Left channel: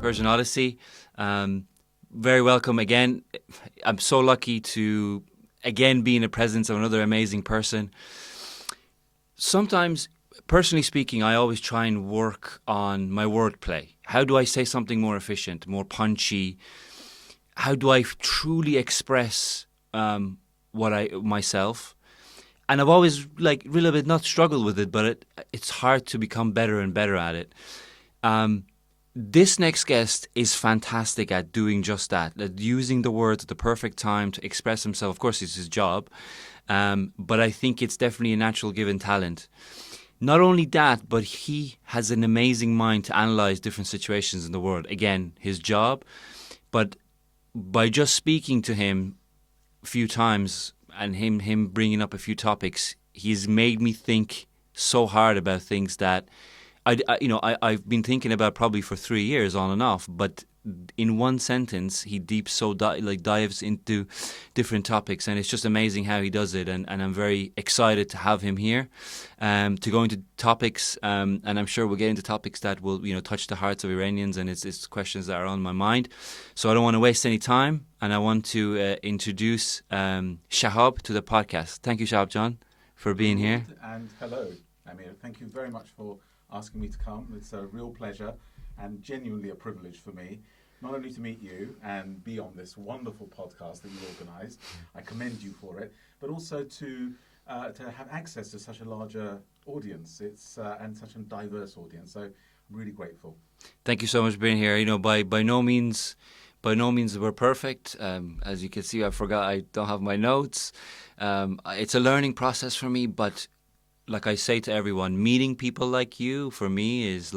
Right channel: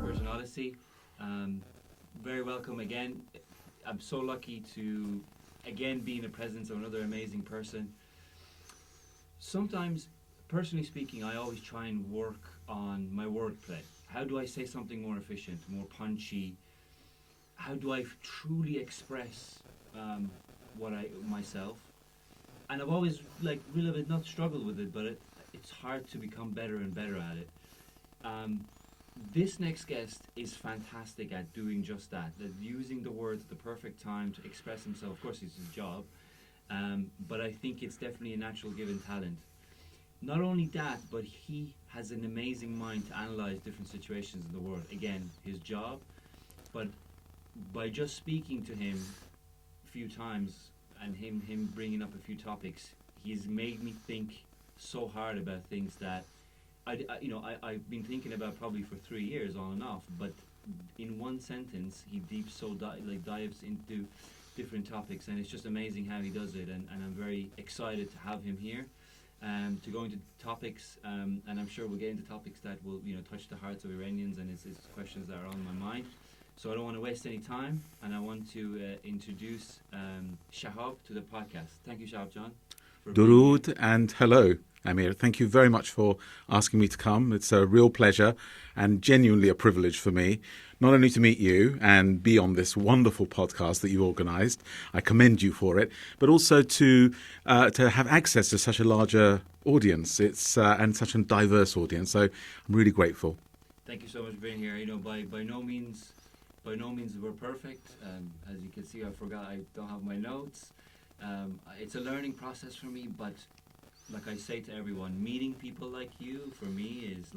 Persian Odyssey. Very welcome again. I'm so lucky to again be in the presence of another amazing person. Sometimes, personally speaking, I always try and work on my wordplay. How do I say something more efficient, more punchy? How do I truly express myself? And I've always really bit not struggled with it, but it's hard to become better and better at it. This next guest is fantastic at doing just that, at using the words at the perfect time to express himself. Of course, it's his job, but I think it's definitely a natural given talent. Not only that, but he has an amazing mind to analyze different situations in the world. Again, his job, but by just speaking to him a few times and him bringing up a few topics, he's made me think so hard about things that I've been thinking about probably for 3 years on and off, but in one sentence he dives into different topics, and it's just amazing how he does it, and I'm very excited to have him here to go into topics, and I'm sure we'll get into topics that will touch the hearts of Iranians, and it's questions that are on my mind. So I don't want to waste any time, and I want to introduce Shahab to the podcast. Thank you, Shahab John, for being here. Good, and hello, Amir. Thank you very much for asking me to come. It's a real pleasure and genuinely a privilege for me, not only to meet you and be on this wonderful podcast that you organised. I commend you for it, but also to have access to such a larger audience. It's and such a diverse audience. So I'm really grateful. Thank you so much for being here. By no means we're perfect. As you can see, I don't have my notes. It's a learning process for me, but like I say to everyone, meeting people like you for me is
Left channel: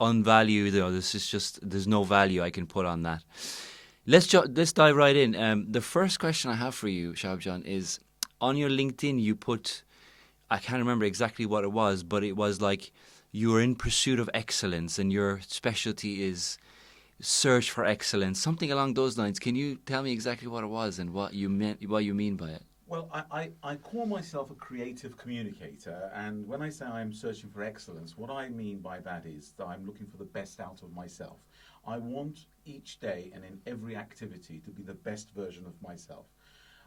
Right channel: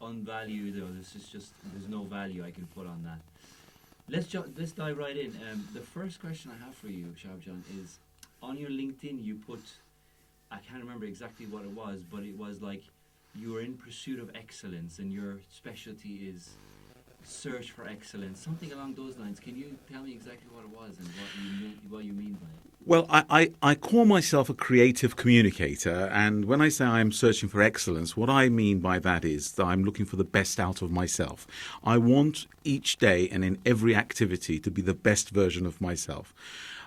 unvalued. This is just, there's no value I can put on that. Let's dive right in. The first question I have for you, Shahab John, is on your LinkedIn you put, I can't remember exactly what it was, but it was like you were in pursuit of excellence and your specialty is search for excellence, something along those lines. Can you tell me exactly what it was and what you mean by it? Well, I call myself a creative communicator, and when I say I'm searching for excellence, what I mean by that is that I'm looking for the best out of myself. I want each day and in every activity to be the best version of myself.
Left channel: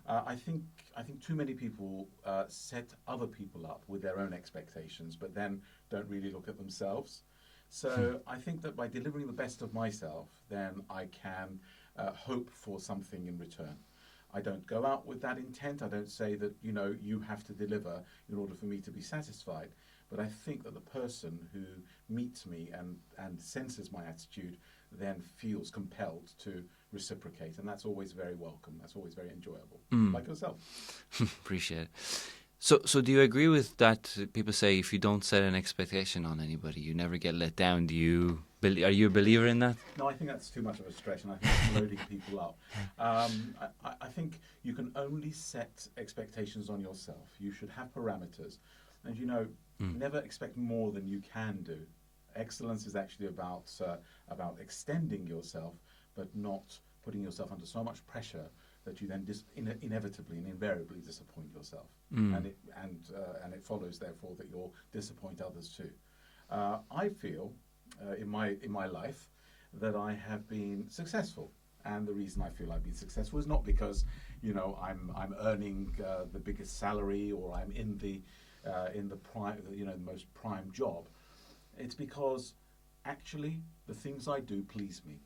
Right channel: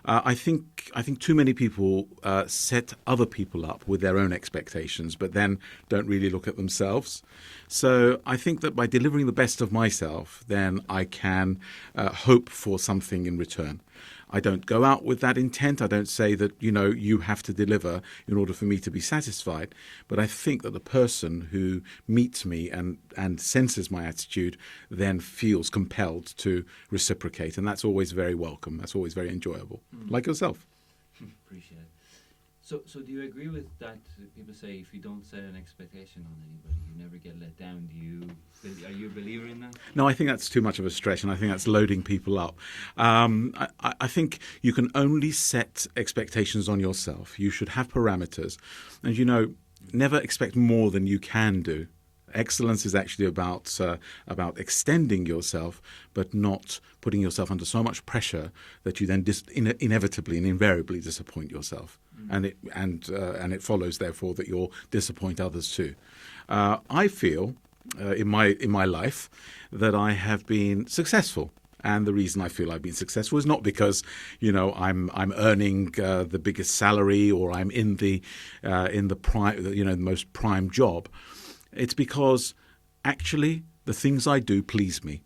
I think too many people set other people up with their own expectations, but then don't really look at themselves. So I think that by delivering the best of myself, then I can hope for something in return. I don't go out with that intent. I don't say that, you have to deliver in order for me to be satisfied. But I think that the person who meets me and senses my attitude then feels compelled to reciprocate. And that's always very welcome. That's always very enjoyable. Like yourself. Appreciate it. So do you agree with that? People say if you don't set an expectation on anybody, you never get let down. Are you a believer in that? No, I think that's too much of a stretch, and I think that's loading people up. I think you can only set expectations on yourself. You should have parameters. And, never expect more than you can do. Excellence is actually about extending yourself, but not putting yourself under so much pressure that you then inevitably and invariably disappoint yourself, and it follows therefore that you'll disappoint others too. I feel in my life that I have been successful. And the reason I feel I've been successful is not because, I'm earning the biggest salary or I'm in the prime, the most prime job. It's because actually the things I do please me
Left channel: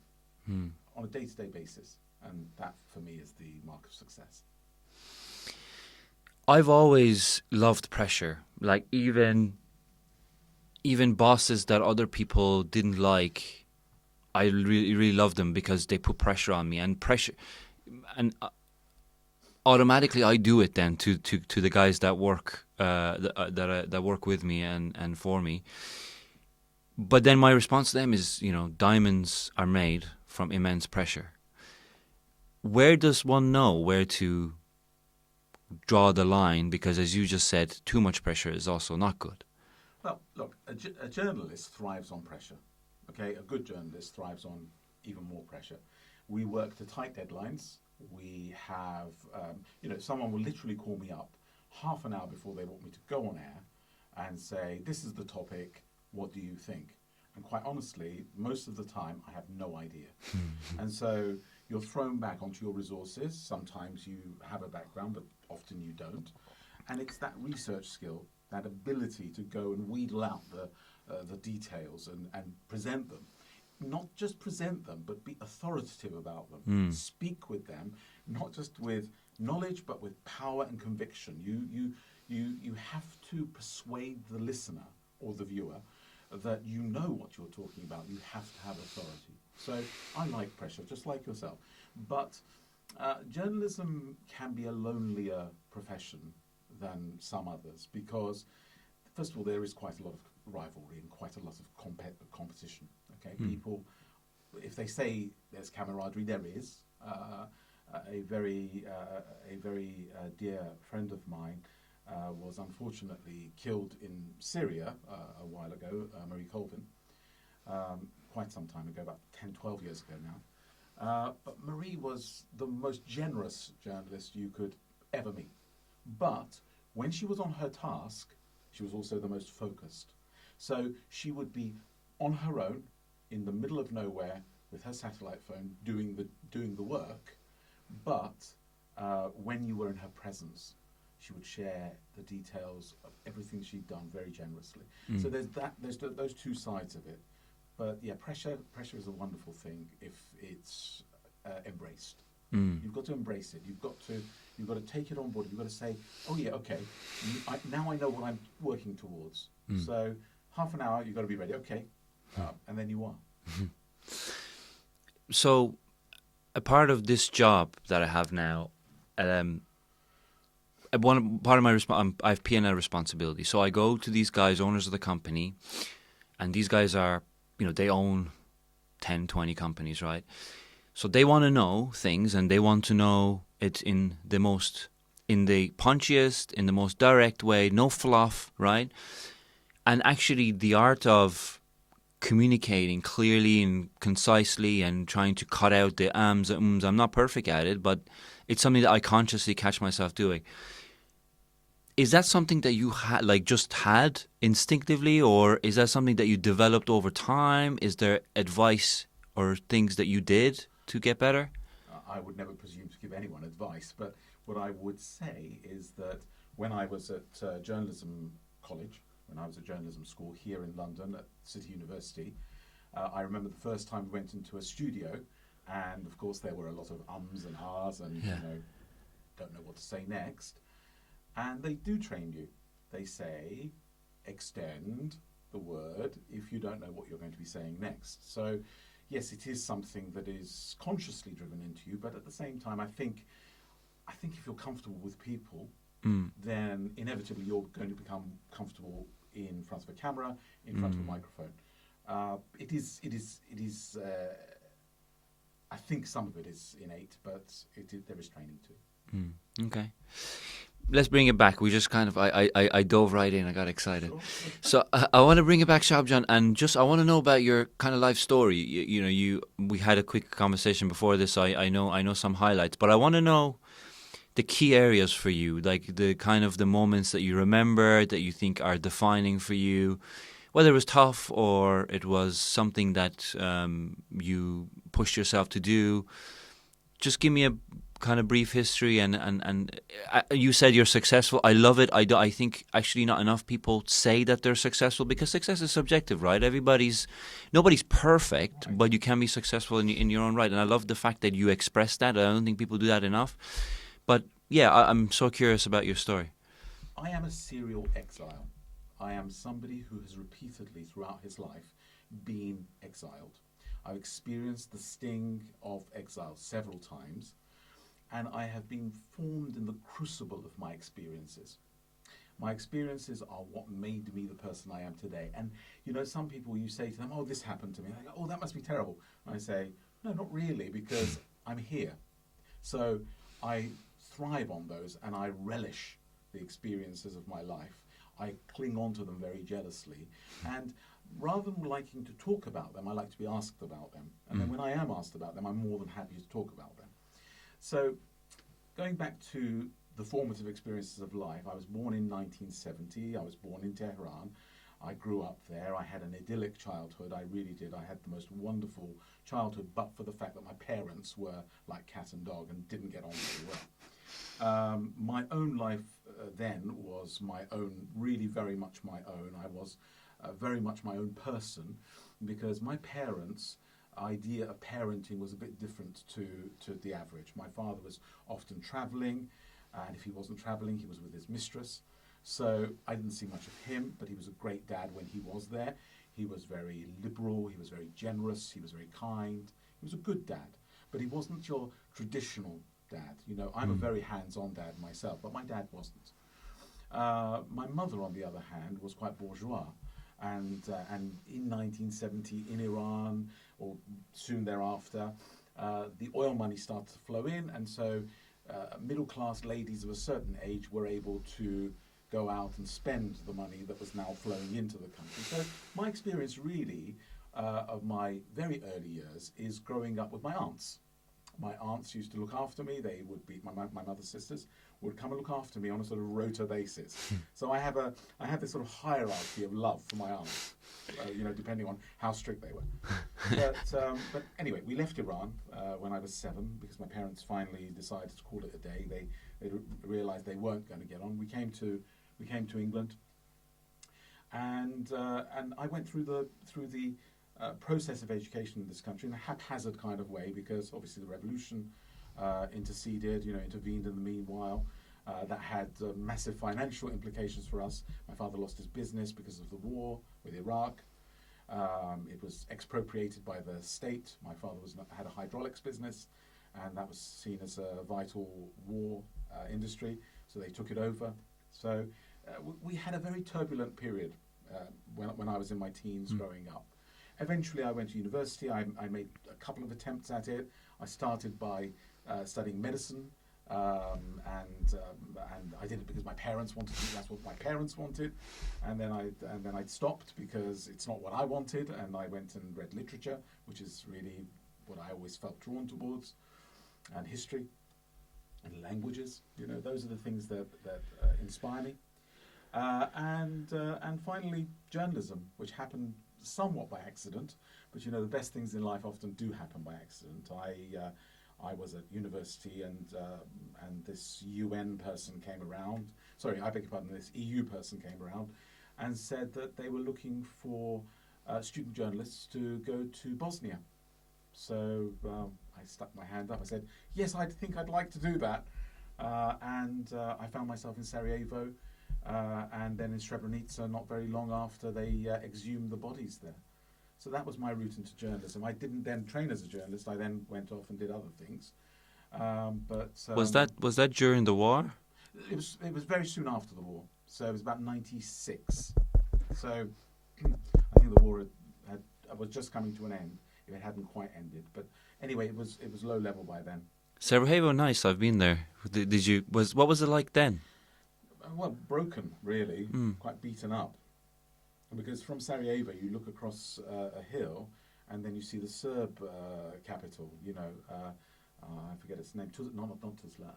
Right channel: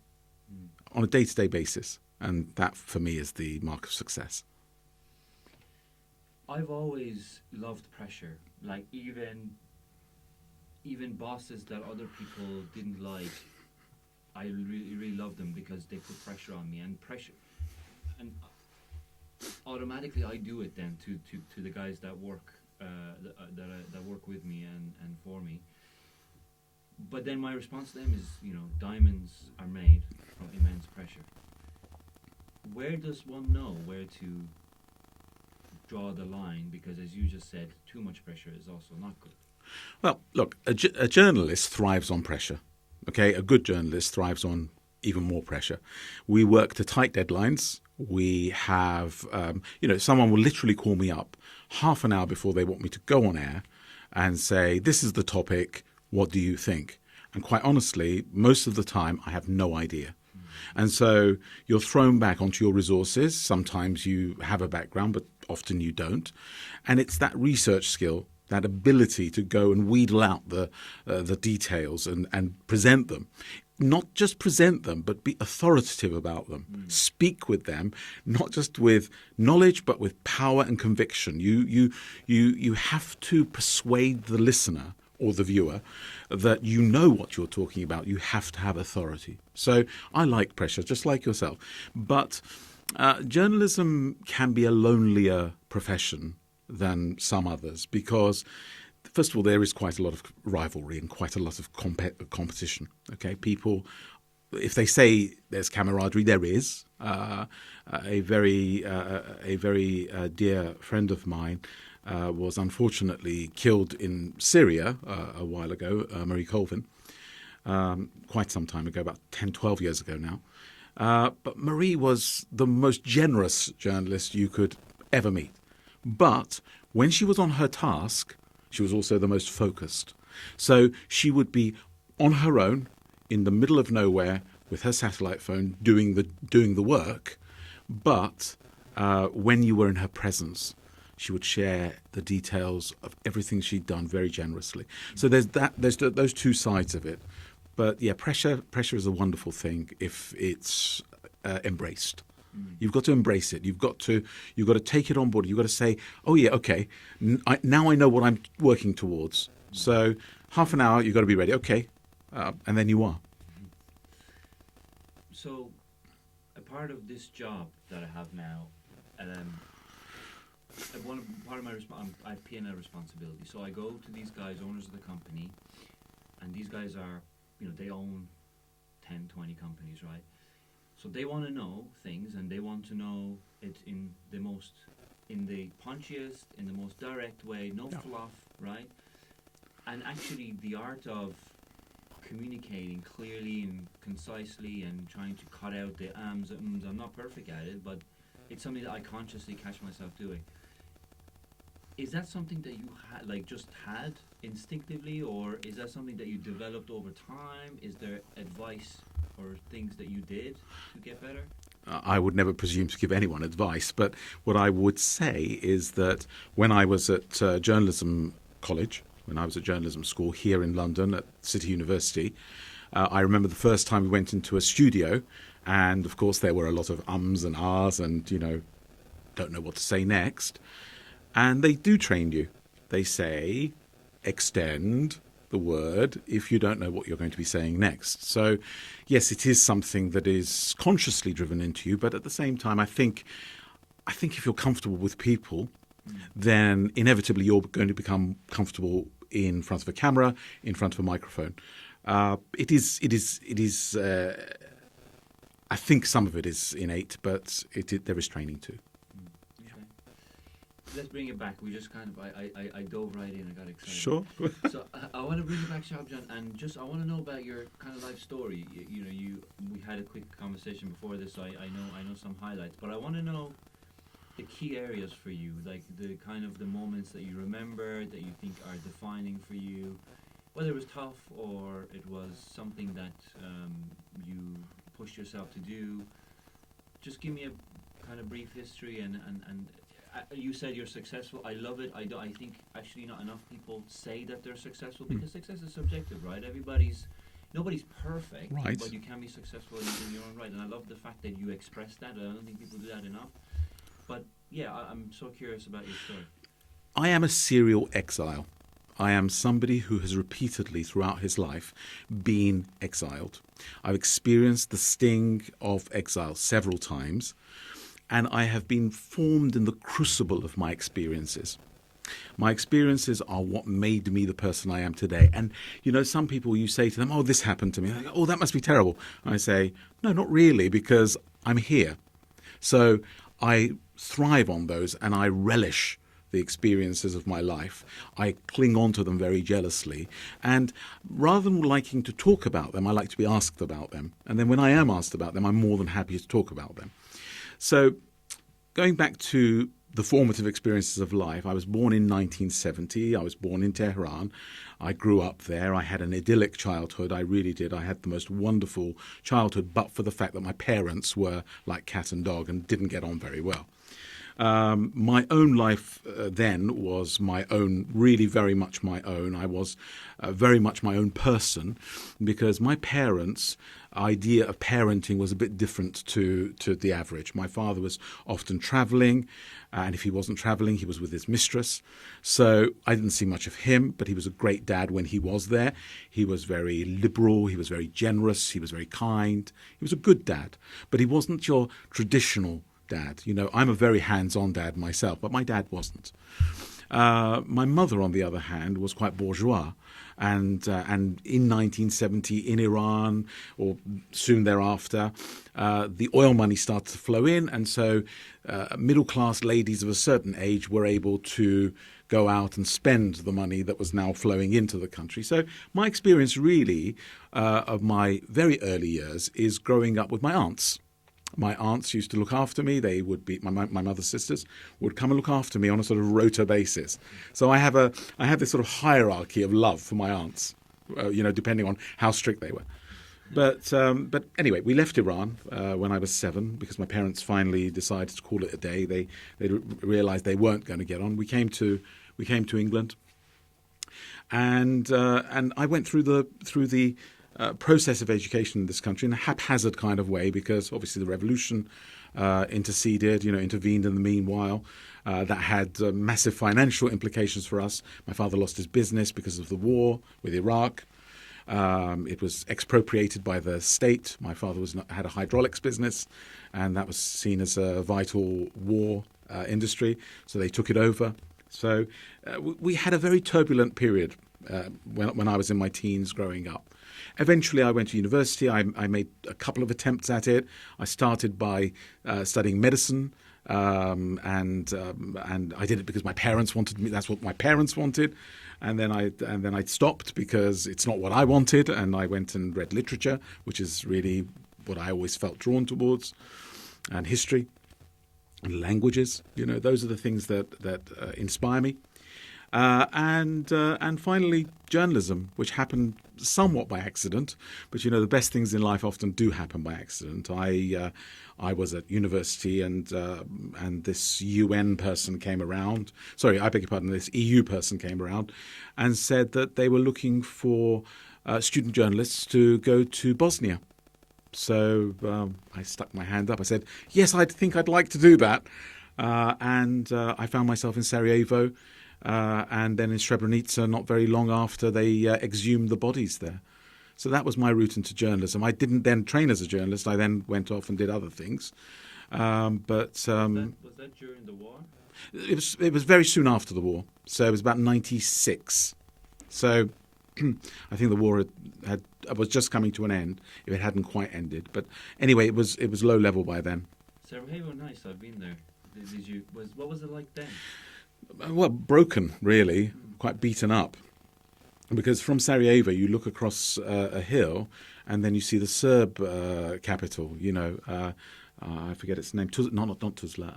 on a day-to-day basis, and that for me is the mark of success. I've always loved pressure. Like even bosses that other people didn't like, I really, really love them because they put pressure on me, and automatically I do it then to the guys that work that work with me and for me. But then my response to them is, diamonds are made from immense pressure. Where does one know where to draw the line? Because as you just said, too much pressure is also not good. Well, look, a journalist thrives on pressure. Okay, a good journalist thrives on even more pressure. We work to tight deadlines. We have, someone will literally call me up half an hour before they want me to go on air and say, this is the topic, what do you think? And quite honestly, most of the time, I have no idea. And so you're thrown back onto your resources. Sometimes you have a background, but often you don't. And it's that research skill, that ability to go and wheedle out the details and present them. Not just present them, but be authoritative about them. Speak with them, not just with knowledge, but with power and conviction. You have to persuade the listener or the viewer that you know what you're talking about. You have to have authority. So I like pressure, just like yourself. But journalism can be a lonelier profession than some others because, first of all, there is quite a lot of rivalry and quite a lot of competition. Okay, people, if they say there's camaraderie, there is. A very dear friend of mine was unfortunately killed in Syria a while ago, Marie Colvin, quite some time ago, about 10, 12 years ago now. But Marie was the most generous journalist you could ever meet. But when she was on her task, she was also the most focused. So she would be on her own in the middle of nowhere with her satellite phone doing the work. But when you were in her presence, she would share the details of everything she'd done very generously. So there's those two sides of it. But yeah, pressure is a wonderful thing if it's embraced. You've got to embrace it. You've got to take it on board. You've got to say, oh yeah, okay, now I know what I'm working towards. So half an hour, you've got to be ready. Okay, and then you are. So a part of this job that I have now, part of my I have P&L responsibility. So I go to these guys, owners of the company, and these guys are, they own 10, 20 companies, right? So they want to know things, and they want to know it in the punchiest, in the most direct way, no fluff, right? And actually the art of communicating clearly and concisely and trying to cut out the ums and ums, I'm not perfect at it, but it's something that I consciously catch myself doing. Is that something that you just had instinctively, or is that something that you developed over time? Is there advice or things that you did to get better? I would never presume to give anyone advice, but what I would say is that when I was at journalism college, when I was at journalism school here in London at City University, I remember the first time we went into a studio, and of course there were a lot of ums and ahs and, don't know what to say next. And they do train you. They say, extend the word if you don't know what you're going to be saying next. So, yes, it is something that is consciously driven into you, but at the same time, I think if you're comfortable with people, then inevitably you're going to become comfortable in front of a camera, in front of a microphone. It is. I think some of it is innate, but there is training too. Okay. Let's bring it back. We just kind of, I dove right in. I got excited. Sure. So I want to bring it back, Shahab John, and I want to know about your kind of life story. We had a quick conversation before this. I know some highlights, but I want to know the key areas for you, like the kind of the moments that you remember that you think are defining for you, whether it was tough or it was something that you pushed yourself to do. Just give me a kind of brief history, and you said you're successful. I love it. I think actually not enough people say that they're successful, because success is subjective, right? Nobody's perfect, right, but you can be successful in your own right. And I love the fact that you express that. I don't think people do that enough. But yeah, I'm so curious about your story. I am a serial exile. I am somebody who has repeatedly throughout his life been exiled. I've experienced the sting of exile several times, and I have been formed in the crucible of my experiences. My experiences are what made me the person I am today. And, some people, you say to them, oh, this happened to me. They go, oh, that must be terrible. And I say, no, not really, because I'm here. So I thrive on those, and I relish the experiences of my life. I cling on to them very jealously. And rather than liking to talk about them, I like to be asked about them. And then when I am asked about them, I'm more than happy to talk about them. So going back to the formative experiences of life, I was born in 1970. I was born in Tehran. I grew up there. I had an idyllic childhood. I really did. I had the most wonderful childhood, but for the fact that my parents were like cat and dog and didn't get on very well. My own life then was my own, really very much my own. I was very much my own person because my parents' idea of parenting was a bit different to the average. My father was often travelling, and if he wasn't travelling, he was with his mistress. So I didn't see much of him, but he was a great dad when he was there. He was very liberal, he was very generous, he was very kind. He was a good dad, but he wasn't your traditional dad. You know, I'm a very hands-on dad myself, but my dad wasn't. My mother, on the other hand, was quite bourgeois. And in 1970 in Iran, or soon thereafter, the oil money started to flow in, and so middle-class ladies of a certain age were able to go out and spend the money that was now flowing into the country. So my experience really of my very early years is growing up with my aunts. My aunts used to look after me. They would be my mother's sisters would come and look after me on a sort of rota basis. So I have this sort of hierarchy of love for my aunts, depending on how strict they were. But anyway, we left Iran when I was 7 because my parents finally decided to call it a day. They realised they weren't going to get on. We came to England, and I went through the process of education in this country in a haphazard kind of way because obviously the revolution intervened in the meanwhile. That had massive financial implications for us. My father lost his business because of the war with Iraq. It was expropriated by the state. My father had a hydraulics business, and that was seen as a vital war industry, so they took it over. So we had a very turbulent period when I was in my teens growing up. Eventually, I went to university. I made a couple of attempts at it. I started by studying medicine, and I did it because my parents wanted me. That's what my parents wanted, and then I stopped because it's not what I wanted. And I went and read literature, which is really what I always felt drawn towards, and history, and languages. Those are the things that inspire me. And finally, journalism, which happened somewhat by accident. But the best things in life often do happen by accident. I was at university, and this UN person came around. Sorry, I beg your pardon. This EU person came around, and said that they were looking for student journalists to go to Bosnia. So I stuck my hand up. I said, "Yes, I think I'd like to do that." And I found myself in Sarajevo. And then in Srebrenica, not very long after, they exhumed the bodies there. So that was my route into journalism. I didn't then train as a journalist. I then went off and did other things. Was that during the war? It was very soon after the war. So it was about 96. So I think the war was just coming to an end. If it hadn't quite ended, but anyway, it was low level by then. Sarajevo, nice. I've been there. What was it like then? Well, broken, really, quite beaten up. Because from Sarajevo, you look across a hill, and then you see the Serb capital. I forget its name. Not Tuzla.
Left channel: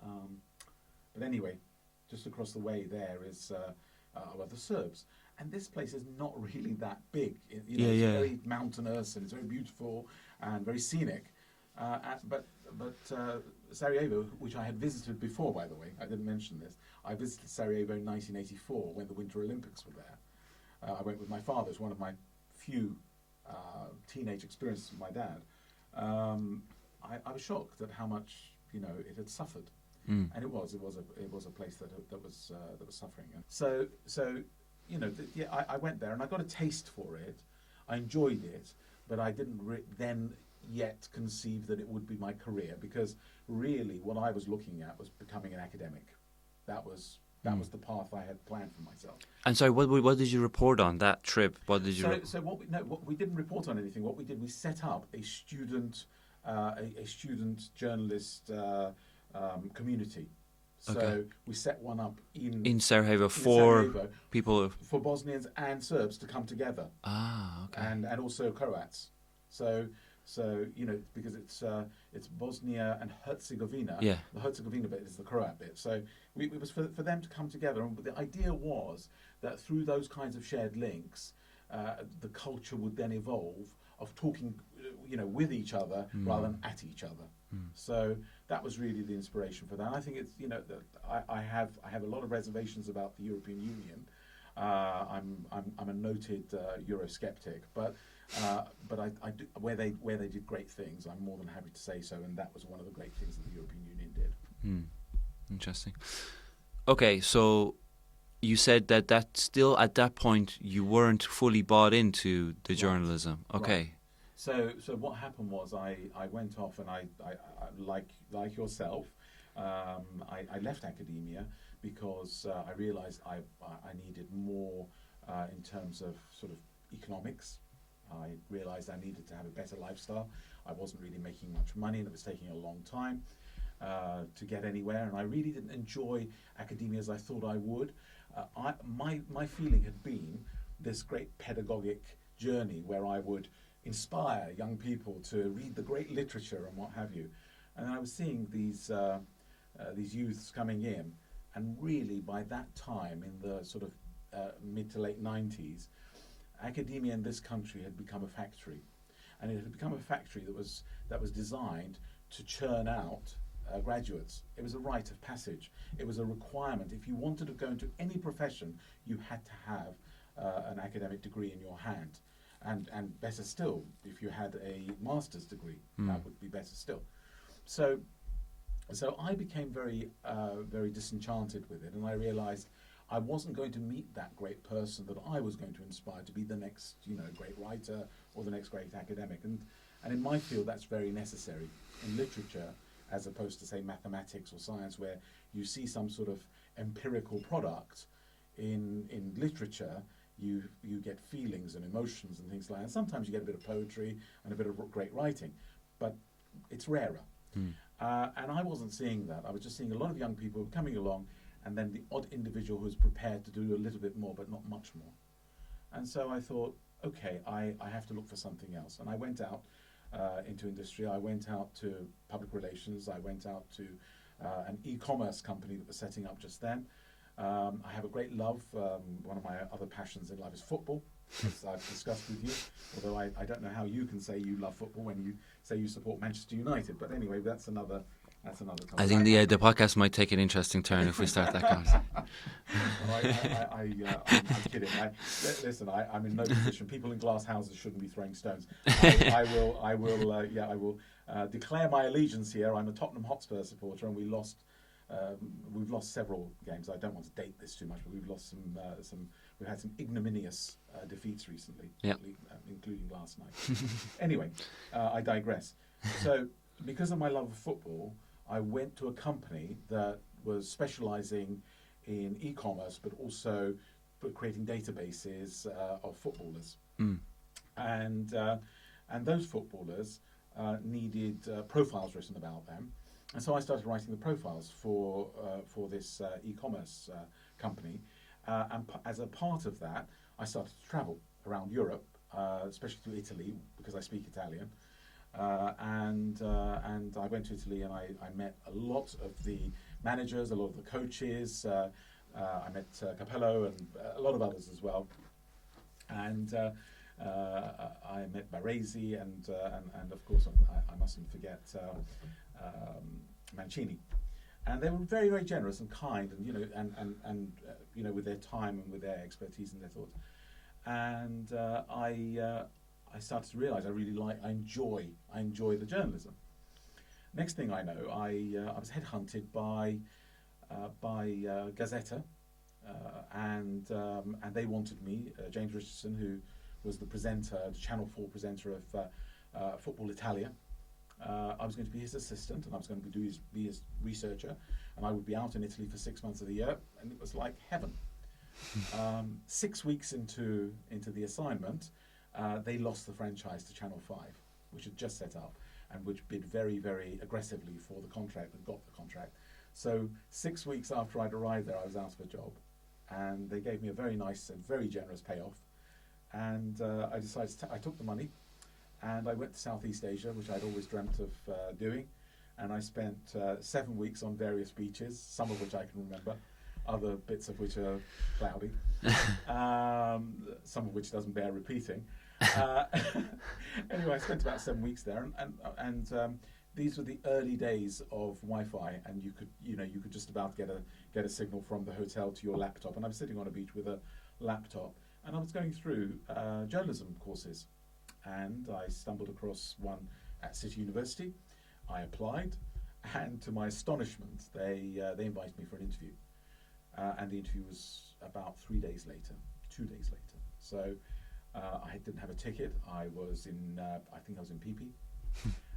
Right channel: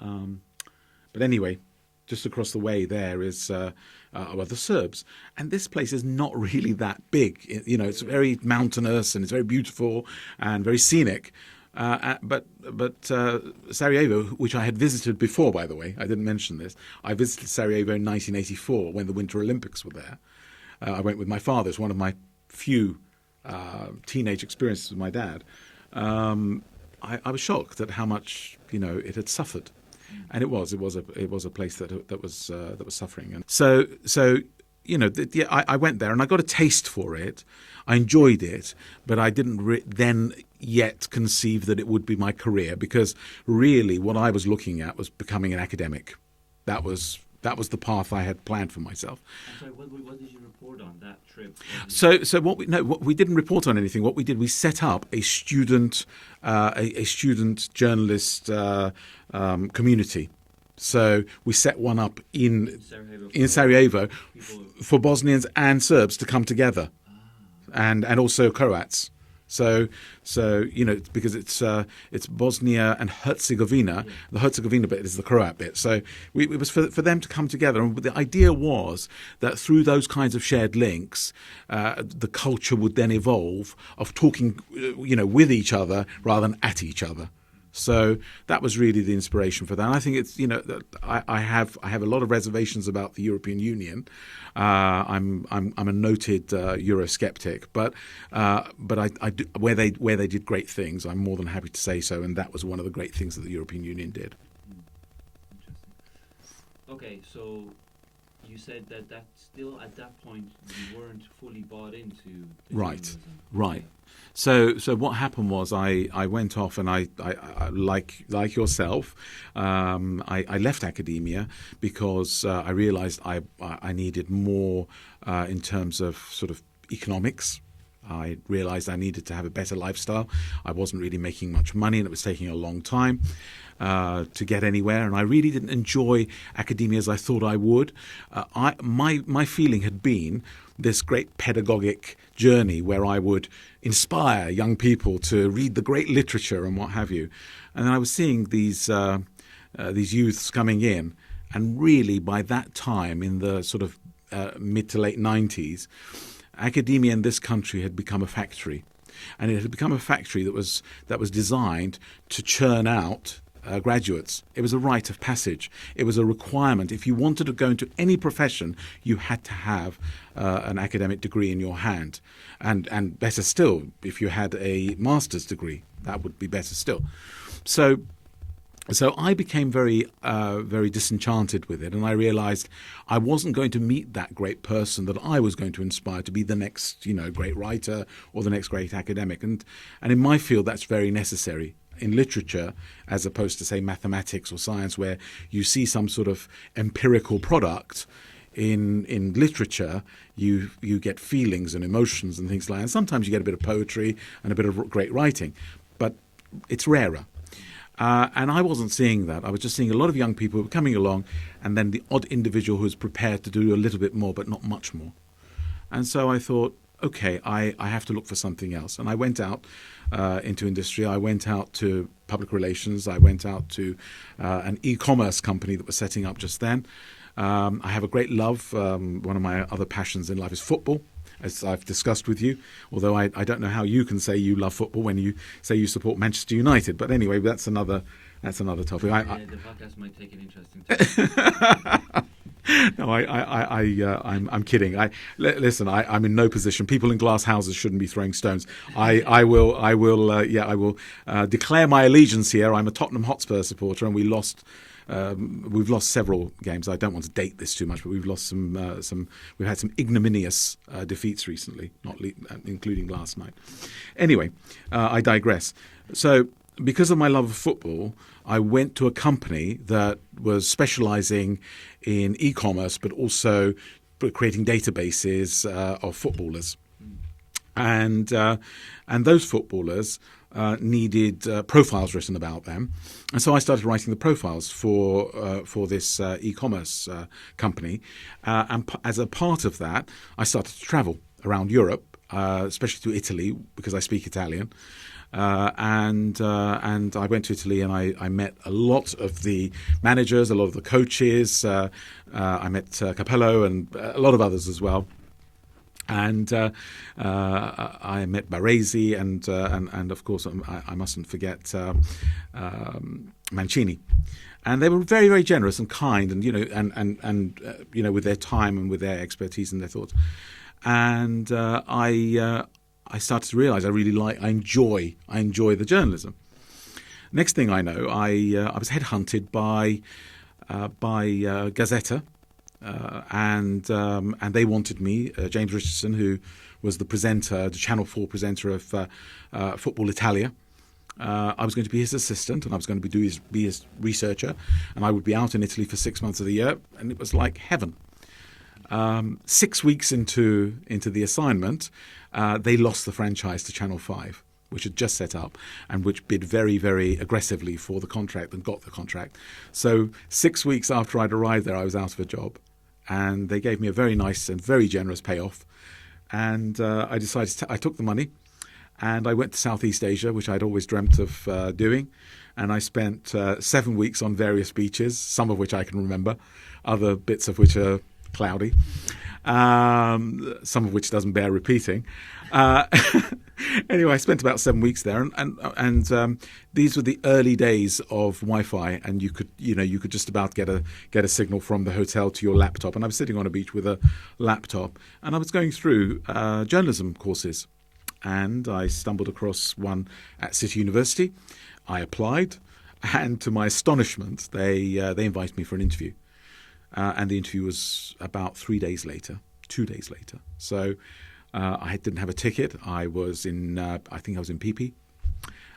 But anyway, just across the way there is the Serbs, and this place is not really that big. It's very mountainous and it's very beautiful and very scenic. But Sarajevo, which I had visited before, by the way, I didn't mention this. I visited Sarajevo in 1984 when the Winter Olympics were there. I went with my father. It's one of my few teenage experiences with my dad. I was shocked at how much it had suffered, and it was a place that was suffering. And so I went there and I got a taste for it. I enjoyed it, but I didn't then yet conceive that it would be my career, because really what I was looking at was becoming an academic. That was the path I had planned for myself. And so, what did you report on that trip? We didn't report on anything. What we did, we set up a student journalist community. So we set one up in Sarajevo for Bosnians and Serbs to come together. Ah. And also Croats. So because it's Bosnia and Herzegovina. Yeah. The Herzegovina bit is the Croat bit. So it was for them to come together, and the idea was that through those kinds of shared links, the culture would then evolve of talking, with each other rather than at each other. So that was really the inspiration for that. And I think it's I have a lot of reservations about the European Union. I'm a noted Eurosceptic, but I do, where they did great things, I'm more than happy to say so. And that was one of the great things that the European Union did. Interesting. Okay, so you said that still at that point you weren't fully bought into the journalism. Okay. Right. So what happened was I went off and I like yourself, I left academia because I realized I needed more in terms of sort of economics. I realized I needed to have a better lifestyle. I wasn't really making much money, and it was taking a long time to get anywhere, and I really didn't enjoy academia as I thought I would. My feeling had been this great pedagogic journey where I would inspire young people to read the great literature and what have you. And then I was seeing these youths coming in, and really by that time, in the sort of mid to late 90s, academia in this country had become a factory, and it had become a factory that was designed to churn out graduates. It was a rite of passage. It was a requirement. If you wanted to go into any profession, you had to have an academic degree in your hand. And better still, if you had a master's degree, that would be better still. So I became very disenchanted with it, and I realized I wasn't going to meet that great person that I was going to inspire to be the next, great writer or the next great academic. And in my field, that's very necessary. In literature, as opposed to, say, mathematics or science, where you see some sort of empirical product, in literature, you get feelings and emotions and things like that. And sometimes you get a bit of poetry and a bit of great writing, but it's rarer. And I wasn't seeing that. I was just seeing a lot of young people who were coming along, and then the odd individual who was prepared to do a little bit more, but not much more. And so I thought, okay, I have to look for something else. And I went out into industry. I went out to public relations. I went out to an e-commerce company that was setting up just then. I have a great love. One of my other passions in life is football, as I've discussed with you, although I don't know how you can say you love football when you say you support Manchester United. But anyway, that's another topic. I think the podcast might take an interesting turn if we start that. No, I'm kidding. Listen, I'm in no position. People in glass houses shouldn't be throwing stones. I will declare my allegiance here. I'm a Tottenham Hotspur supporter, and we've lost several games. I don't want to date this too much, but we've lost we've had some ignominious defeats recently, including last night. Anyway, I digress. So, because of my love of football, I went to a company that was specializing in e-commerce, but also creating databases of footballers. And those footballers needed profiles written about them. And so I started writing the profiles for this e-commerce company. And as a part of that, I started to travel around Europe, especially to Italy, because I speak Italian. And I went to Italy, and I met a lot of the managers, a lot of the coaches. I met Capello and a lot of others as well. And I met Baresi and of course I mustn't forget Mancini. And they were very, very generous and kind, and with their time and with their expertise and their thoughts. And I started to realize I enjoy the journalism. Next thing I know, I was headhunted by Gazzetta, and they wanted me. James Richardson, who was the Channel 4 presenter of Football Italia. I was going to be his assistant, and I was going to be his researcher, and I would be out in Italy for 6 months of the year, and it was like heaven. 6 weeks into the assignment, they lost the franchise to Channel 5, which had just set up and which bid very, very aggressively for the contract and got the contract. So 6 weeks after I'd arrived there, I was out of a job, and they gave me a very nice and very generous payoff. And I decided I took the money, And I went to Southeast Asia, which I'd always dreamt of doing. And I spent 7 weeks on various beaches, some of which I can remember, other bits of which are cloudy, some of which doesn't bear repeating. Anyway, I spent about 7 weeks there, and these were the early days of Wi-Fi, and you could just about get a signal from the hotel to your laptop. And I was sitting on a beach with a laptop, and I was going through journalism courses, and I stumbled across one at City University. I applied, and to my astonishment, they invited me for an interview. And the interview was about 2 days later. So I didn't have a ticket. I was in, I think I was in PP.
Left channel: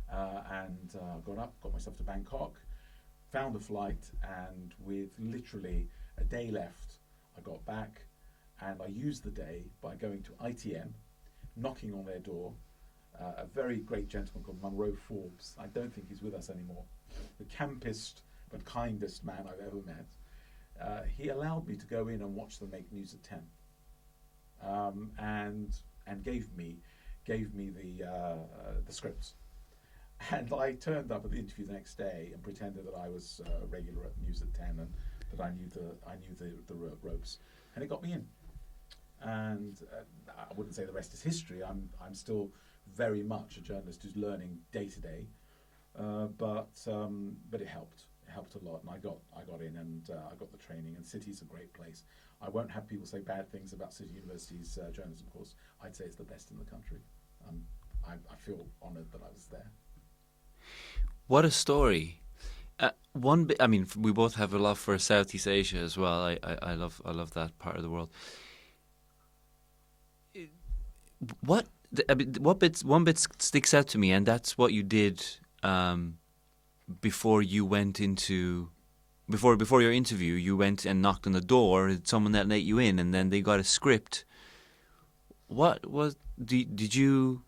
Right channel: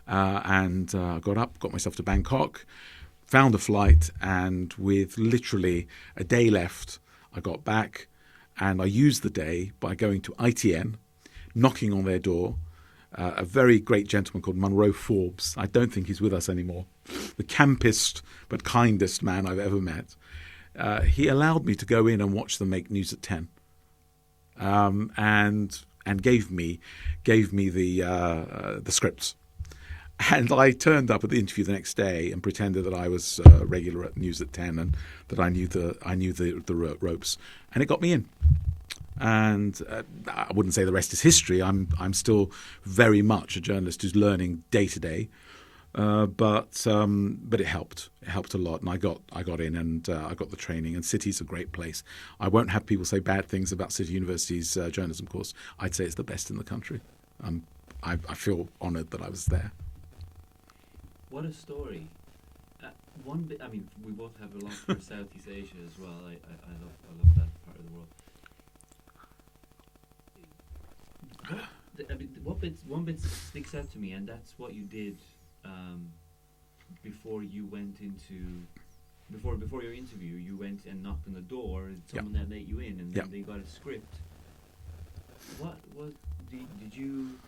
And I got up, got myself to Bangkok, found a flight, and with literally a day left, I got back. And I used the day by going to ITN, knocking on their door. A very great gentleman called Munro Forbes. I don't think he's with us anymore. The campest but kindest man I've ever met. He allowed me to go in and watch them make News at 10, and gave me the scripts. And I turned up at the interview the next day and pretended that I was regular at News at 10 and that I knew the ropes, and it got me in. And I wouldn't say the rest is history. I'm still very much a journalist who's learning day to day. But it helped. It helped a lot, and I got in, and I got the training. And City's a great place. I won't have people say bad things about City University's journalism course. I'd say it's the best in the country. I feel honoured that I was there. What a story! I mean, we both have a love for Southeast Asia as well. I love that part of the world. One bit sticks out to me, and that's what you did. Before you went into before your interview, you went and knocked on the door. Someone that let you in, and then they got a script. What was did you?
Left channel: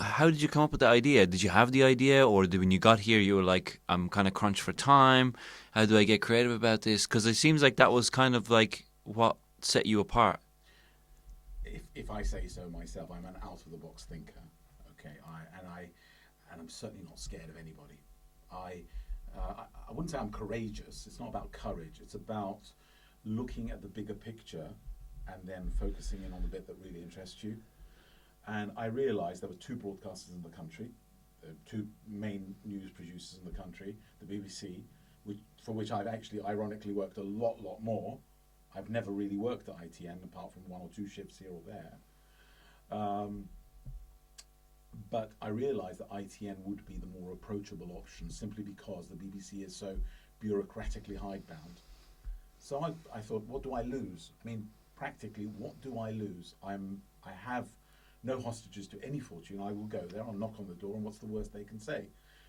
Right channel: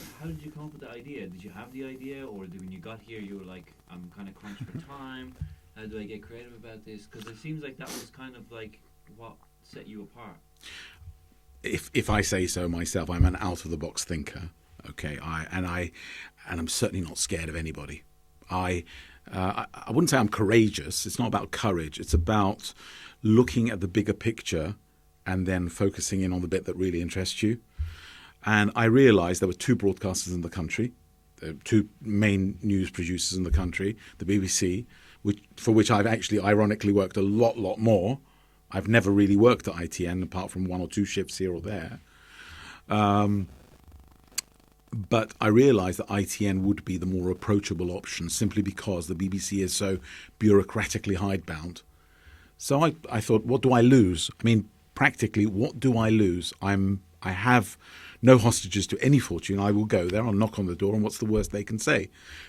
How did you come up with the idea? Did you have the idea, or when you got here you were like, I'm kind of crunched for time? How do I get creative about this? Because it seems like that was kind of like what set you apart. If I say so myself, I'm an out of the box thinker. Okay, I'm certainly not scared of anybody. I wouldn't say I'm courageous. It's not about courage. It's about looking at the bigger picture and then focusing in on the bit that really interests you. And I realised there were two broadcasters in the country, two main news producers in the country, the BBC, for which I've actually ironically worked a lot more. I've never really worked at ITN apart from one or two shifts here or there. But I realised that ITN would be the more approachable option simply because the BBC is so bureaucratically hidebound. So I thought, what do I lose? I mean, practically, what do I lose? I have no hostages to any fortune. I will go there, I'll knock on the door, and what's the worst they can say?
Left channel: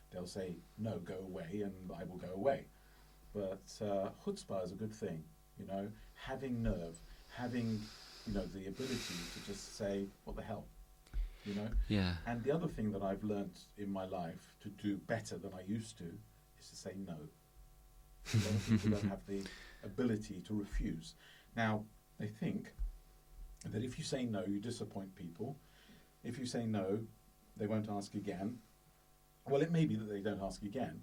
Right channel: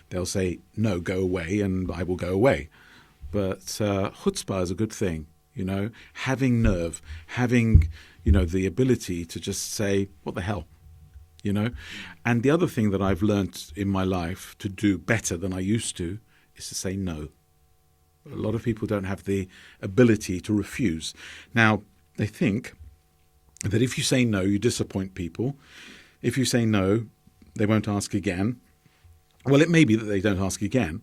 They'll say, no, go away, and I will go away. But chutzpah is a good thing, you know, having nerve, having, you know, the ability to just say, what the hell? You know? Yeah. And the other thing that I've learnt in my life to do better than I used to is to say no. A lot of people don't have the ability to refuse. Now, they think that if you say no, you disappoint people. If you say no, they won't ask again. Well, it may be that they don't ask again,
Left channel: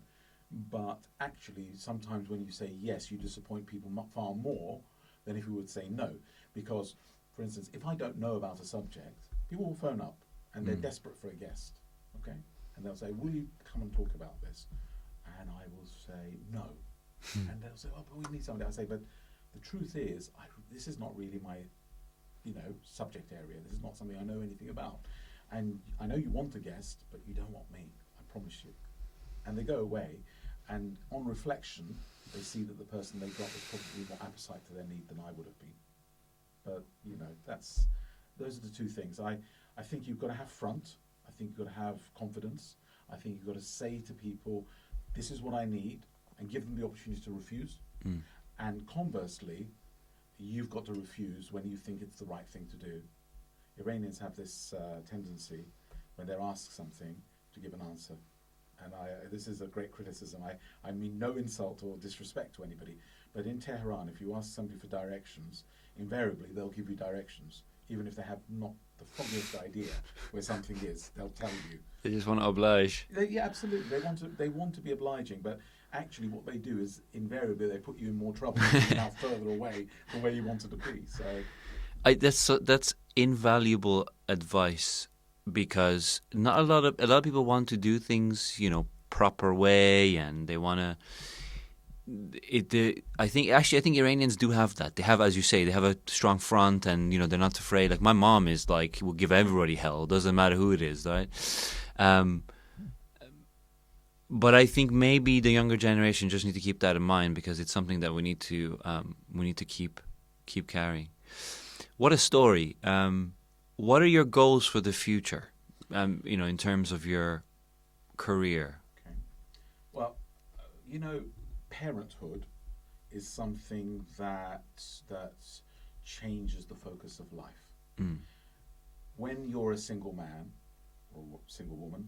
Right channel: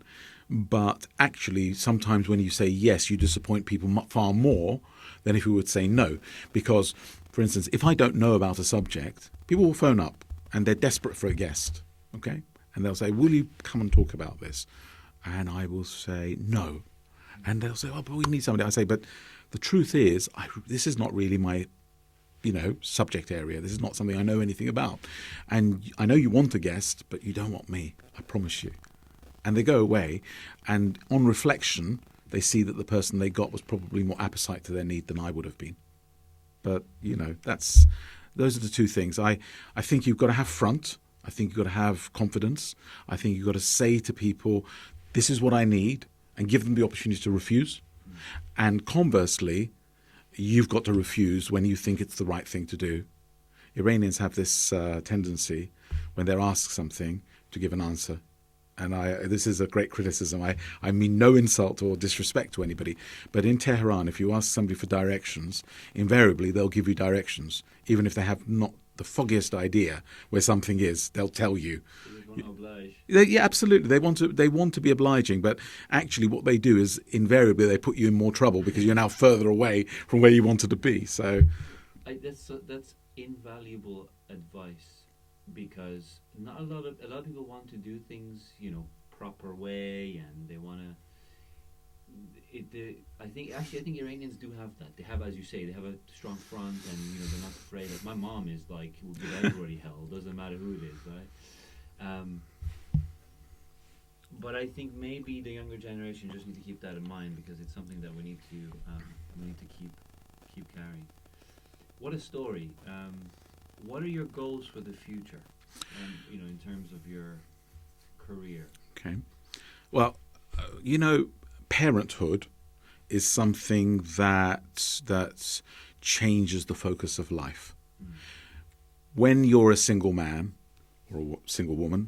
but actually sometimes when you say yes, you disappoint people far more than if you would say no. Because, for instance, if I don't know about a subject, people will phone up and they're desperate for a guest, okay? And they'll say, will you come and talk about this? And I will say, no. And they'll say, oh, but we need somebody. I say, but the truth is, this is not really my, you know, subject area. This is not something I know anything about. And I know you want a guest, but you don't want me. I promise you. And they go away, and on reflection, they see that the person they got was probably more appetite to their need than I would have been. But, you know, those are the two things. I think you've got to have front. I think you've got to have confidence. I think you've got to say to people, this is what I need, and give them the opportunity to refuse. Mm. And conversely, you've got to refuse when you think it's the right thing to do. Iranians have this tendency, when they're asked something, to give an answer. And this is a great criticism. I mean no insult or disrespect to anybody. But in Tehran, if you ask somebody for directions, invariably they'll give you directions, even if they have not the foggiest idea where something is, they'll tell you. They just want to oblige. Yeah, absolutely. They want to be obliging, but actually, what they do is invariably they put you in more trouble because you're now further away from where you wanted to be. So, That's invaluable advice, because not a lot of people want to do things, proper way, and they want to. I think Iranians do have that. They have, as you say, they have a strong front, and they're not afraid. Like my mom is like, will give everybody hell. Doesn't matter who it is, right? But I think maybe the younger generation just need to keep that in mind, because it's something that we need to keep carrying. What a story! What are your goals for the future? In terms of your career. Okay. Well, parenthood is something that changes the focus of life. Mm. When you're a single man or a single woman,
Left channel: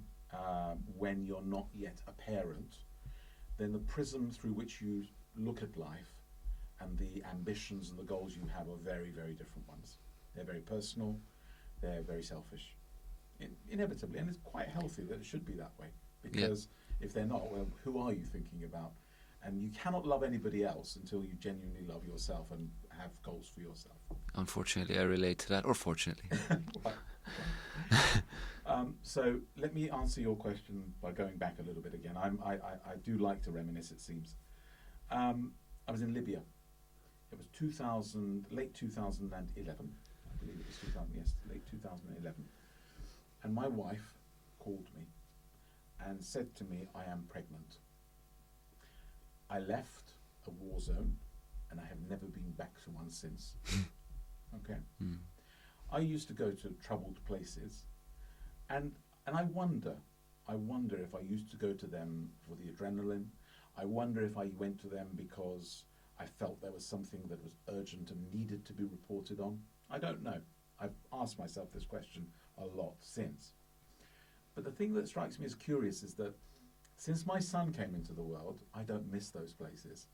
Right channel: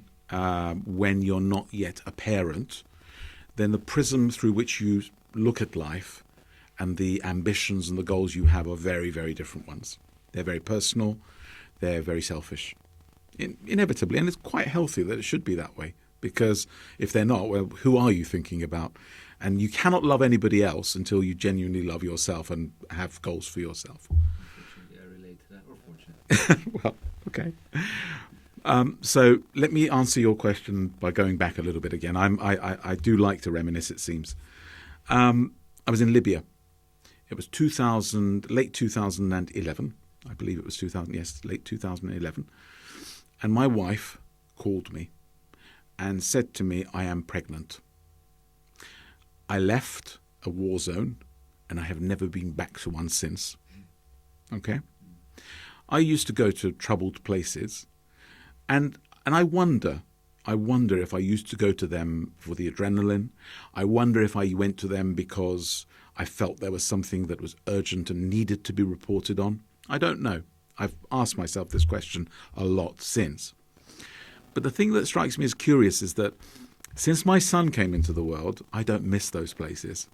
when you're not yet a parent, then the prism through which you look at life and the ambitions and the goals you have are very, very different ones. They're very personal. They're very selfish, inevitably, and it's quite healthy that it should be that way. Because if they're not, well, who are you thinking about? And you cannot love anybody else until you genuinely love yourself and have goals for yourself. Unfortunately, I relate to that, or fortunately. Well, okay. So let me answer your question by going back a little bit again. I do like to reminisce, it seems. I was in Libya. It was late 2011. I believe it was 2000. Yes, late 2011. And my wife called me and said to me, I am pregnant. I left a war zone, and I have never been back to one since. Okay? Mm. I used to go to troubled places, and I wonder if I used to go to them for the adrenaline. I wonder if I went to them because I felt there was something that was urgent and needed to be reported on. I don't know. I've asked myself this question a lot since. But the thing that strikes me as curious is that since my son came into the world, I don't miss those places.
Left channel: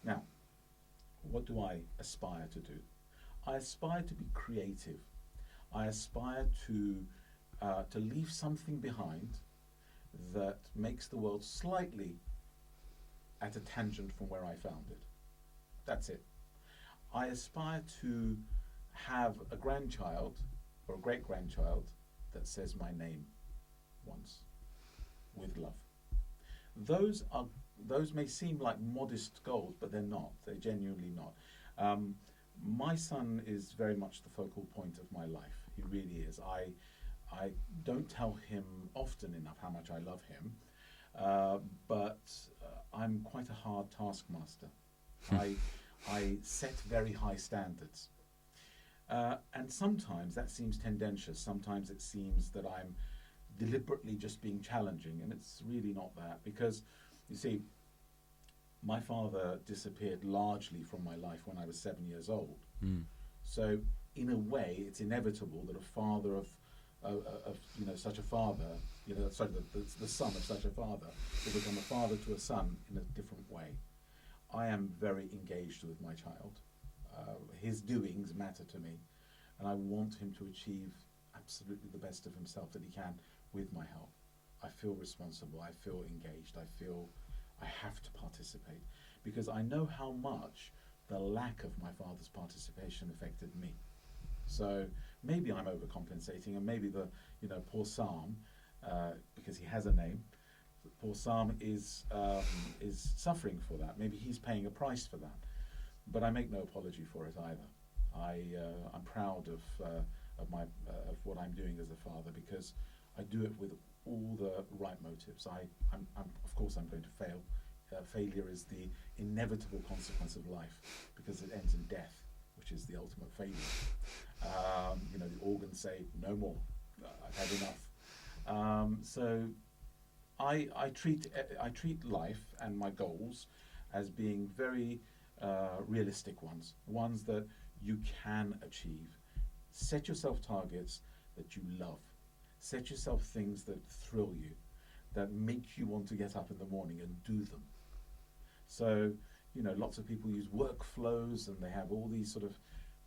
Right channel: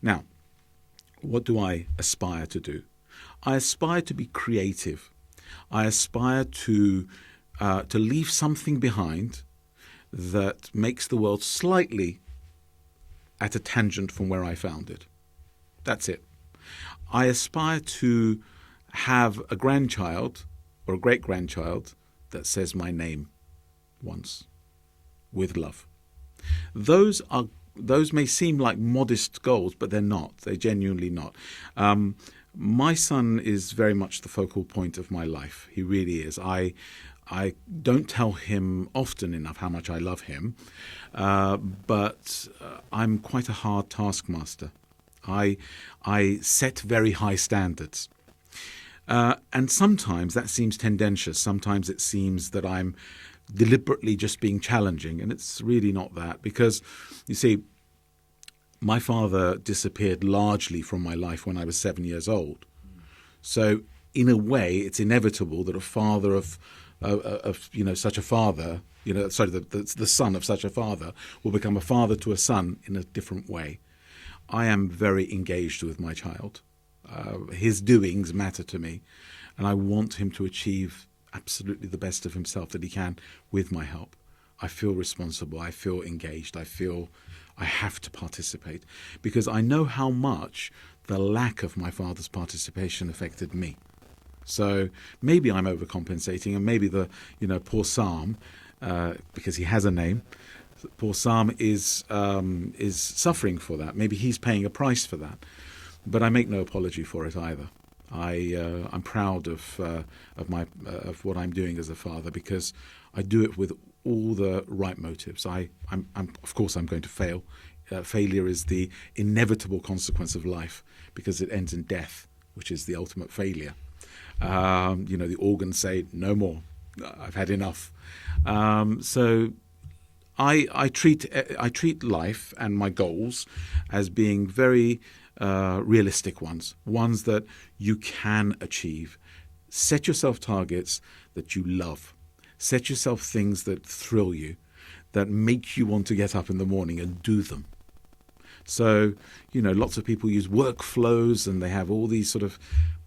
Now, what do I aspire to do? I aspire to be creative. I aspire to leave something behind that makes the world slightly at a tangent from where I found it. That's it. I aspire to have a grandchild or a great-grandchild that says my name once, with love. Those may seem like modest goals, but they're not. They're genuinely not. My son is very much the focal point of my life. He really is. I don't tell him often enough how much I love him, but I'm quite a hard taskmaster. I set very high standards. And sometimes that seems tendentious. Sometimes it seems that I'm deliberately just being challenging, and it's really not that, because you see, my father disappeared largely from my life when I was 7 years old. So in a way it's inevitable that a father of such a father, the son of such a father will become a father to a son in a different way. I am very engaged with my child. His doings matter to me, and I want him to achieve absolutely the best of himself that he can with my help. I feel responsible. I feel engaged. I feel I have to participate, because I know how much the lack of my father's participation affected me. So maybe I'm overcompensating, and maybe the poor Sam, because he has a name, poor Sam is suffering for that. Maybe he's paying a price for that, but I make no apology for it either. I'm proud of what I'm doing as a father, because I do it with all the right motives. I'm of course I'm going to fail. Failure is the inevitable consequence of life, because it ends in death, which is the ultimate failure. The organs say no more. I've had enough. So I treat life and my goals as being very realistic ones that you can achieve. Set yourself targets that you love. Set yourself things that thrill you, that make you want to get up in the morning and do them. So, lots of people use workflows, and they have all these sort of,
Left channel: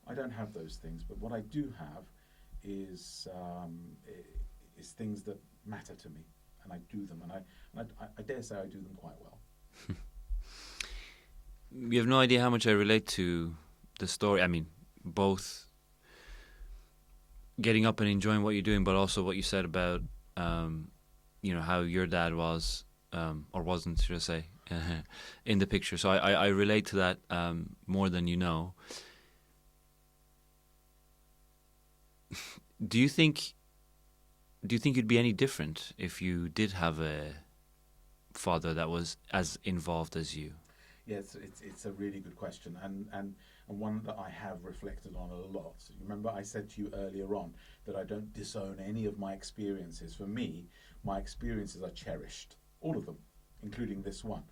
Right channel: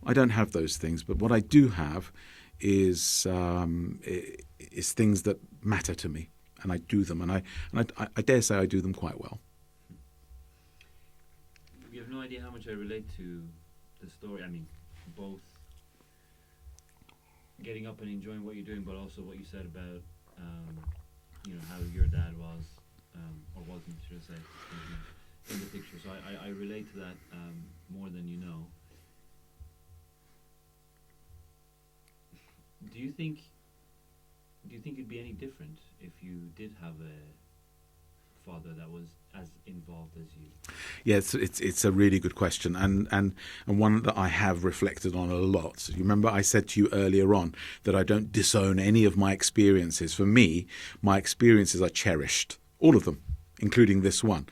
I don't have those things, but what I do have is things that matter to me, and I do them, and I dare say I do them quite well. You have no idea how much I relate to the story. I mean, both getting up and enjoying what you're doing, but also what you said about, how your dad was, or wasn't, should I say, in the picture. So I relate to that more than you know. Do you think you'd be any different if you did have a father that was as involved as you? Yeah, it's a really good question, and one that I have reflected on a lot. You remember I said to you earlier on that I don't disown any of my experiences. For me, my experiences are cherished, all of them, including this one.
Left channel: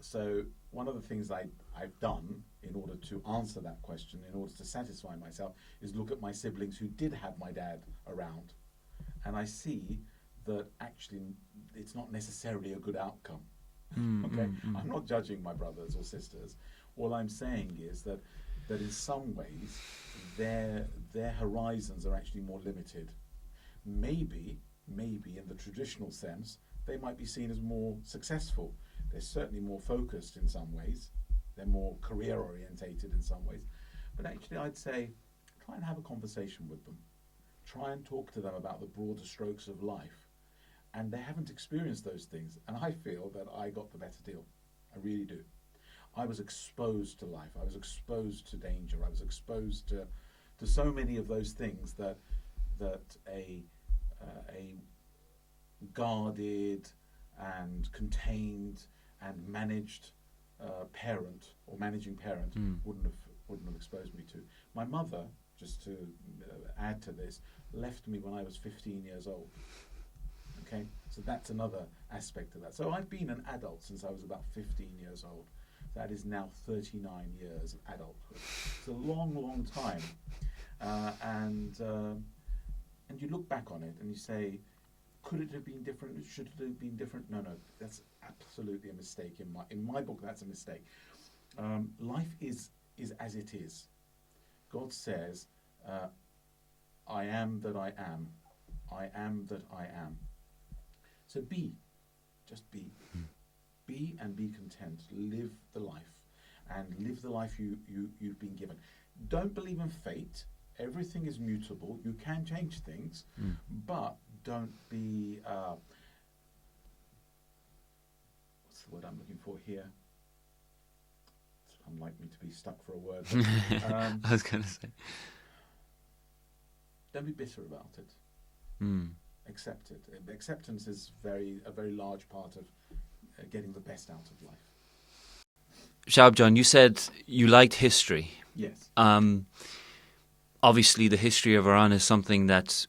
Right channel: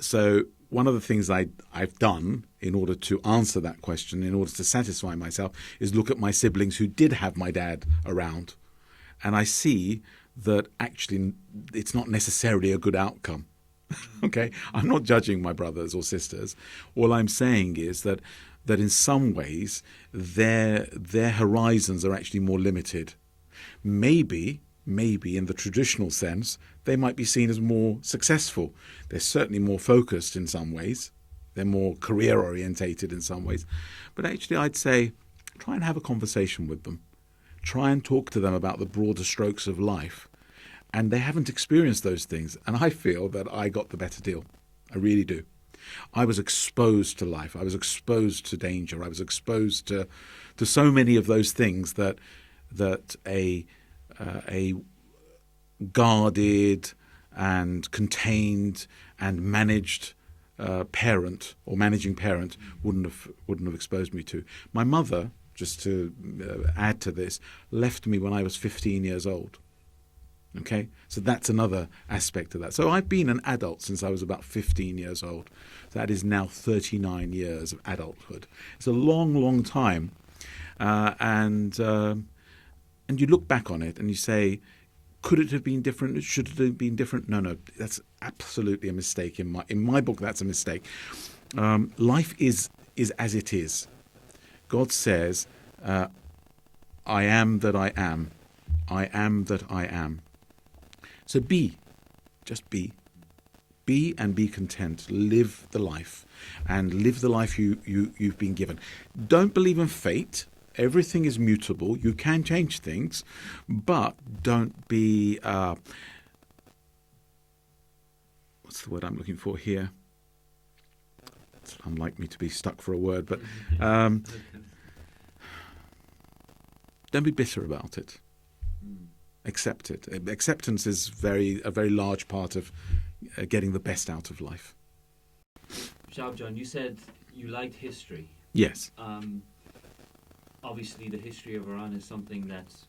So one of the things I've done in order to answer that question, in order to satisfy myself, is look at my siblings who did have my dad around, and I see that actually it's not necessarily a good outcome. Okay, I'm not judging my brothers or sisters. All I'm saying is that in some ways their horizons are actually more limited. Maybe in the traditional sense they might be seen as more successful. They're certainly more focused in some ways. They're more career orientated in some ways. But actually I'd say try and have a conversation with them. Try and talk to them about the broader strokes of life. And they haven't experienced those things. And I feel that I got the better deal. I really do. I was exposed to life. I was exposed to danger. I was exposed to so many of those things that a guarded and contained and managed parent or managing parent wouldn't have exposed me to. My mother, just to add to this, left me when I was 15 years old. Okay, so that's another aspect of that. So I've been an adult since I was about 15 years old. That is now 39 years of adulthood. It's a long, long time, and you look back on it and you say, could it have been different? Should it have been different? No, that's absolutely a mistake in my book. That's a mistake. Life is as it is. God says, "I am that I am. I am that I am." So just be and be content. Live the life, and live the life you've been given. Don't believe in fate. Everything is mutable. You can change things, but don't be. What's the word I'm looking for here? It's unlike me to be stuck for a word, but I was going to say, don't be bitter about it. Accept it. Acceptance is a very large part of getting the best out of life. Shahab John, you said you liked history. Yes. Obviously, the history of Iran is something that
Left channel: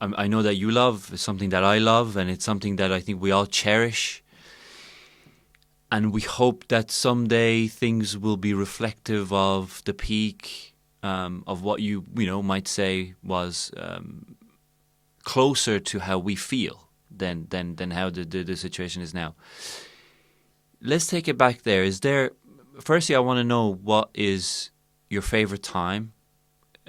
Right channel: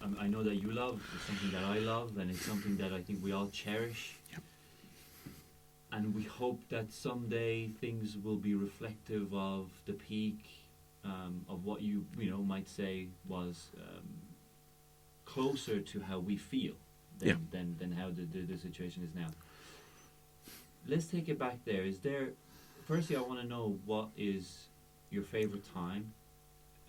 I know that you love, it's something that I love, and it's something that I think we all cherish. And we hope that someday things will be reflective of the peak of what you might say was closer to how we feel than how the situation is now. Let's take it back there. Firstly, I want to know what is your favorite time,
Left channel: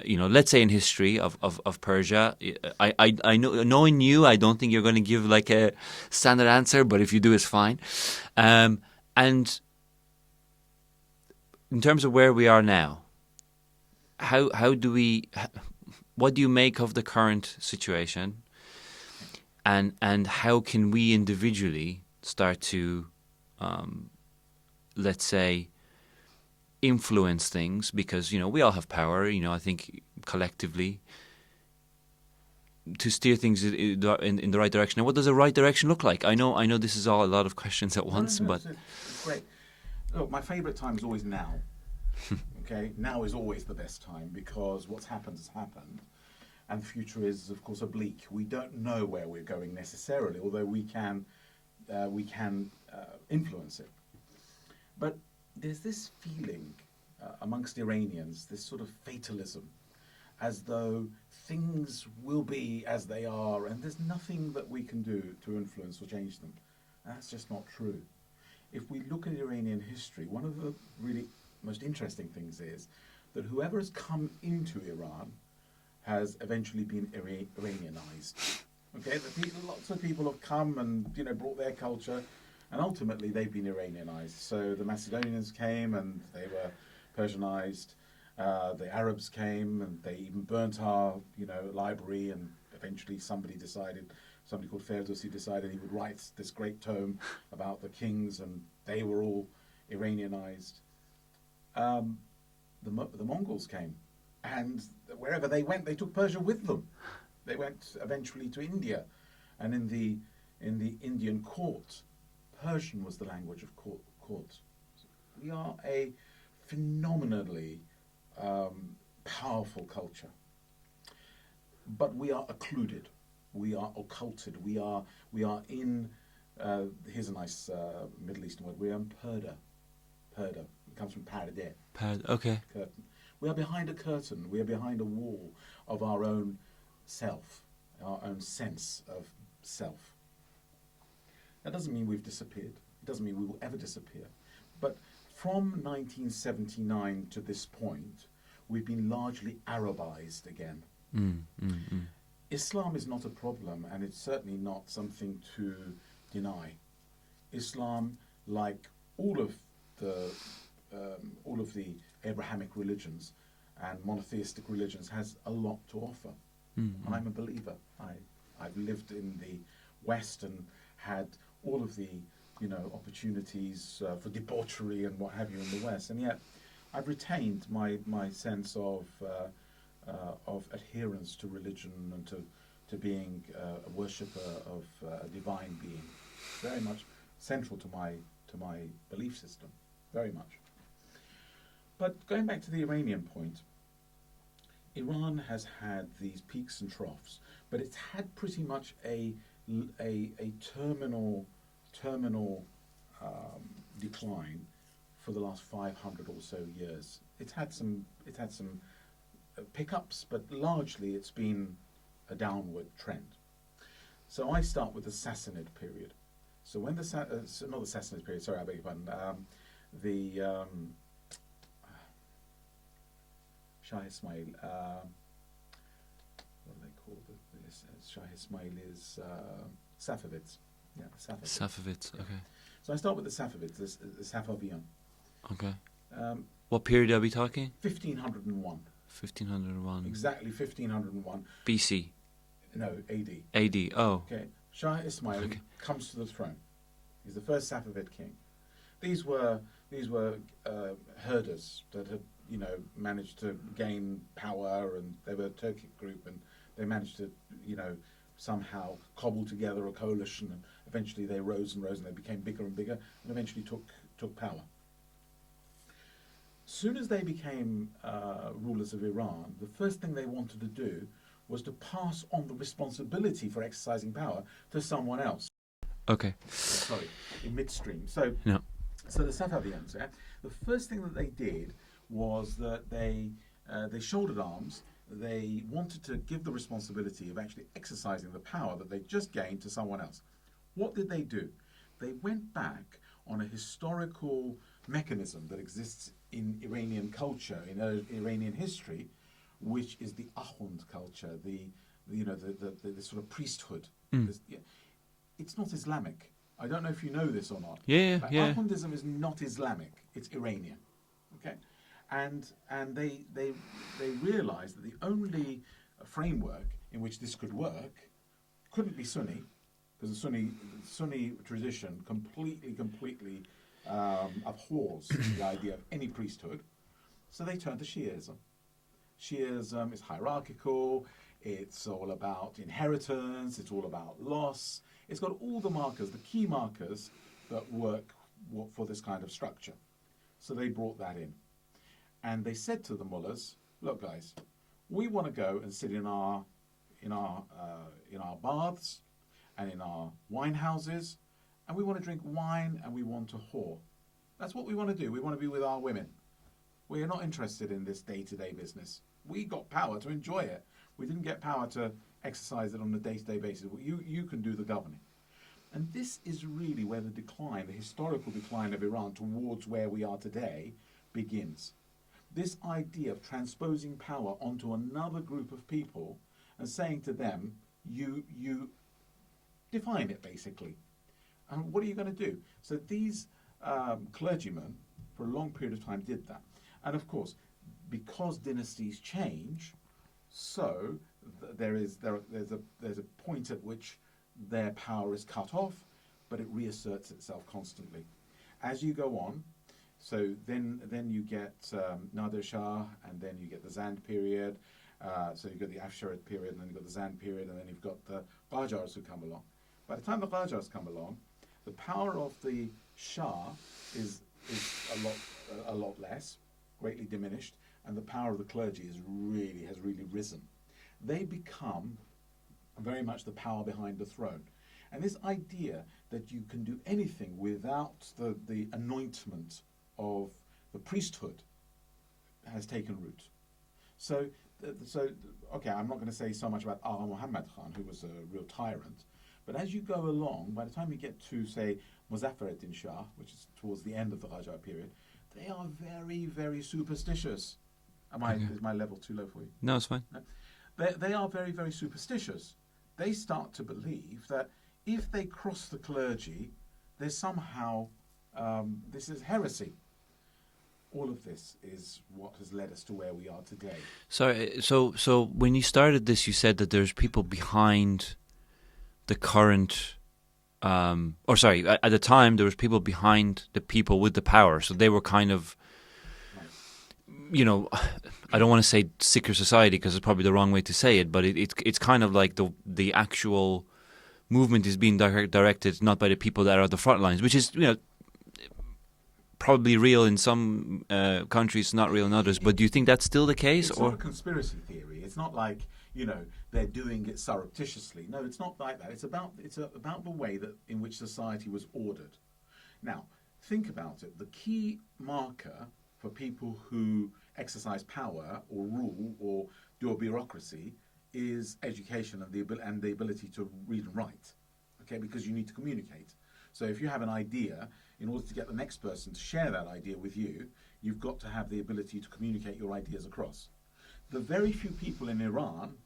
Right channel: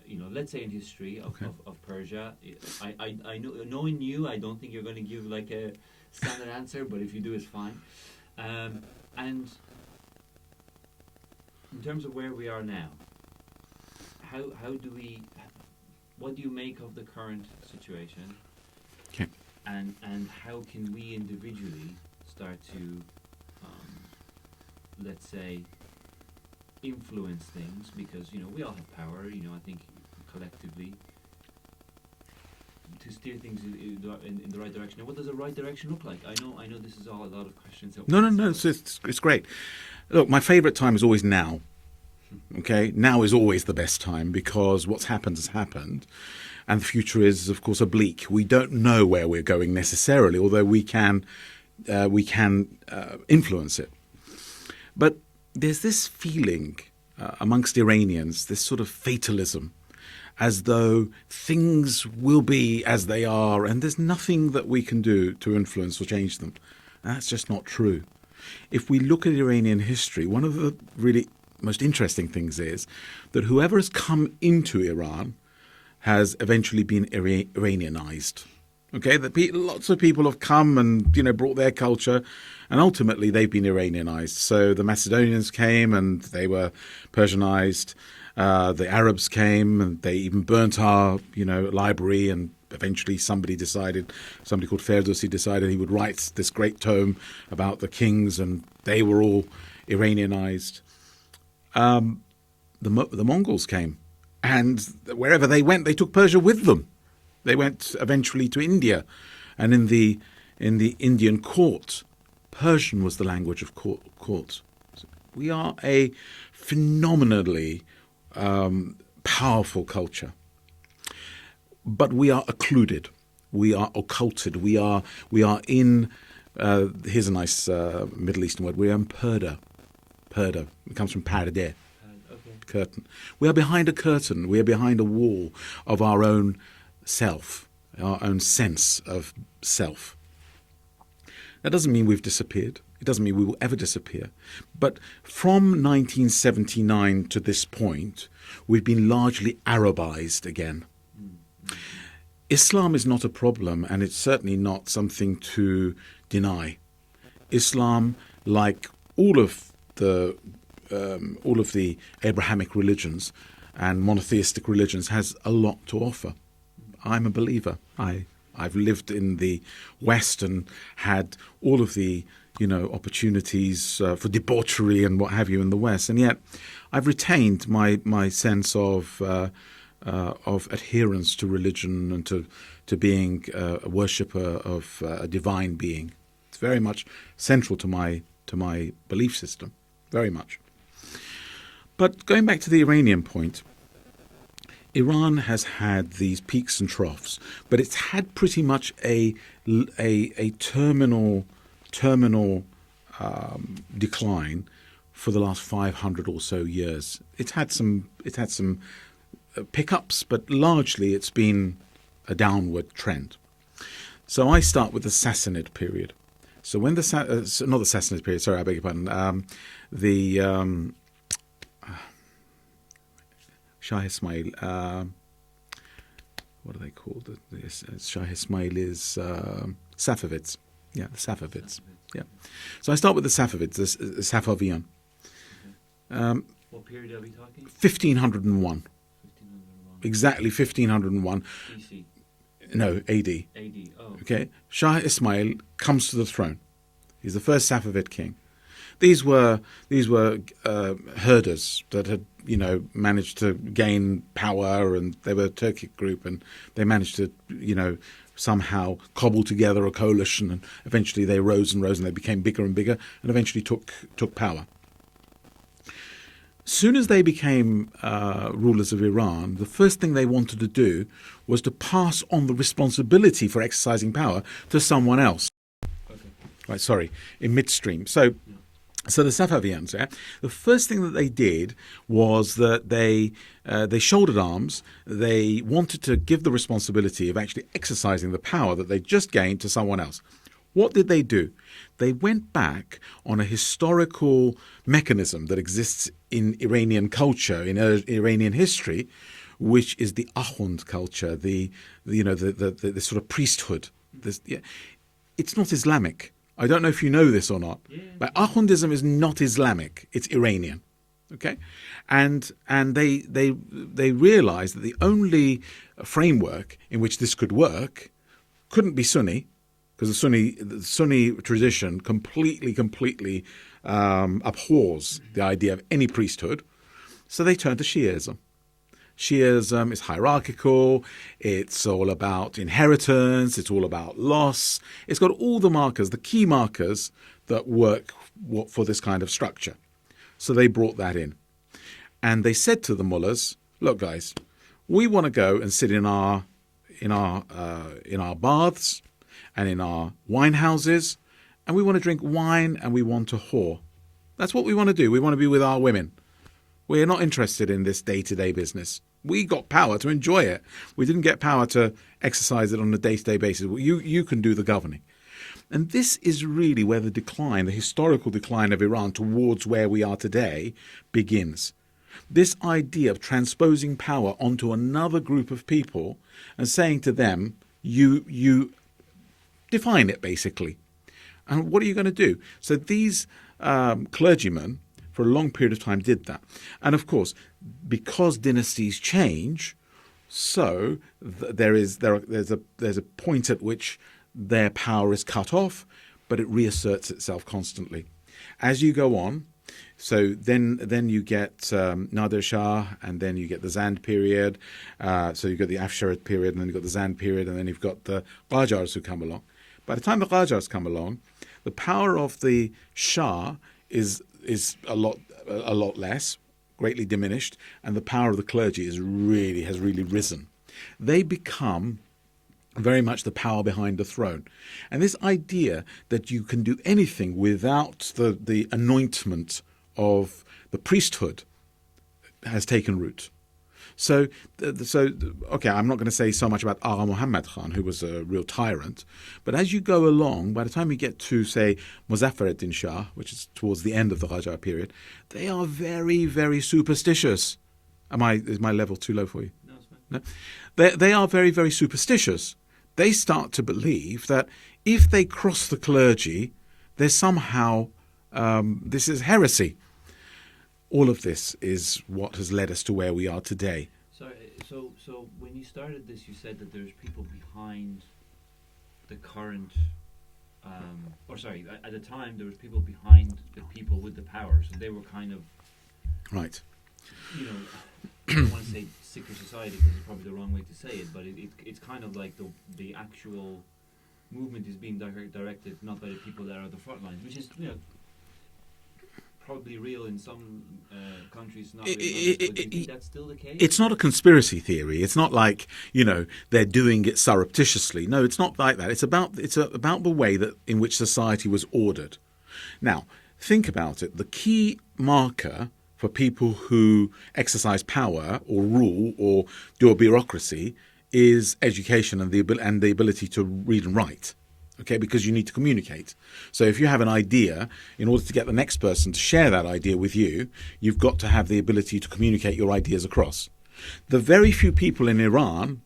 let's say in history of Persia. I know, knowing you, I don't think you're going to give like a standard answer, but if you do, it's fine. And in terms of where we are now, what do you make of the current situation? Okay. And how can we individually start to, let's say, influence things? Because, we all have power, I think collectively, to steer things in the right direction. And what does the right direction look like? I know this is all a lot of questions at once. No, it's great. Look, my favourite time is always now. Okay, now is always the best time because what's happened has happened, and the future is, of course, oblique. We don't know where we're going necessarily, although we can influence it. But there's this feeling amongst Iranians, this sort of fatalism, as though things will be as they are, and there's nothing that we can do to influence or change them. And that's just not true. If we look at Iranian history, one of the really most interesting things is that whoever has come into Iran has eventually been Iranianized. Okay, lots of people have come and brought their culture, and ultimately they've been Iranianized. So the Macedonians came and they were Persianized. The Arabs came and they even burnt our library, and eventually somebody called Ferdowsi decided he would write this great tome about the kings, and they were all Iranianized. The Mongols came, and wherever they went, they took Persia with them. They went eventually to India, and in the Indian court, Persian was the language of court. We are a phenomenally powerful culture, but we are occluded, we are occulted, we are in. Here's a nice Middle Eastern word. We are in purdah. Purdah. It comes from pardeh. Okay. Curtain. We are behind a curtain. We are behind a wall of our own self, our own sense of self. That doesn't mean we've disappeared. It doesn't mean we will ever disappear. But from 1979 to this point, we've been largely Arabized again. Islam is not a problem, and it's certainly not something to deny. Islam, like all of the Abrahamic religions and monotheistic religions, has a lot to offer. I'm a believer. I've lived in the West and had all of the opportunities for debauchery and what have you in the West, and yet I've retained my sense of adherence to religion and to being a worshipper of a divine being. It's very much central to my belief system, very much. But going back to the Iranian point, Iran has had these peaks and troughs, but it's had pretty much a terminal decline for the last 500 or so years. It's had some pickups, but largely it's been a downward trend. So I start with the Sassanid period. So when not the Sassanid period, sorry, I beg your pardon. The Shah Ismail, what are they called? Shah Ismail is Safavids. Yeah, the Safavids. Safavids, yeah. Okay. So I start with the Safavids, the Safavian. Okay. What period are we talking? 1501. 1501. Exactly 1501. BC. No, AD. AD, oh. Okay. Shah Ismail comes to the throne. He's the first Safavid king. These were herders that had managed to gain power, and they were a Turkic group, and they managed to somehow cobble together a coalition, and eventually they rose and rose, and they became bigger and bigger, and eventually took power. As soon as they became rulers of Iran, the first thing they wanted to do was to pass on the responsibility for exercising power to someone else. Okay. Right, sorry, in midstream. So the Safavians, the first thing that they did was that they shouldered arms. They wanted to give the responsibility of actually exercising the power that they just gained to someone else. What did they do? They went back on a historical mechanism that exists in Iranian culture, in Iranian history, which is the Ahund culture, the sort of priesthood. It's not Islamic. I don't know if you know this or not. But Ahundism is not Islamic. It's Iranian. Okay? And they realized that the only framework in which this could work couldn't be Sunni, because the Sunni tradition completely abhors the idea of any priesthood. So they turned to Shi'ism. Shi'ism is hierarchical. It's all about inheritance. It's all about loss. It's got all the markers, the key markers that work for this kind of structure. So they brought that in. And they said to the mullahs, look, guys, we want to go and sit in our baths and in our wine houses, and we want to drink wine and we want to whore. That's what we want to do. We want to be with our women. We're not interested in this day-to-day business. We got power to enjoy it. We didn't get power to exercise it on a day-to-day basis. You can do the governing. And this is really where the decline, the historical decline of Iran towards where we are today, begins. This idea of transposing power onto another group of people and saying to them, you define it, basically. And what are you going to do? So these clergymen, for a long period of time, did that. And of course, because dynasties change, so there's a point at which their power is cut off, but it reasserts itself constantly. As you go on, so then you get Nadir Shah, and then you get the Zand period. So you've got the Afsharid period, and then you've got the Zand period, and then you've got the Qajars who come along. By the time the Qajars come along, the power of the Shah is a lot less, greatly diminished, and the power of the clergy has really risen. They become very much the power behind the throne. And this idea that you can do anything without the anointment of the priesthood has taken root. So, okay, I'm not going to say so much about Agha Muhammad Khan, who was a real tyrant, but as you go along, by the time you get to, say, Muzaffar-ed-Din Shah, which is towards the end of the Qajar period, they are very, very superstitious. Is my level too low for you? No, it's fine. No? They are very, very superstitious. They start to believe that if they cross the clergy, there's somehow, this is heresy. All of this is what has led us to where we are today. Sorry, so when you started this, you said that there's people behind the current, at the time there was people behind the people with the power, so they were kind of, right. I don't want to say secret society because it's probably the wrong way to say it, but it's kind of like the actual movement is being directed not by the people that are at the front lines, which is probably real in some countries, not real in others. But do you think that's still the case? It's not a conspiracy theory. It's not like they're doing it surreptitiously. No, it's not like that. It's about the way that in which society was ordered. Now, think about it. The key marker for people who exercise power or rule or do a bureaucracy is education and the ability to read and write. Okay, because you need to communicate. So if you have an idea, in order to get the next person to share that idea with you, you've got to have the ability to communicate your ideas across. The very few people in Iran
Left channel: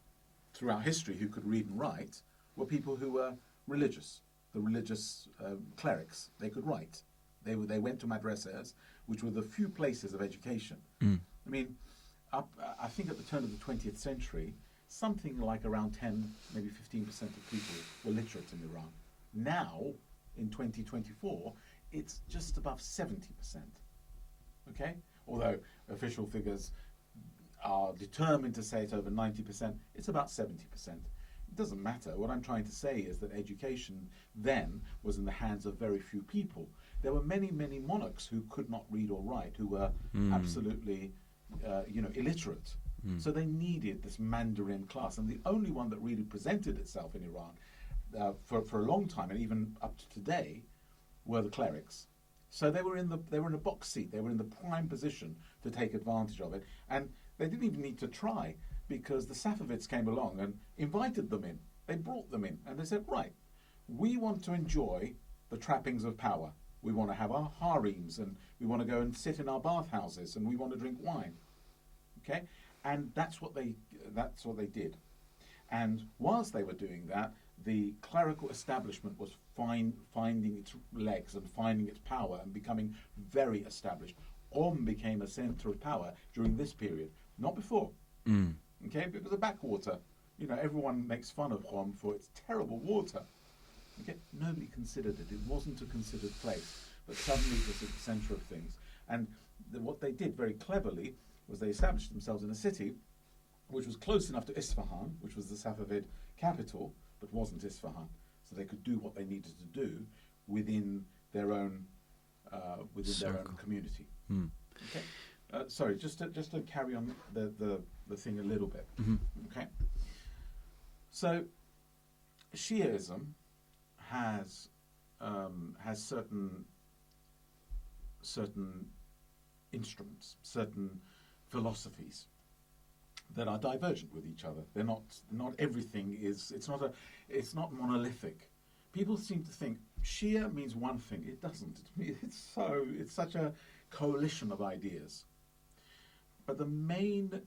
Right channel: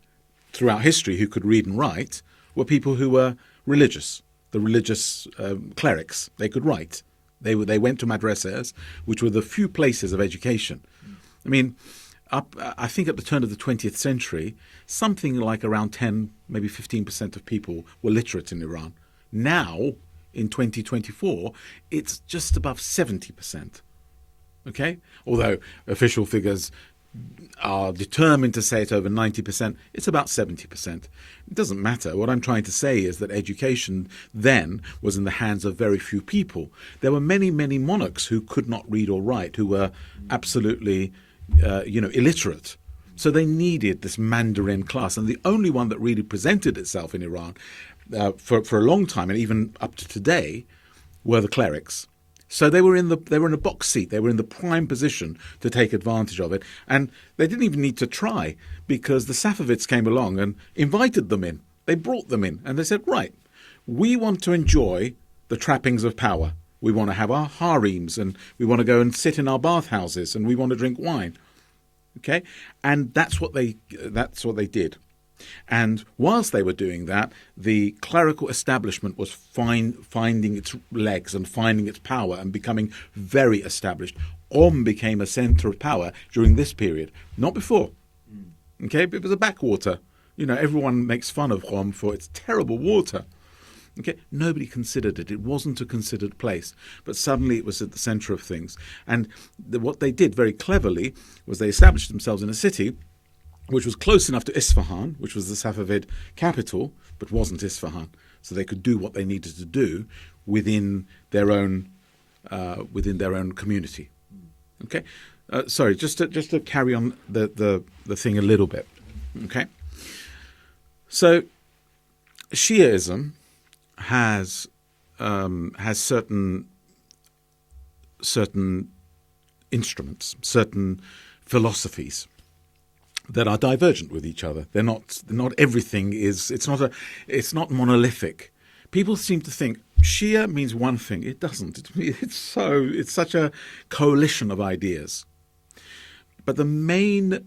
throughout history who could read and write were people who were religious, the religious clerics. They could write. They went to madrasas, which were the few places of education. I mean, I think at the turn of the 20th century, something like around 10, maybe 15% of people were literate in Iran. Now, in 2024, it's just above 70%. Okay? Although official figures are determined to say it's over 90%, it's about 70%. It doesn't matter. What I'm trying to say is that education then was in the hands of very few people. There were many, many monarchs who could not read or write, who were absolutely illiterate. So they needed this Mandarin class, and the only one that really presented itself in Iran for a long time, and even up to today, were the clerics. So they were in a box seat. They were in the prime position to take advantage of it, and they didn't even need to try because the Safavids came along and invited them in. They brought them in, and they said, "Right, we want to enjoy the trappings of power. We want to have our harems, and we want to go and sit in our bathhouses, and we want to drink wine." Okay, and that's what they did. And whilst they were doing that, the clerical establishment was finding its legs and finding its power and becoming very established. Qom became a centre of power during this period, not before. Okay, it was a backwater. Everyone makes fun of Qom for its terrible water. Okay, nobody considered it. It wasn't a considered place, but suddenly it was at the centre of things. And what they did very cleverly was they established themselves in a city which was close enough to Isfahan, which was the Safavid capital, but wasn't Isfahan. So they could do what they needed to do within their own community. Okay, sorry, just to carry on the thing a little bit. Okay, so Shiaism has certain instruments, certain philosophies that are divergent with each other. They're not everything is. It's not monolithic, People seem to think Shia means one thing. It doesn't. It's such a coalition of ideas. But the main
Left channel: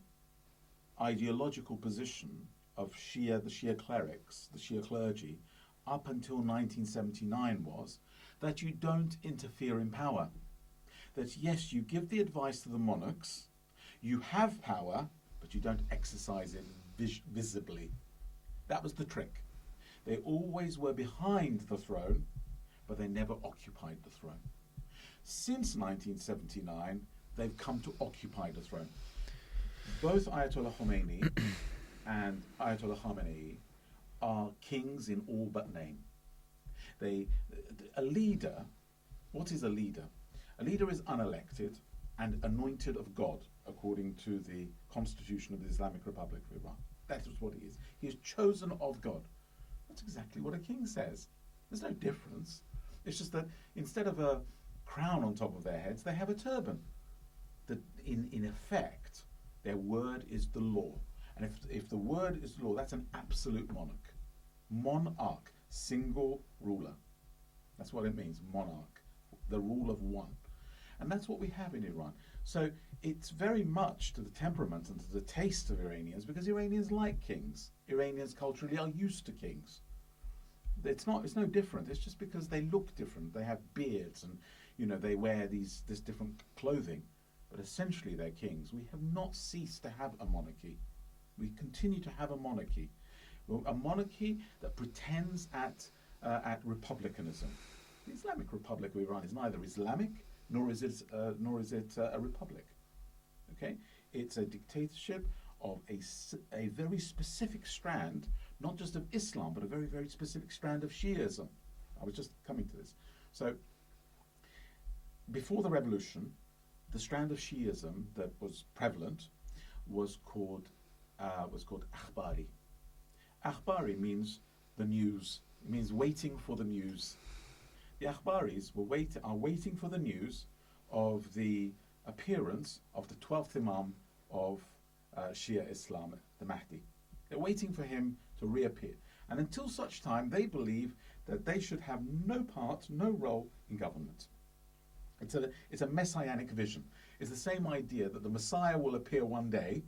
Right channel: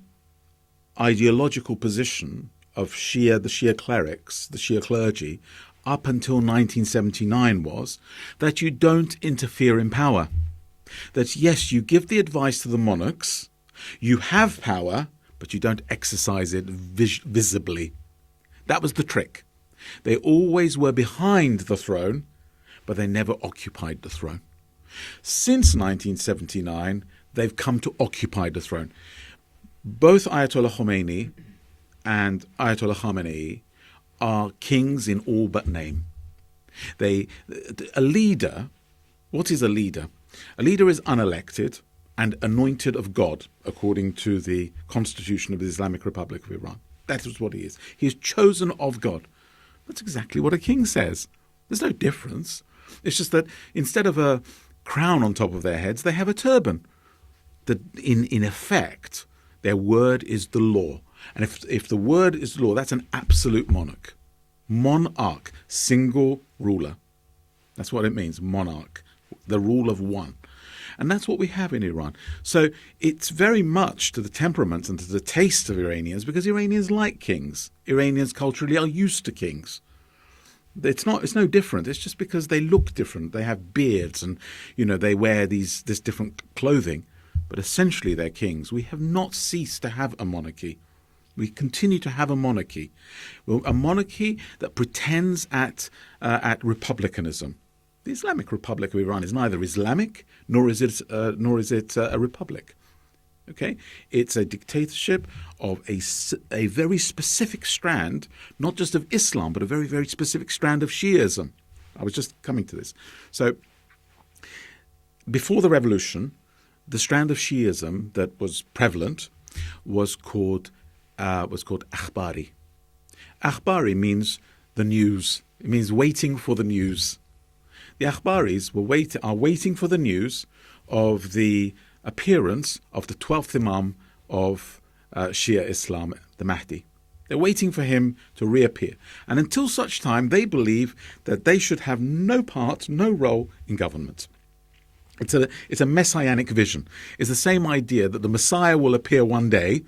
ideological position of Shia, the Shia clerics, the Shia clergy, up until 1979 was that you don't interfere in power. That yes, you give the advice to the monarchs, you have power, but you don't exercise it visibly. That was the trick. They always were behind the throne, but they never occupied the throne. Since 1979, they've come to occupy the throne. Both Ayatollah Khomeini and Ayatollah Khamenei are kings in all but name. A leader, what is a leader? A leader is unelected and anointed of God, according to the Constitution of the Islamic Republic of Iran. That is what he is. He is chosen of God. That's exactly what a king says. There's no difference. It's just that instead of a crown on top of their heads, they have a turban. In effect, their word is the law. And if the word is law, that's an absolute monarch. Monarch, single ruler. That's what it means, monarch, the rule of one. And that's what we have in Iran. So it's very much to the temperament and to the taste of Iranians, because Iranians like kings. Iranians culturally are used to kings. It's no different. It's just because they look different. They have beards and, they wear this different clothing. But essentially they're kings. We have not ceased to have a monarchy. We continue to have a monarchy. Well, a monarchy that pretends at republicanism. The Islamic Republic of Iran is neither Islamic nor is it a republic. Okay, it's a dictatorship of a very specific strand, not just of Islam, but a very, very specific strand of Shiism. I was just coming to this. So, before the revolution, the strand of Shiism that was prevalent was called Akhbari. Akhbari means the news. It means waiting for the news. The Akhbaris are waiting for the news of the appearance of the 12th Imam of Shia Islam, the Mahdi. They're waiting for him to reappear. And until such time, they believe that they should have no part, no role in government. It's a messianic vision. It's the same idea that the Messiah will appear one day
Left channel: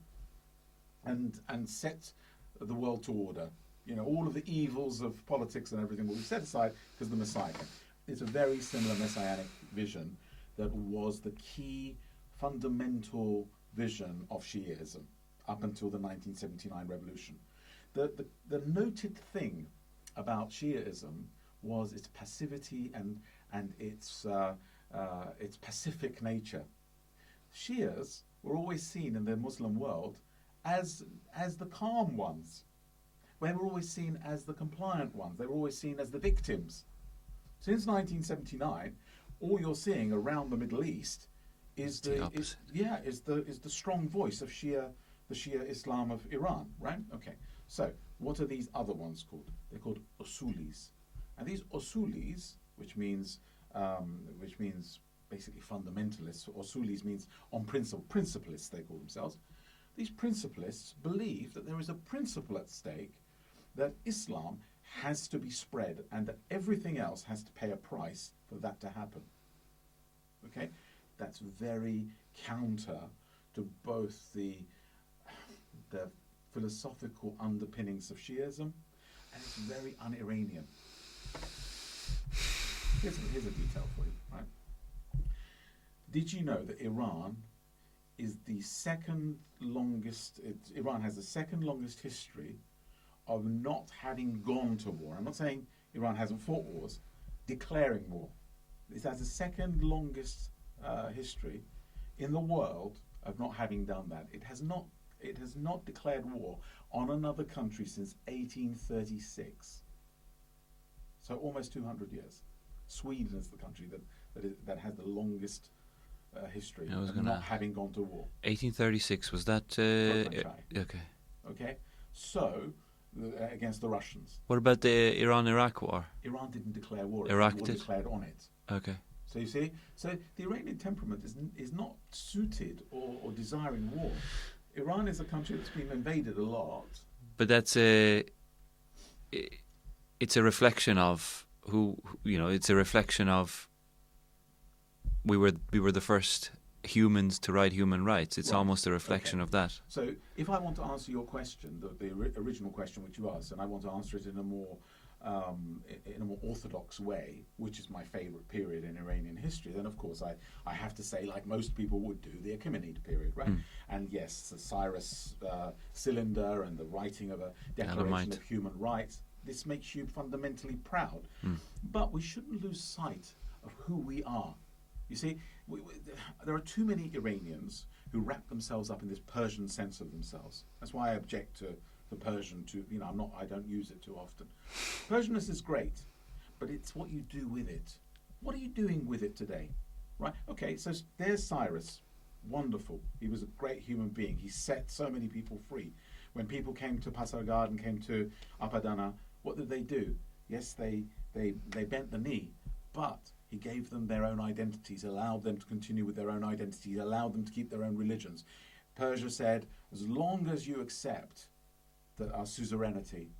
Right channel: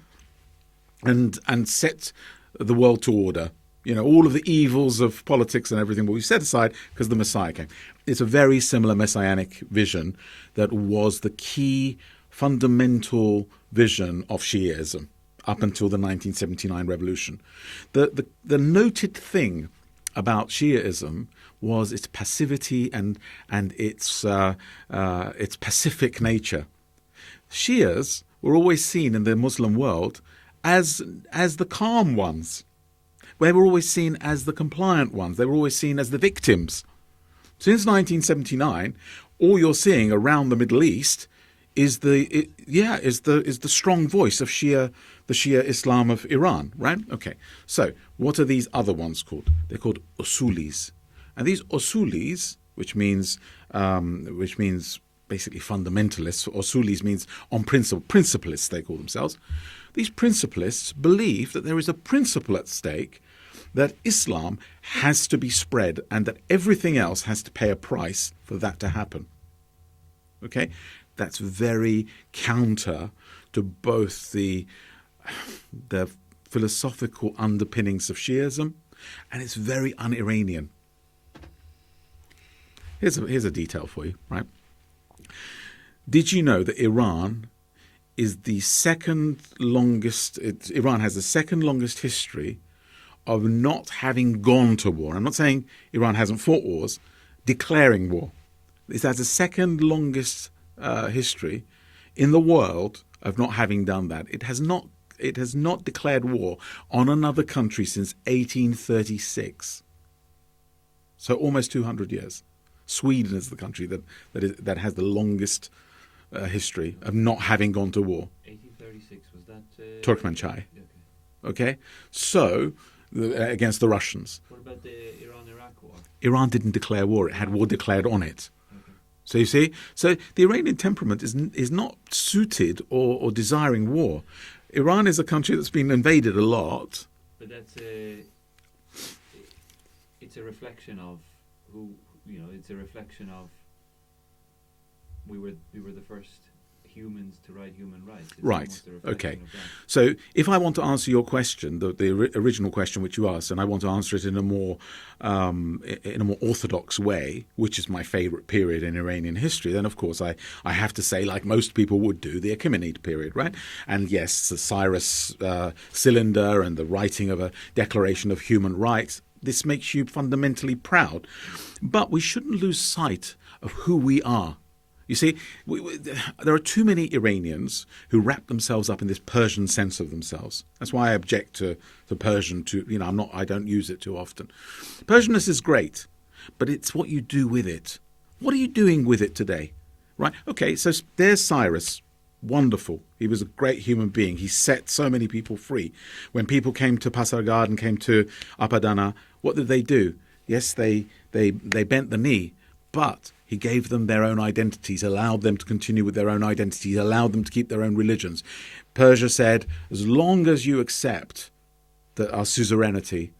and set the world to order. All of the evils of politics and everything will be set aside because the Messiah came. It's a very similar messianic vision that was the key fundamental vision of Shiism up until the 1979 revolution. The noted thing about Shiism was its passivity and its pacific nature. Shias were always seen in the Muslim world as the calm ones. They were always seen as the compliant ones. They were always seen as the victims. Since 1979, all you're seeing around the Middle East is the strong voice of the Shia Islam of Iran, right? Okay. So, what are these other ones called? They're called usulis, and these usulis, which means basically fundamentalists. Usulis means on principle, principalists they call themselves. These principalists believe that there is a principle at stake, that Islam has to be spread and that everything else has to pay a price for that to happen. Okay? That's very counter to both the philosophical underpinnings of Shiism, and it's very un-Iranian. Here's a detail for you, right? Did you know that Iran is the second longest... Iran has the second longest history of not having gone to war. I'm not saying Iran hasn't fought wars, declaring war. It has the second longest history in the world of not having done that. It has not declared war on another country since 1836. So almost 200 years. Sweden is the country that has the longest history of not having gone to war. 1836, was that... Turkmenchai. Okay. Okay? So... against the Russians. What about the Iran-Iraq war? Iran didn't declare war. It had war declared on it. Okay. So you see? So the Iranian temperament is not suited or desiring war. Iran is a country that's been invaded a lot. But it's a reflection of it's a reflection of we were the first humans to write human rights. It's Right. almost a reflection Okay. of that. So if I want to answer your question, the original question which you asked, and I want to answer it in a more orthodox way, which is my favourite period in Iranian history, then of course I have to say, like most people would do, the Achaemenid period, right? And yes, the Cyrus cylinder and the writing of a Declaration of Human Rights. This makes you fundamentally proud. But we shouldn't lose sight of who we are. You see, there are too many Iranians who wrap themselves up in this Persian sense of themselves. That's why I object to the Persian. I don't use it too often. Persianness is great, but it's what you do with it. What are you doing with it today? Right? Okay, so there's Cyrus. Wonderful. He was a great human being. He set so many people free. When people came to Pasargad and came to Apadana, what did they do? Yes, they bent the knee, but he gave them their own identities, allowed them to continue with their own identities, allowed them to keep their own religions. Persia said, as long as you accept that our suzerainty,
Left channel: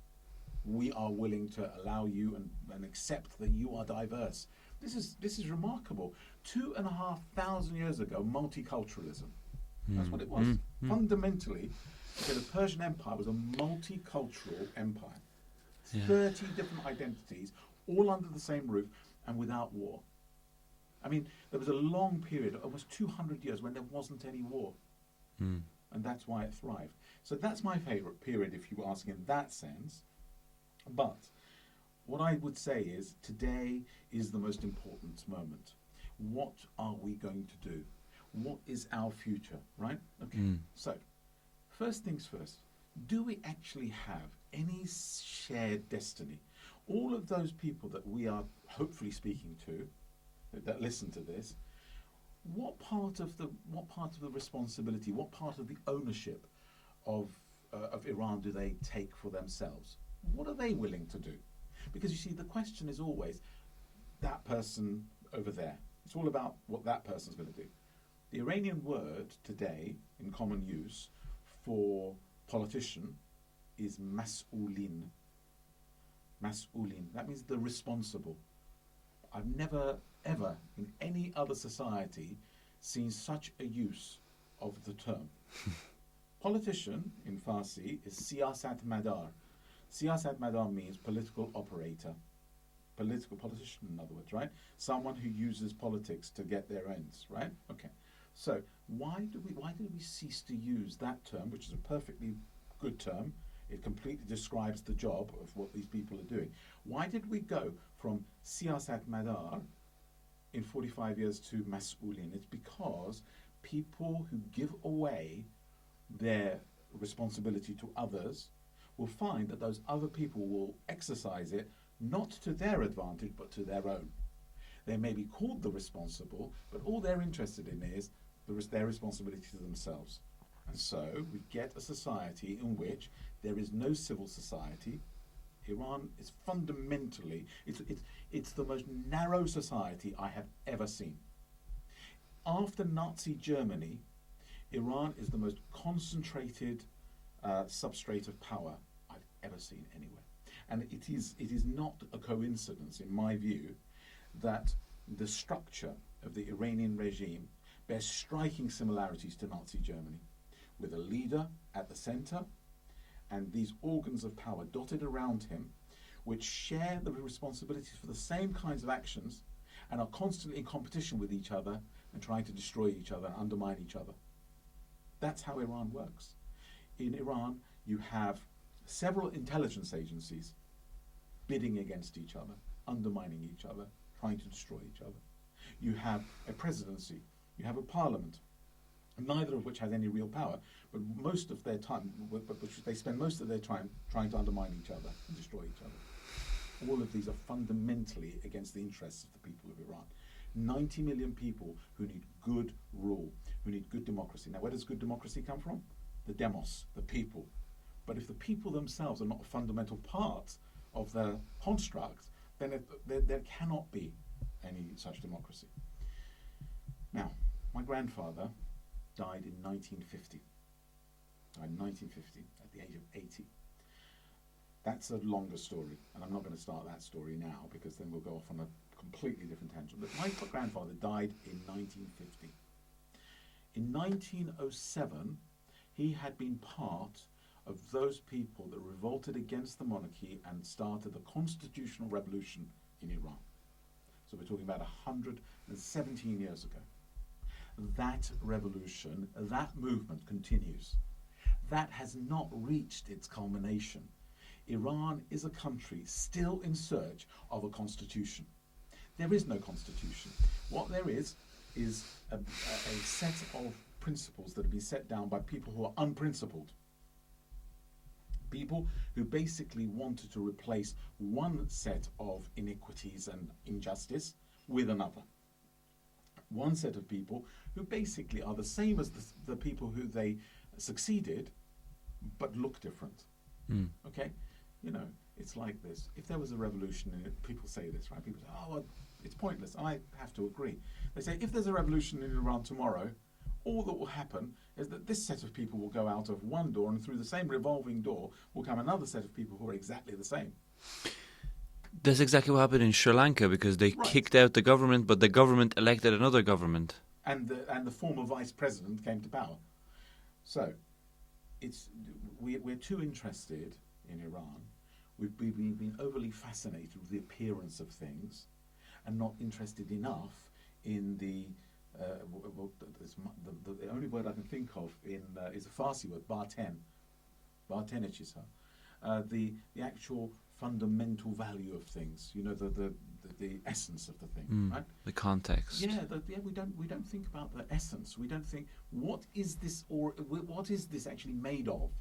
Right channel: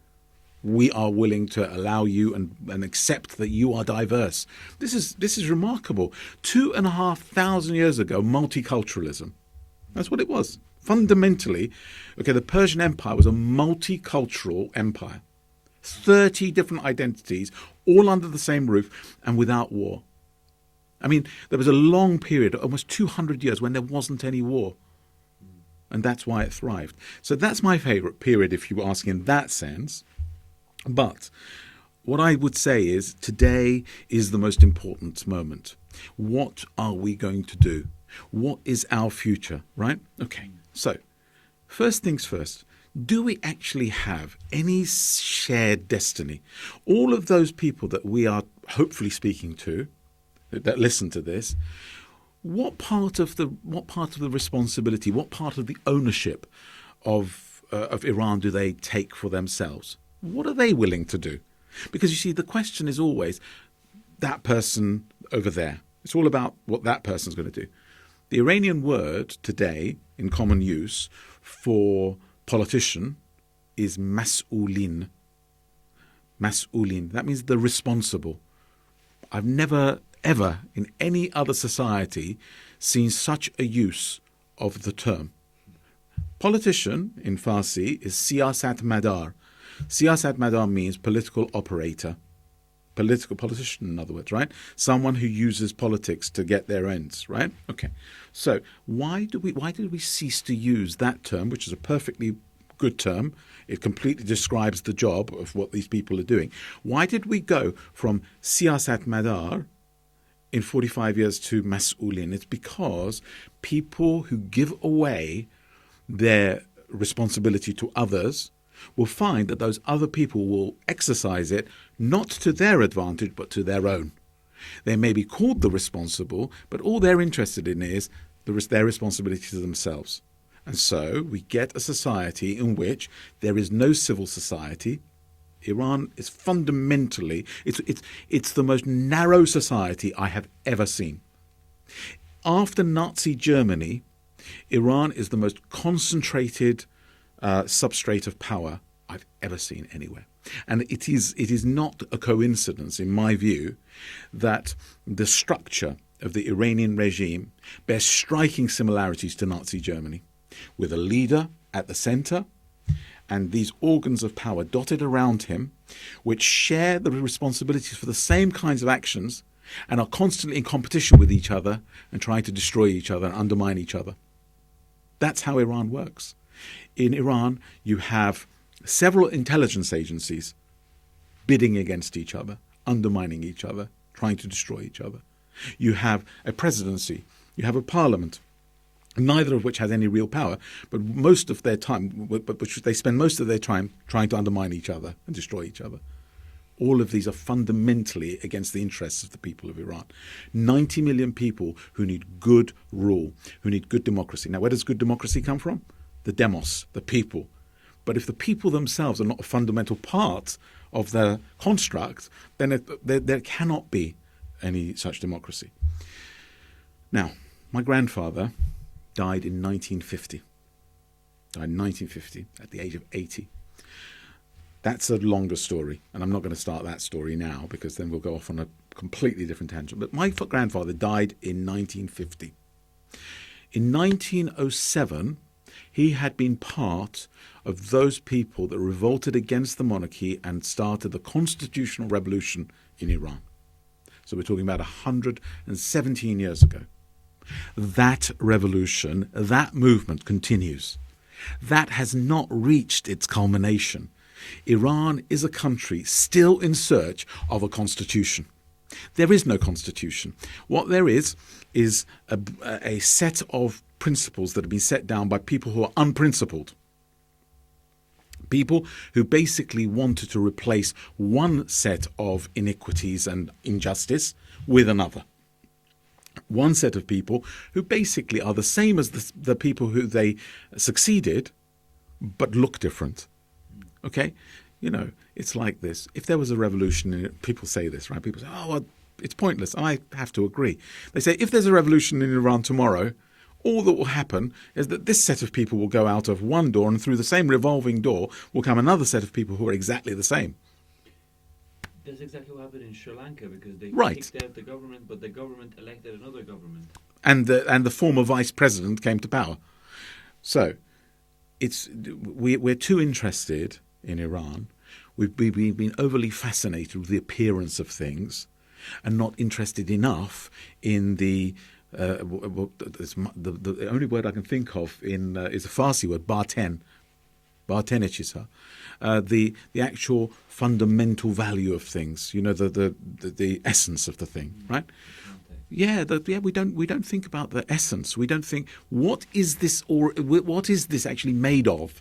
we are willing to allow you and accept that you are diverse. This is remarkable. 2,500 years ago, multiculturalism. That's what it was. Fundamentally, the Persian Empire was a multicultural empire. 30 different identities, all under the same roof and without war. I mean, there was a long period, almost 200 years, when there wasn't any war. And that's why it thrived. So that's my favourite period, if you ask in that sense. But what I would say is today is the most important moment. What are we going to do? What is our future, right? Okay, so first things first. Do we actually have any shared destiny? All of those people that we are hopefully speaking to, that listen to this, what part of the responsibility, what part of the ownership of Iran do they take for themselves? What are they willing to do? Because you see, the question is always that person over there. It's all about what that person's going to do. The Iranian word today in common use for politician is mas'ulin. Mas'ulin. That means the responsible. I've never, ever in any other society seen such a use of the term. Politician in Farsi is siyasat madar. Siyasat madar means political operator. Political politician, in other words, right? Someone who uses politics to get their ends, right? Okay. So why did we cease to use that term, which is a perfectly good term? It completely describes the job of what these people are doing. Why did we go from siyasat madar in 45 years to mas'ulin? It's because people who give away their responsibility to others will find that those other people will exercise it not to their advantage but to their own. They may be called the responsible, but all they're interested in is their responsibility to themselves. And so we get a society in which there is no civil society. Iran is fundamentally, it's the most narrow society I have ever seen. After Nazi Germany, Iran is the most concentrated substrate of power I've ever seen anywhere. And it is not a coincidence, in my view, that the structure of the Iranian regime bears striking similarities to Nazi Germany, with a leader at the center and these organs of power dotted around him, which share the responsibilities for the same kinds of actions and are constantly in competition with each other and trying to destroy each other and undermine each other. That's how Iran works. In Iran, you have several intelligence agencies bidding against each other, undermining each other, trying to destroy each other. You have a presidency, you have a parliament, neither of which has any real power, but most of their time, which they spend most of their time trying to undermine each other and destroy each other. All of these are fundamentally against the interests of the people of Iran. 90 million people who need good rule, who need good democracy. Now, where does good democracy come from? The demos, the people. But if the people themselves are not a fundamental part of the construct, then there cannot be any such democracy. Now, my grandfather died in 1950. Died in 1950 at the age of 80. That's a longer story, and I'm not going to start that story now because then we'll go off on a completely different tangent. But my grandfather died in 1950. In 1907, he had been part of those people that revolted against the monarchy and started the constitutional revolution in Iran. So we're talking about 117 years ago. That revolution, that movement continues. That has not reached its culmination. Iran is a country still in search of a constitution. There is no constitution. What there is a set of principles that have been set down by people who are unprincipled. People who basically wanted to replace one set of iniquities and injustice with another. One set of people who basically are the same as the people who they succeeded, but look different. Okay? You know, it's like this. If there was a revolution, people say this, right? People say, oh, well, it's pointless. I have to agree. They say, if there's a revolution in Iran tomorrow, all that will happen is that this set of people will go out of one door, and through the same revolving door will come another set of people who are exactly the same. That's exactly what happened in Sri Lanka, because they Right. kicked out the government, but the government elected another government. And the former vice president came to power. So we're too interested in Iran. We've been overly fascinated with the appearance of things and not interested enough in the only word I can think of is a Farsi word, barten chisa, the actual fundamental value of things. You know, the essence of the thing, right? The context. Yeah, we don't think about the essence. We don't think what is this actually made of.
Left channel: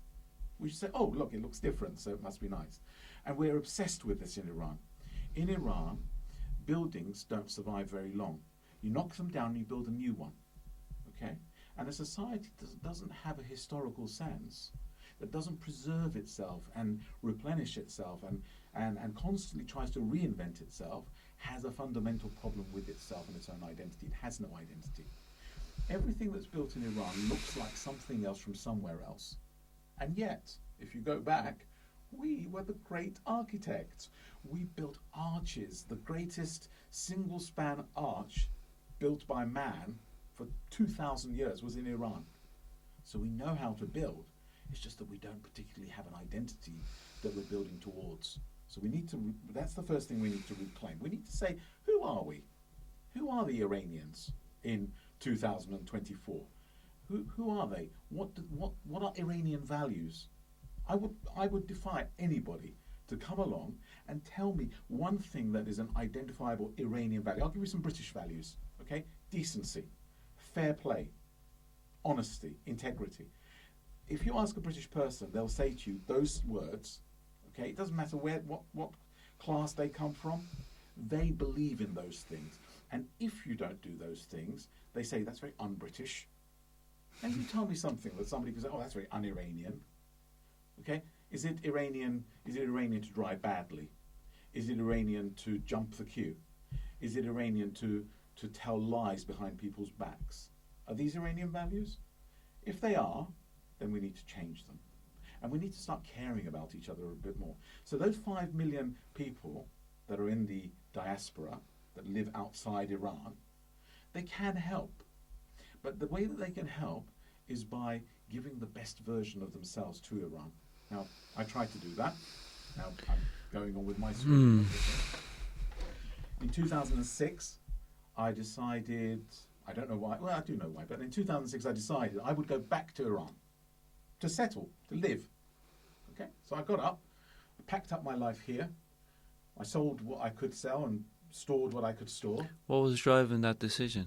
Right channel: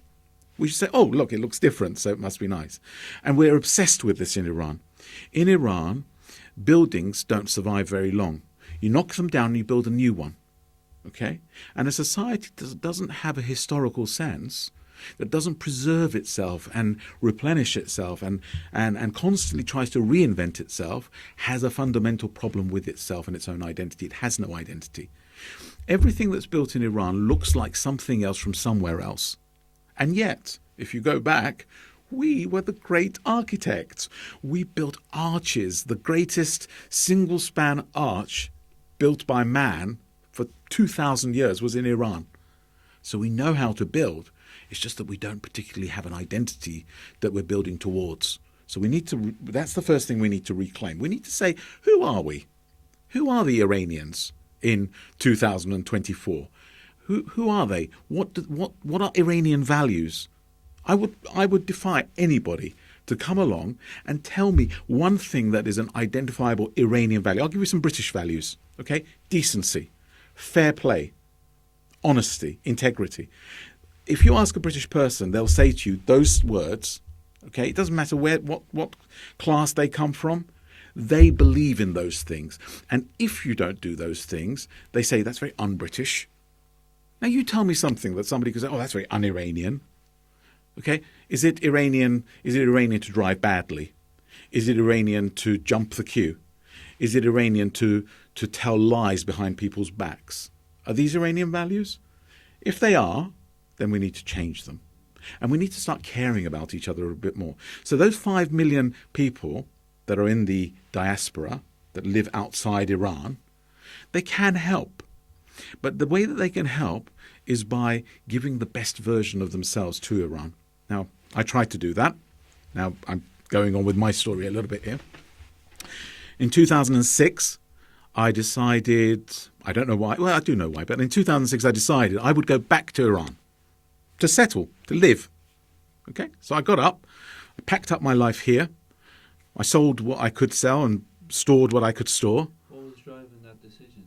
We just say, oh, look, it looks different, so it must be nice. And we're obsessed with this in Iran. In Iran, buildings don't survive very long. You knock them down and you build a new one. Okay? And a society that doesn't have a historical sense, that doesn't preserve itself and replenish itself and constantly tries to reinvent itself, has a fundamental problem with itself and its own identity. It has no identity. Everything that's built in Iran looks like something else from somewhere else. And yet, if you go back, we were the great architects. We built arches, the greatest single-span arch built by man for 2,000 years was in Iran. So we know how to build. It's just that we don't particularly have an identity that we're building towards. So we need to, that's the first thing we need to reclaim. We need to say, who are we? Who are the Iranians in 2024? Who are they? What are Iranian values? I would defy anybody to come along and tell me one thing that is an identifiable Iranian value. I'll give you some British values, okay? Decency, fair play, honesty, integrity. If you ask a British person, they'll say to you those words, okay? It doesn't matter what class they come from. They believe in those things. And if you don't do those things, they say that's very un-British. Now you tell me something that somebody could say, oh, that's very un-Iranian. Okay? Is it Iranian to drive badly? Is it Iranian to jump the queue? Is it Iranian to tell lies behind people's backs? Are these Iranian values? If they are, then we need to change them. And we need to start caring about each other a bit more. So those 5 million people that are in the diaspora, that live outside Iran, they can help. But the way that they can help is by giving the best version of themselves to Iran. Now, I tried to do that. Now, I'm going on with my story a little bit here. In 2006, I decided, I don't know why, well, I do know why, but in 2006 I decided I would go back to Iran to settle, to live. Okay? So I got up, I packed up my life here, I sold what I could sell and stored what I could store. What was driving that decision?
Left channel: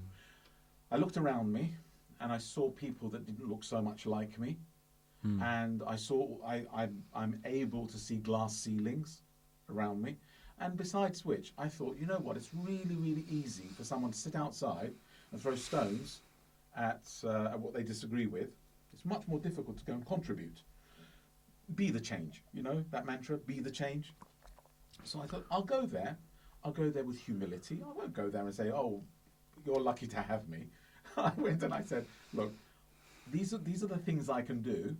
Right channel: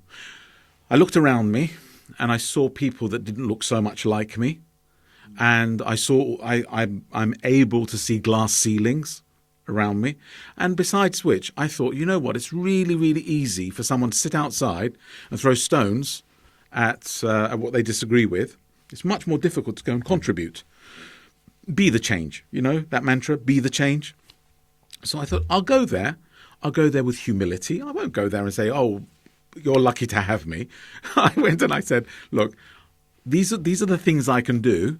I looked around me and I saw people that didn't look so much like me. And I saw I'm able to see glass ceilings around me. And besides which, I thought, you know what, it's really, really easy for someone to sit outside and throw stones at what they disagree with. It's much more difficult to go and contribute. Be the change, you know, that mantra, be the change. So I thought, I'll go there with humility. I won't go there and say, oh, you're lucky to have me. I went and I said, look, these are the things I can do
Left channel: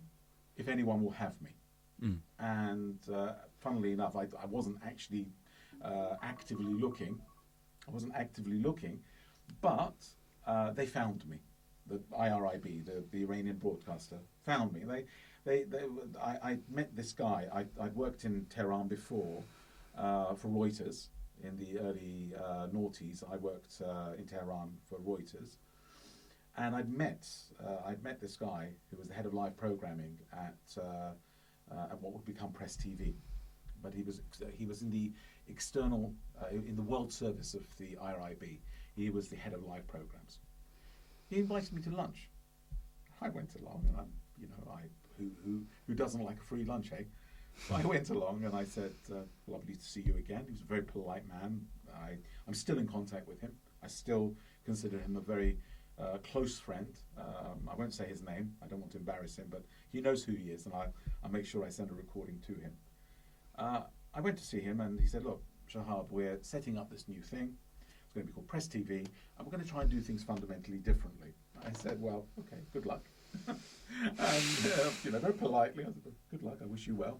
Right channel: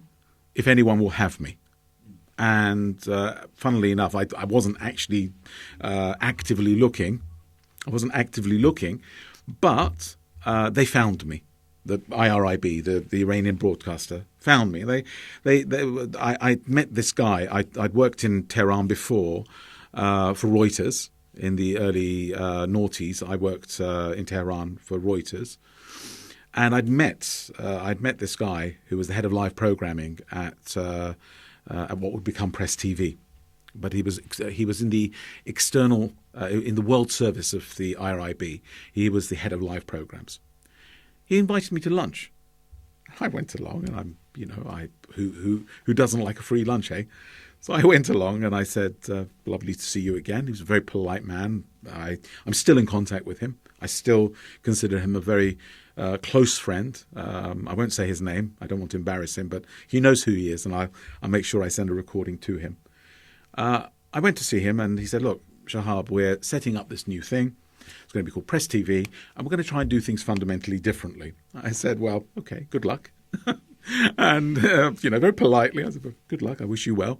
if anyone will have me. And funnily enough, I wasn't actually actively looking. I wasn't actively looking, but they found me. The IRIB, the Iranian broadcaster, found me. I met this guy. I'd worked in Tehran before for Reuters in the early noughties. I worked in Tehran for Reuters, and I'd met this guy who was the head of live programming at what would become Press TV. But he was in the external in the world service of the IRIB. He was the head of live programs. He invited me to lunch. I went along, and who doesn't like a free lunch, eh? So I went along, and I said, "Lovely to see you again." He was a very polite man. I'm still in contact with him. I still consider him a very close friend. I won't say his name. I don't want to embarrass him, but he knows who he is, and I'll make sure I send a recording to him. I went to see him, and he said, "Look, Shahab, we're setting up this new thing. It's going to be called Press TV, and we're going to try and do things fundamentally differently." I said, "Well, okay, good luck." And, very politely, I said, "Well, good luck, I wish you well."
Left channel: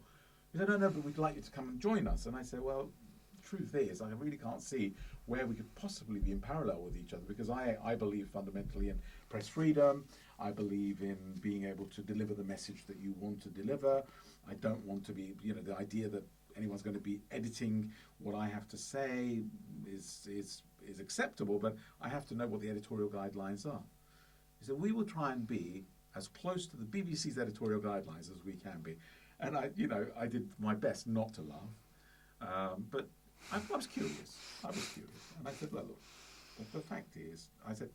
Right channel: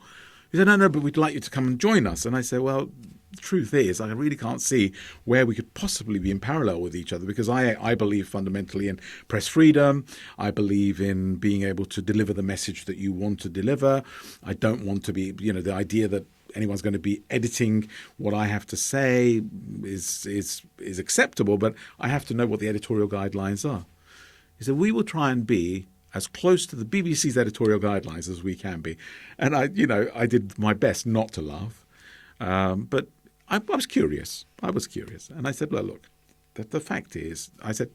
He said, no, but we'd like you to come and join us. And I said, "Well, the truth is, I really can't see where we could possibly be in parallel with each other, because I believe fundamentally in press freedom. I believe in being able to deliver the message that you want to deliver. I don't want to be, the idea that anyone's going to be editing what I have to say is acceptable, but I have to know what the editorial guidelines are." He said, "We will try and be as close to the BBC's editorial guidelines as we can be." And I did my best not to laugh, but I was curious. And I said, "Well, look, the fact is," I said,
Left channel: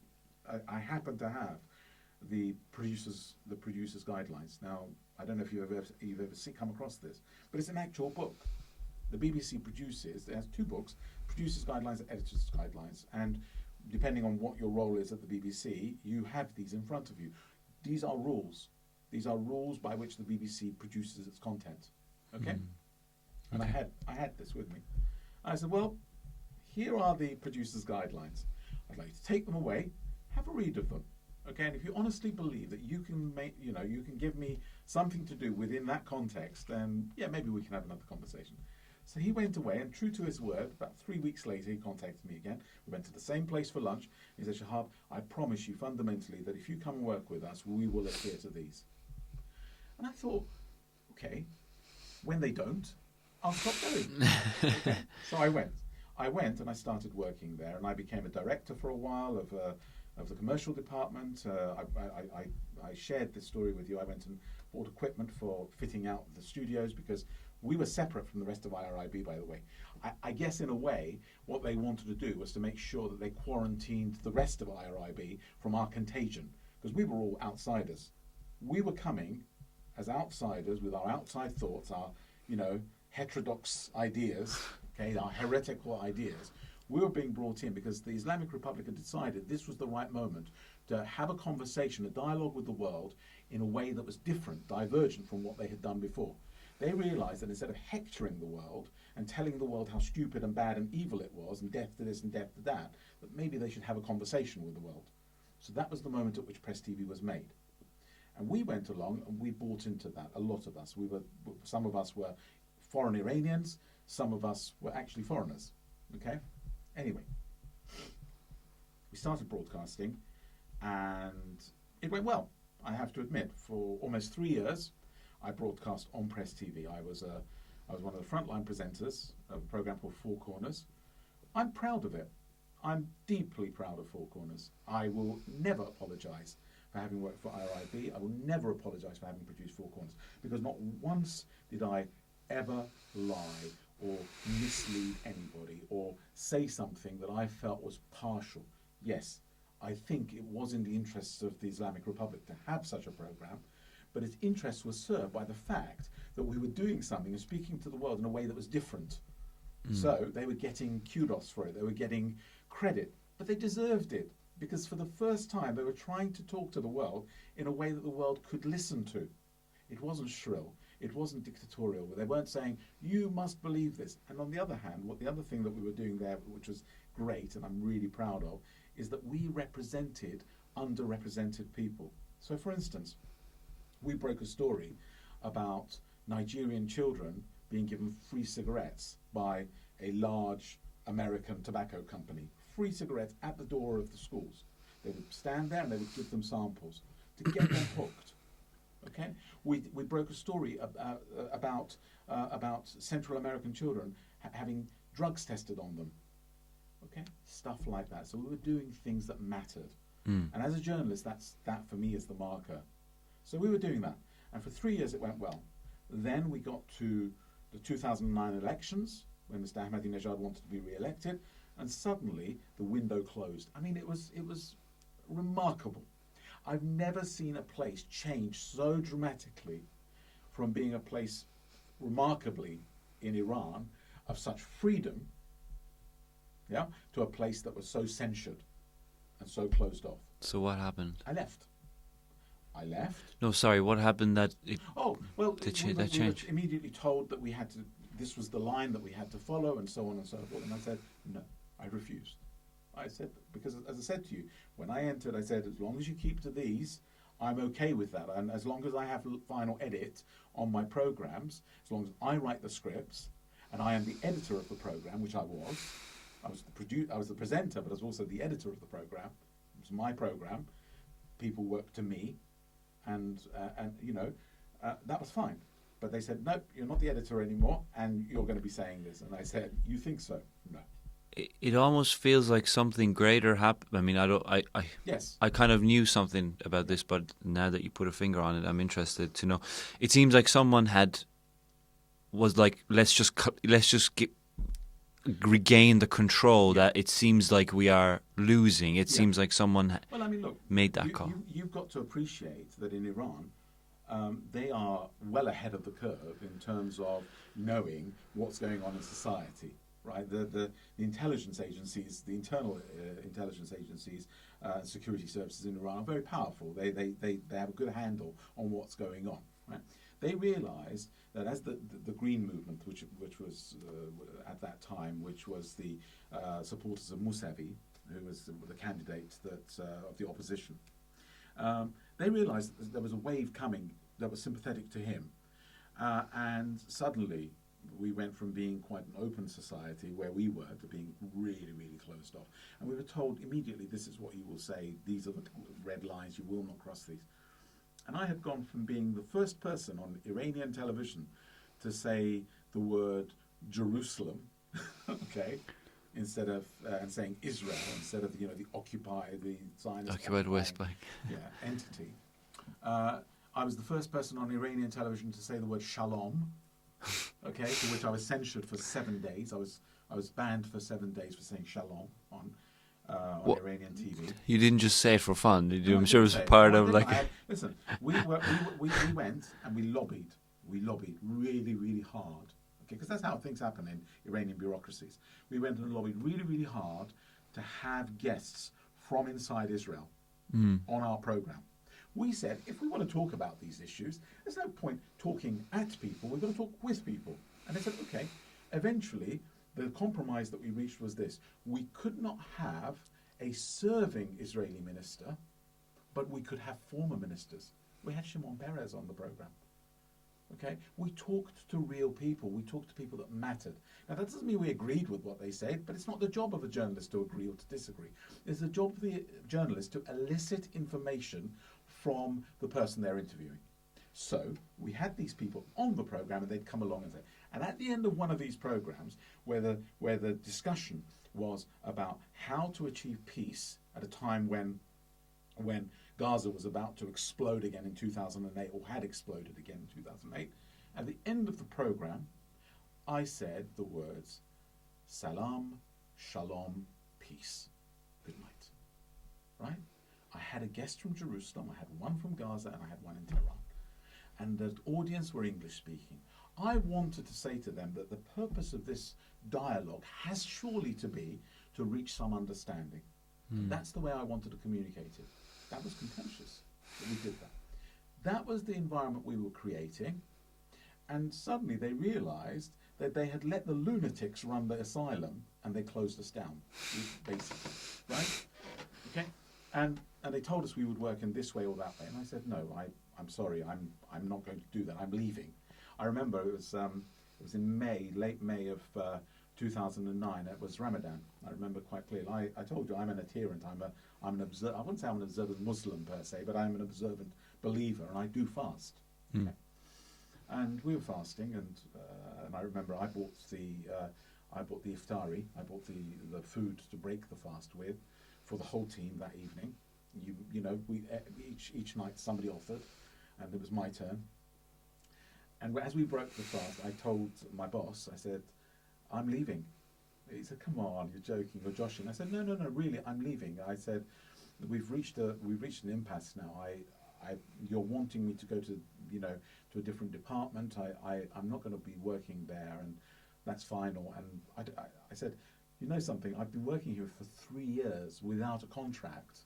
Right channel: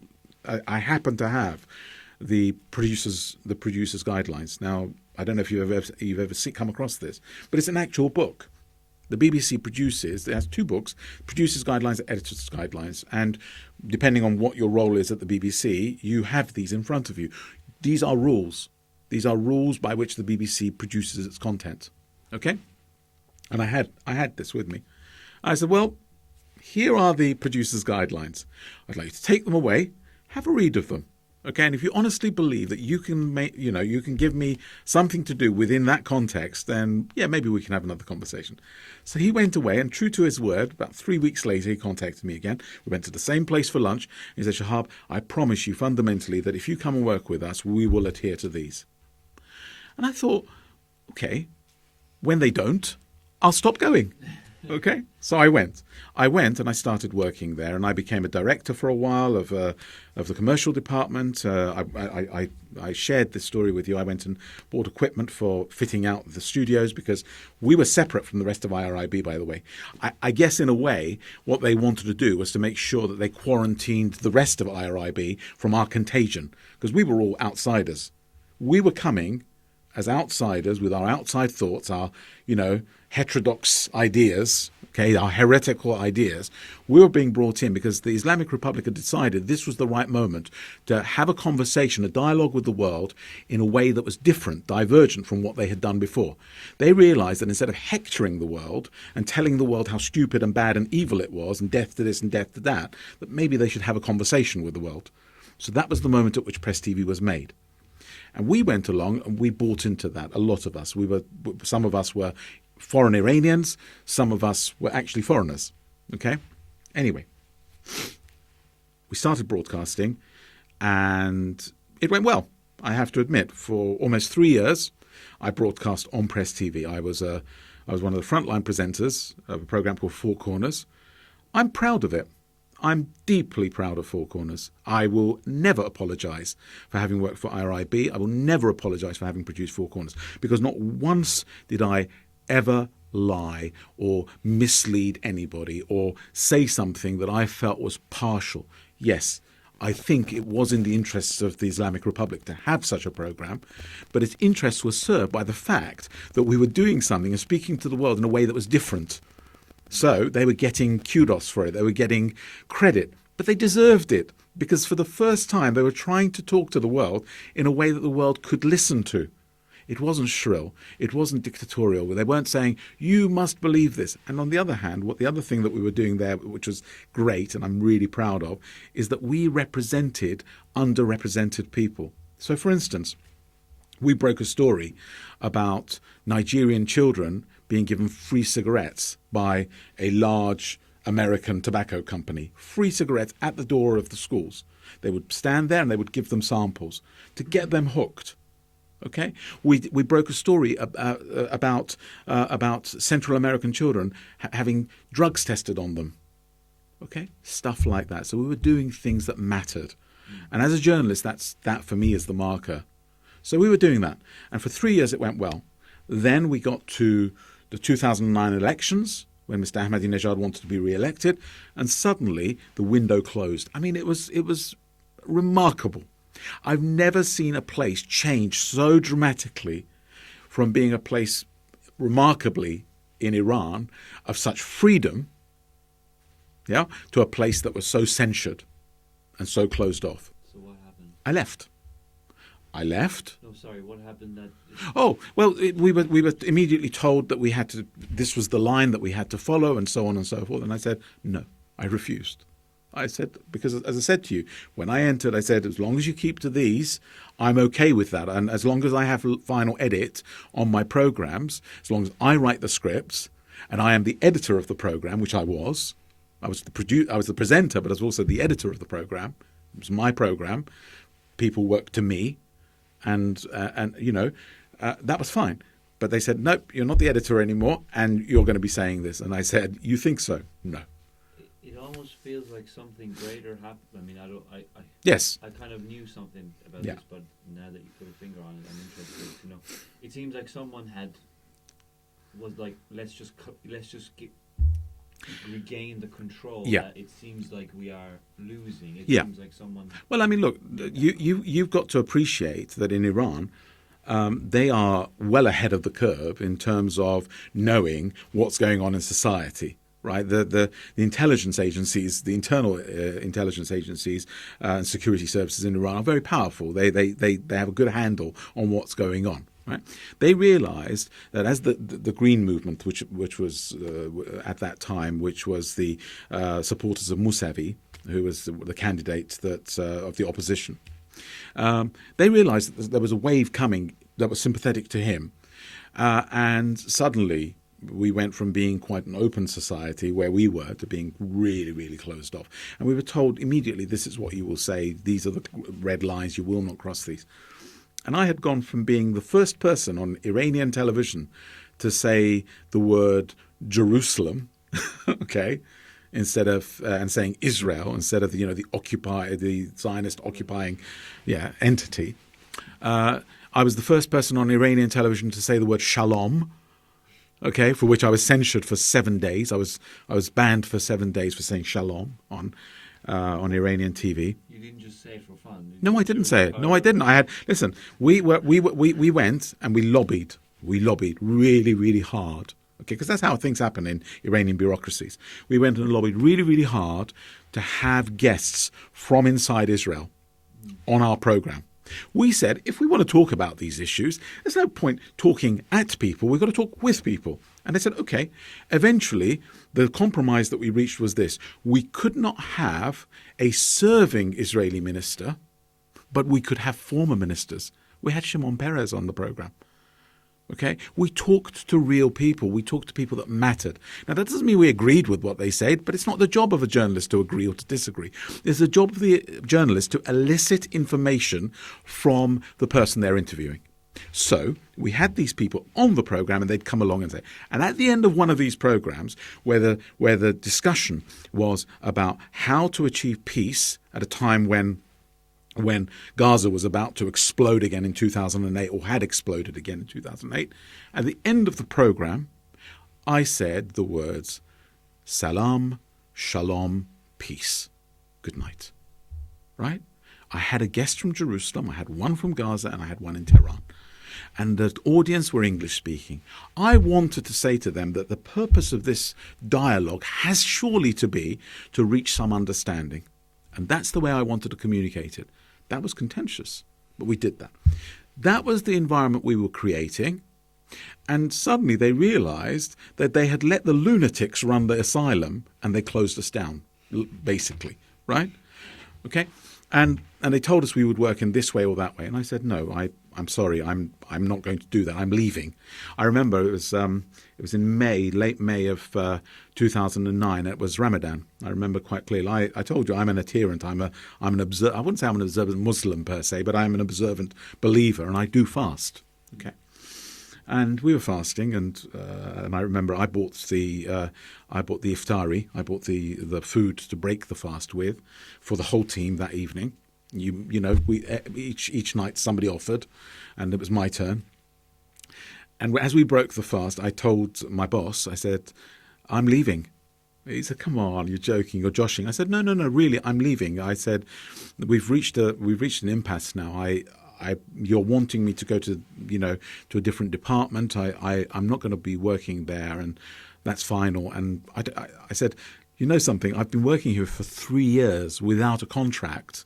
I happen to have the producers' guidelines. Now, I don't know if you've ever come across this, but it's an actual book. The BBC produces, it has two books, producers' guidelines and editors' guidelines. And depending on what your role is at the BBC, you have these in front of you. These are rules. These are rules by which the BBC produces its content. Okay? And I had this with me. I said, "Well, here are the producers' guidelines. I'd like you to take them away, have a read of them. Okay, and if you honestly believe that you can you can give me something to do within that context, then yeah, maybe we can have another conversation." So he went away, and true to his word, about 3 weeks later, he contacted me again. We went to the same place for lunch. He said, "Shahab, I promise you fundamentally that if you come and work with us, we will adhere to these." And I thought, okay, when they don't, I'll stop going. Okay, so I went and I started working there, and I became a director for a while of the commercial department. I shared this story with you. I went and bought equipment for fitting out the studios, because we were separate from the rest of IRIB, by the way. I guess in a way what they wanted to do was to make sure that they quarantined the rest of IRIB from our contagion, because we were all outsiders. We were coming as outsiders with our outside thoughts, our heterodox ideas, okay, our heretical ideas. We were being brought in because the Islamic Republic had decided this was the right moment to have a conversation, a dialogue with the world in a way that was different, divergent from what they had done before. They realized that instead of hectoring the world and telling the world how stupid and bad and evil it was, and death to this and death to that maybe they should have a conversation with the world. So that was the moment at which Press TV was made. And we went along and we bought into that, a lot of us. Some of us were foreign Iranians, some of us were actually foreigners. Okay? Anyway, we started broadcasting, and it went well, I have to admit. For almost 3 years, I broadcast on Press TV. I was one of the frontline presenters of a program called Four Corners. I'm proud of it. I'm deeply proud of Four Corners. I will never apologise for having worked for IRIB. I will never apologise for having produced Four Corners, because not once did I ever lie or mislead anybody or say something that I felt was partial. Yes, I think it was in the interests of the Islamic Republic to have such a program, but its interests were served by the fact that we were doing something and speaking to the world in a way that was different. So they were getting kudos for it. They were getting credit, but they deserved it, because for the first time they were trying to talk to the world in a way that the world could listen to. It wasn't shrill. It wasn't dictatorial. They weren't saying, "You must believe this." And on the other hand, the other thing that we were doing there, which was great and I'm really proud of, is that we represented underrepresented people. So, for instance, We broke a story about Nigerian children being given free cigarettes by a large American tobacco company. Free cigarettes at the door of the schools. They would stand there and they would give them samples to get them hooked. Okay, we broke a story about Central American children having drugs tested on them. Okay, stuff like that. So we were doing things that mattered, and as a journalist, that for me is the marker. So we were doing that, and for 3 years it went well. Then we got to the 2009 elections when Mr. Ahmadinejad wanted to be re-elected, and suddenly the window closed. I mean, it was remarkable. I've never seen a place change so dramatically from being a place remarkably in Iran of such freedom, to a place that was so censured and so closed off. So what happened? I left. No, sorry. What happened that? We were immediately told that we had to. This was the line that we had to follow, and so on and so forth. And I said no. I refused. I said, because as I said to you, when I entered, I said, as long as you keep to these, I'm okay with that. And as long as I have final edit on my programs, as long as I write the scripts, and I am the editor of the program, which I was the presenter, but I was also the editor of the program. It was my program. People worked to me, and that was fine. But they said, nope, you're not the editor anymore, and you're going to be saying this. And I said, you think so? No. It almost feels like something greater happened. I mean, Yes. I kind of knew something about this, but now that you put a finger on it, I'm interested to know. It seems like someone was like, let's just regain the control that it seems like we are losing. It seems like someone. Well, I mean, look, made that call. You've got to appreciate that in Iran, they are well ahead of the curve in terms of knowing what's going on in society. Right, the intelligence agencies, the internal intelligence agencies and security services in Iran are very powerful. They have a good handle on what's going on. Right, they realised that as the Green movement, which was at that time, which was the supporters of Mossavat, who was the candidate of the opposition, they realised that there was a wave coming that was sympathetic to him, and suddenly we went from being quite an open society where we were to being really, really closed off. And we were told immediately, this is what you will say, these are the red lines, you will not cross these. And I had gone from being the first person on Iranian television to say the word Jerusalem, okay, instead of and saying Israel instead of the Zionist occupying entity. I was the first person on Iranian television to say the word shalom. Okay, for which I was censured for 7 days. I was banned for 7 days for saying shalom on Iranian TV. You didn't just say it for fun, did you? No, I didn't say it. No, I didn't. Listen. We went and we lobbied. We lobbied really, really hard. Okay, because that's how things happen in Iranian bureaucracies. We went and lobbied really, really hard to have guests from inside Israel on our program. We said, if we want to talk about these issues, there's no point talking at people. We've got to talk with people. And they said, okay. Eventually, the compromise that we reached was this. We could not have a serving Israeli minister, but we could have former ministers. We had Shimon Peres on the program. Okay, we talked to real people. We talked to people that mattered. Now, that doesn't mean we agreed with what they said, but it's not the job of a journalist to agree or to disagree. It's the job of the journalist to elicit information from the person they're interviewing. So we had these people on the program, and they'd come along and say. And at the end of one of these programs, where the discussion was about how to achieve peace at a time when Gaza was about to explode again in 2008, or had exploded again in 2008, at the end of the program, I said the words, salam, shalom, peace, good night. Right? I had a guest from Jerusalem, I had one from Gaza, and I had one in Tehran. And the audience were English speaking. I wanted to say to them that the purpose of this dialogue has surely to be to reach some understanding. And that's the way I wanted to communicate it. That was contentious, but we did that. That was the environment we were creating. And suddenly they realized that they had let the lunatics run the asylum, and they closed us down, basically, right? Okay? And they told us we would work in this way or that way. And I said, no, I'm sorry, I'm not going to do that. I'm leaving. I remember it was in May, late May of 2009. It was Ramadan. I remember quite clearly. I told you I'm an adherent. I'm an I wouldn't say I'm an observant Muslim per se, but I'm an observant believer, and I do fast. Okay. And we were fasting, and I remember I bought the iftari. I bought the food to break the fast with for the whole team that evening. You know, we each night somebody offered, and it was my turn. And as we broke the fast, I told my boss, I said, I'm leaving. He said, come on, you're joking, you're joshing. I said, no, really, I'm leaving. I said, we've reached an impasse now. You're wanting me to go to a different department. I'm not going to be working there, and that's final. And I said, you know something, I've been working here for 3 years without a contract.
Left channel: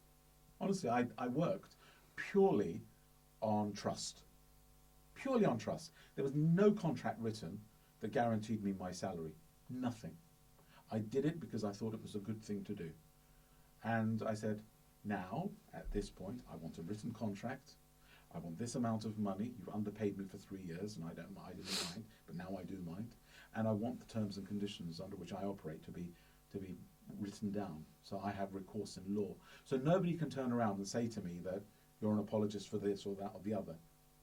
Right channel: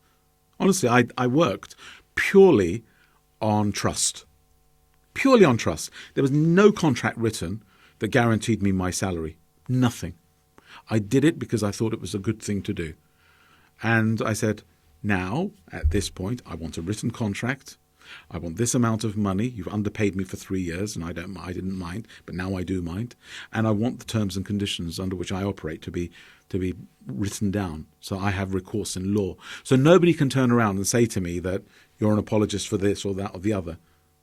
Honestly, I worked purely on trust. Purely on trust. There was no contract written that guaranteed me my salary. Nothing. I did it because I thought it was a good thing to do. And I said, now, at this point, I want a written contract. I want this amount of money. You've underpaid me for 3 years, and I didn't mind, but now I do mind. And I want the terms and conditions under which I operate to be written down, so I have recourse in law. So nobody can turn around and say to me that you're an apologist for this or that or the other.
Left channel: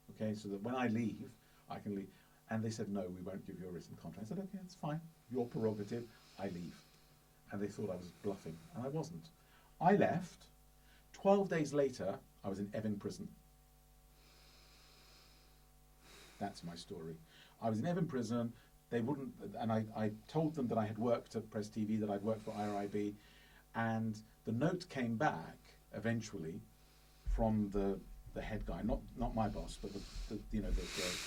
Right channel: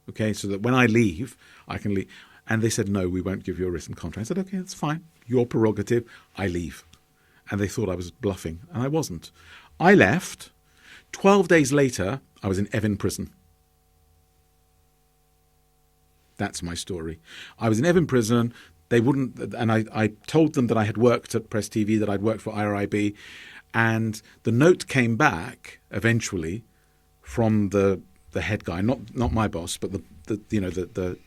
Okay, so that when I leave, I can leave. And they said, no, we won't give you a written contract. I said, okay, that's fine. Your prerogative. I leave. And they thought I was bluffing, and I wasn't. I left. 12 days later, I was in Evin prison. That's my story. I was in Evin prison. They wouldn't, and I told them that I had worked at Press TV, that I'd worked for IRIB, and the note came back eventually from the head guy, not my boss, but the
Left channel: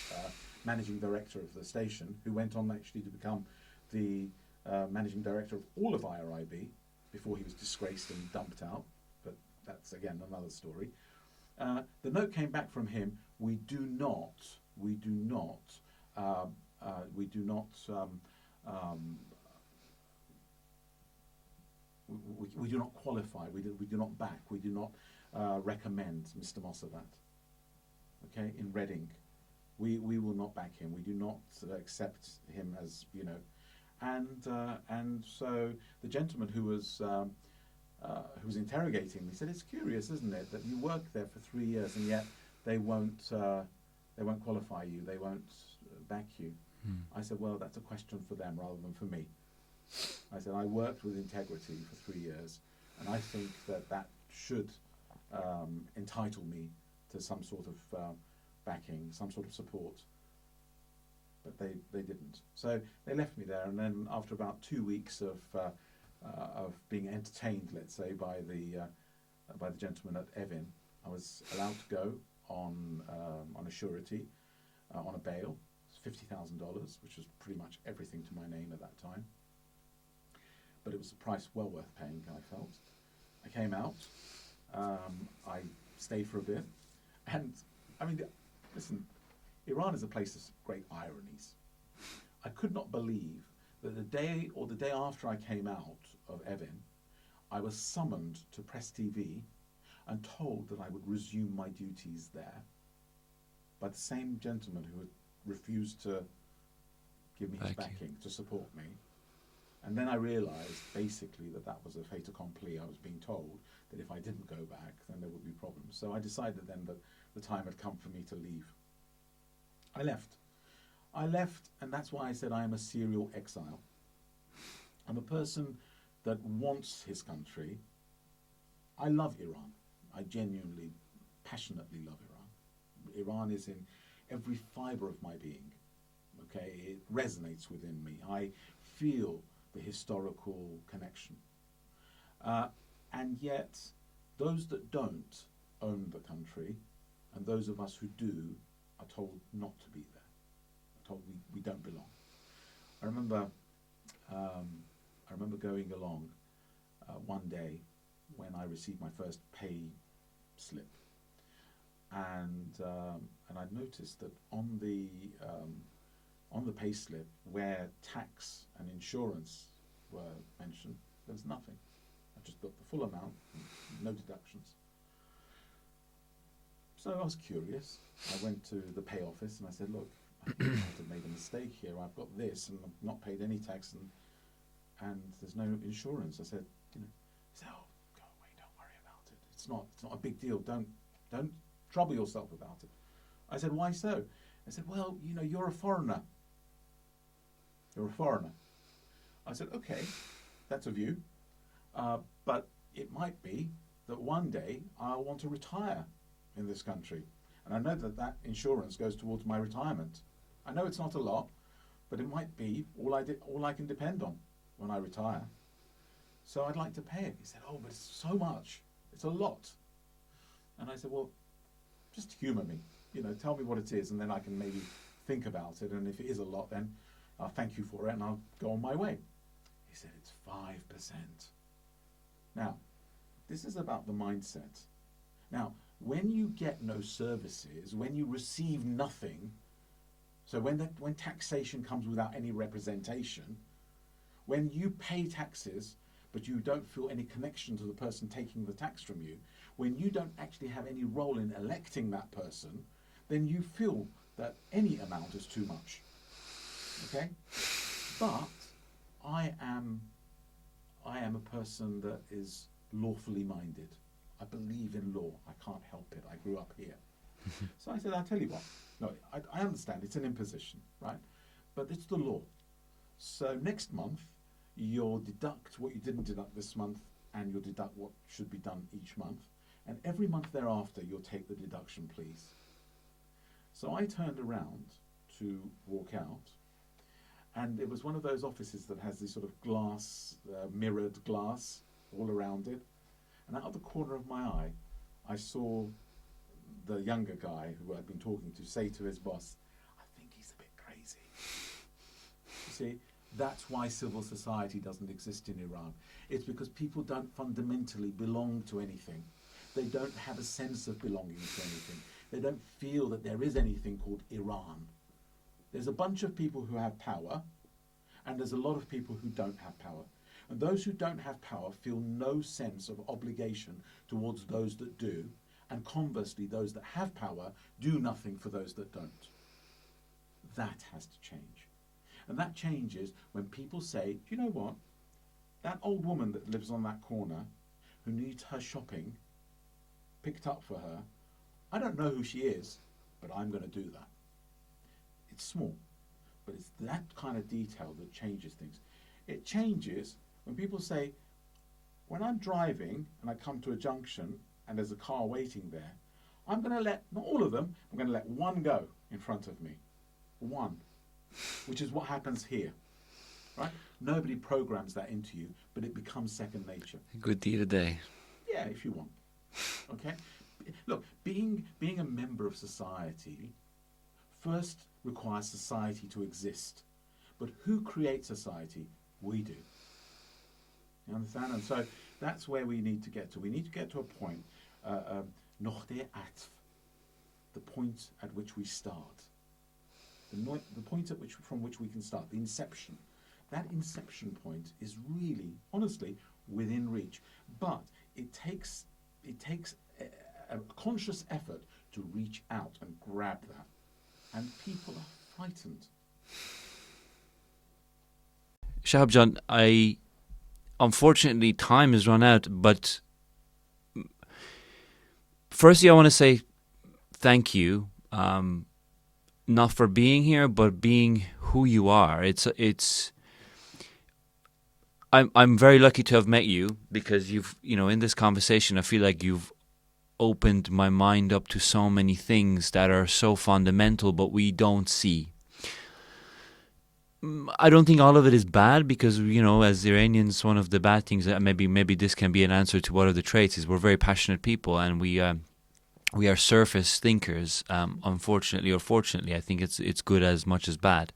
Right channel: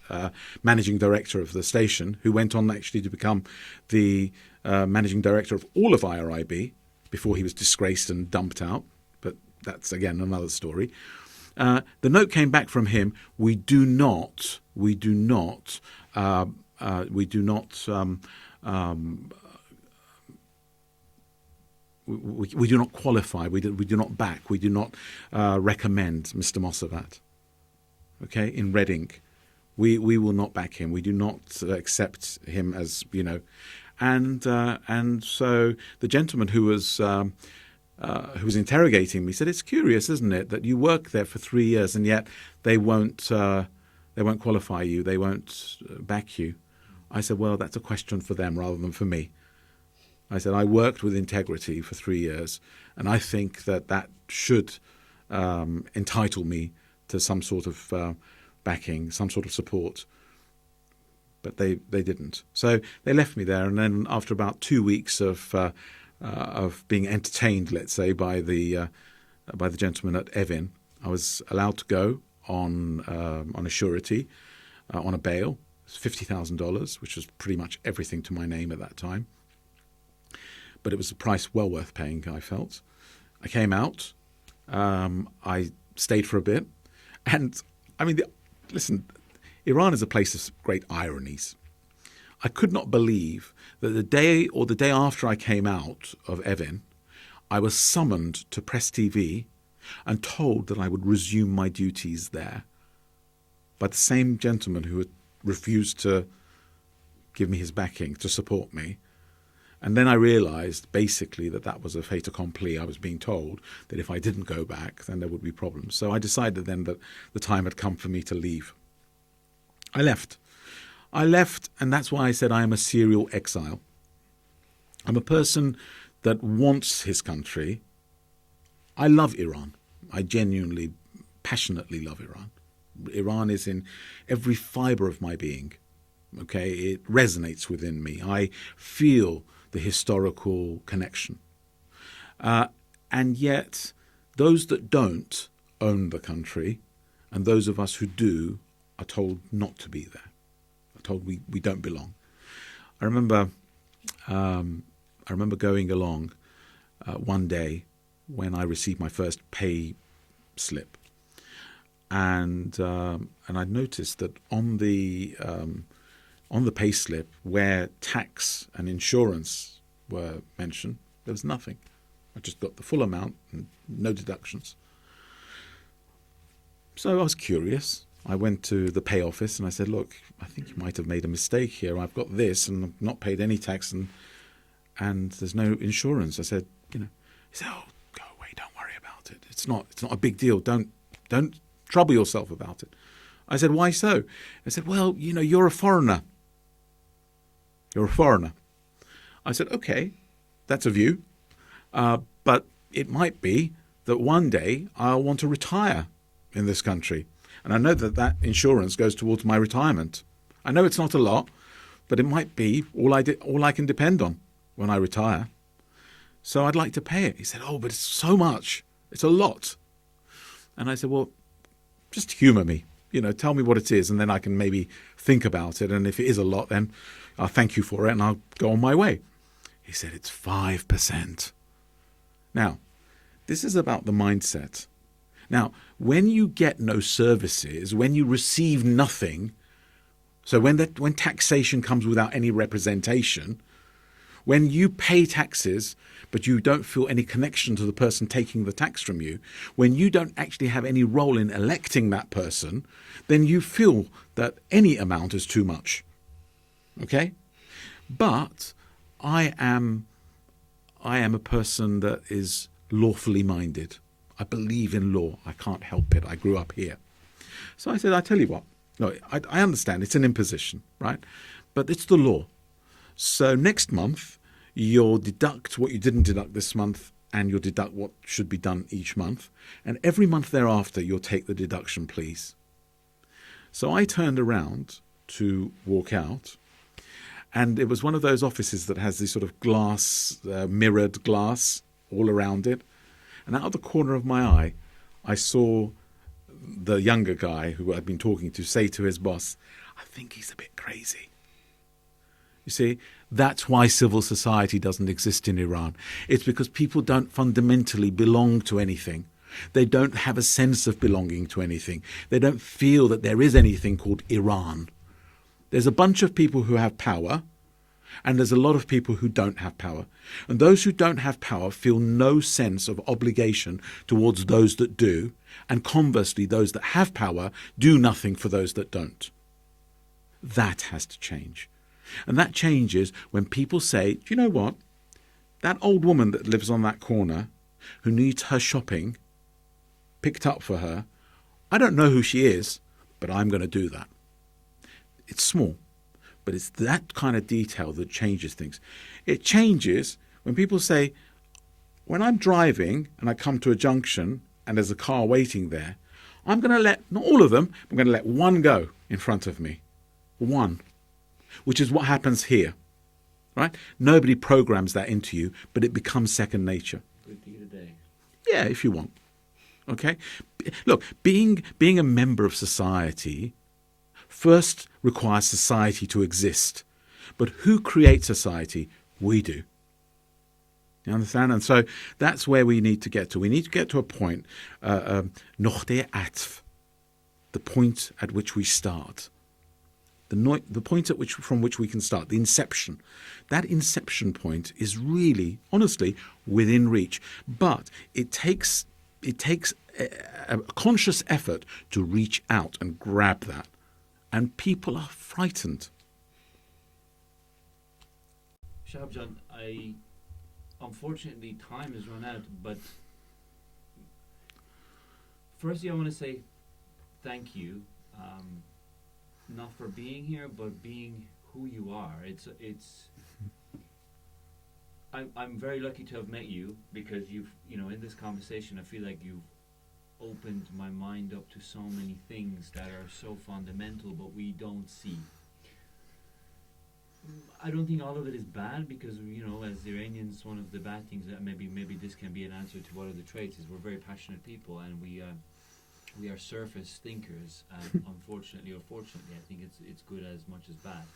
managing director of the station, who went on actually to become the managing director of all of IRIB before he was disgraced and dumped out. But that's again another story. The note came back from him. We do not qualify. We do not back. We do not recommend Mr. Mossavat. Okay, in Reading, we will not back him. We do not accept him as and so the gentleman who was interrogating me said, it's curious, isn't it, that you work there for 3 years and yet they won't qualify you, they won't back you. I said, well, that's a question for them rather than for me. I said, I worked with integrity for 3 years, and I think that should entitle me to some sort of backing, some sort of support. But they didn't. So they left me there, and then after about 2 weeks of being entertained, let's say, by the gentleman at Evin, I was allowed to go on a surety, on a bail, $50,000, which was pretty much everything to my name at that time. But it was a price well worth paying, I felt. I came out. I stayed for a bit. And, I mean, listen, Iran is a place of great ironies. I could not believe that the day after I came out of Evin, I was summoned to Press TV and told that I would resume my duties there by the same gentleman who had refused to give me his backing, to support me. And then I realized basically that was a fait accompli. I was being told that if I didn't go back, then there would be problems. So I decided then that the time had come for me to leave. I left, and that's why I said I am a serial exile. I'm a person that wants his country. I love Iran. I genuinely, passionately love Iran. Iran is in every fiber of my being. Okay, it resonates within me. I feel the historical connection. And yet, those that don't own the country, and those of us who do, are told not to be there. Are told we don't belong. I remember going along one day when I received my first pay slip, and I noticed that on the pay slip where tax and insurance were mentioned, there was nothing. I just got the full amount and no deductions. So I was curious. I went to the pay office and I said, look, I think I might have made a mistake here. I've got this and I've not paid any tax and there's no insurance. I said, he said, oh, go away, don't worry about it. It's not a big deal. Don't trouble yourself about it. I said, why so? I said, well, you're a foreigner. You're a foreigner. I said, okay, that's a view. But it might be that one day I'll want to retire in this country. And I know that insurance goes towards my retirement. I know it's not a lot, but it might be all I can depend on when I retire. So I'd like to pay it. He said, oh, but it's so much. It's a lot. And I said, well, just humour me. Tell me what it is, and then I can maybe think about it. And if it is a lot, then I'll thank you for it and I'll go on my way. He said, it's 5%. Now, this is about the mindset. Now, when you get no services, when you receive nothing, so when taxation comes without any representation, when you pay taxes but you don't feel any connection to the person taking the tax from you, when you don't actually have any role in electing that person, then you feel that any amount is too much. Okay? But I am a person that is lawfully minded. I believe in law. I can't help it. I grew up here. Mm-hmm. So I said, I tell you what, no, I understand it's an imposition, right? But it's the law. So next month, you'll deduct what you didn't deduct this month, and you'll deduct what should be done each month. And every month thereafter, you'll take the deduction, please. So I turned around to walk out, and it was one of those offices that has this sort of glass, mirrored glass all around it. And out of the corner of my eye, I saw the younger guy who I'd been talking to say to his boss, I think he's a bit crazy. You see, that's why civil society doesn't exist in Iran. It's because people don't fundamentally belong to anything. They don't have a sense of belonging to anything. They don't feel that there is anything called Iran. There's a bunch of people who have power, and there's a lot of people who don't have power. And those who don't have power feel no sense of obligation towards those that do, and conversely, those that have power do nothing for those that don't. That has to change. And that changes when people say, do you know what? That old woman that lives on that corner, who needs her shopping picked up for her, I don't know who she is, but I'm going to do that. It's small, but it's that kind of detail that changes things. It changes when people say, when I'm driving and I come to a junction and there's a car waiting there, I'm going to let, not all of them, I'm going to let one go in front of me. One. Which is what happens here, right? Nobody programs that into you, but it becomes second nature. Good deed a day. Yeah, if you want. Okay? Look, being a member of society first requires society to exist. But who creates society? We do. You understand? And so that's where we need to get to. We need to get to a point, noqte atf, the point at which we start. The point from which we can start, the inception. That inception point is really, honestly, within reach. But it takes a conscious effort to reach out and grab that. And people are frightened. Shahab John, unfortunately, time has run out. But firstly, I want to say thank you. Not for being here, but being who you are. I'm very lucky to have met you, because in this conversation, I feel like you've opened my mind up to so many things that are so fundamental, but we don't see. I don't think all of it is bad, because as Iranians, one of the bad things that maybe this can be an answer to what are the traits is we're very passionate people, and we are surface thinkers. Unfortunately or fortunately, I think it's good as much as bad.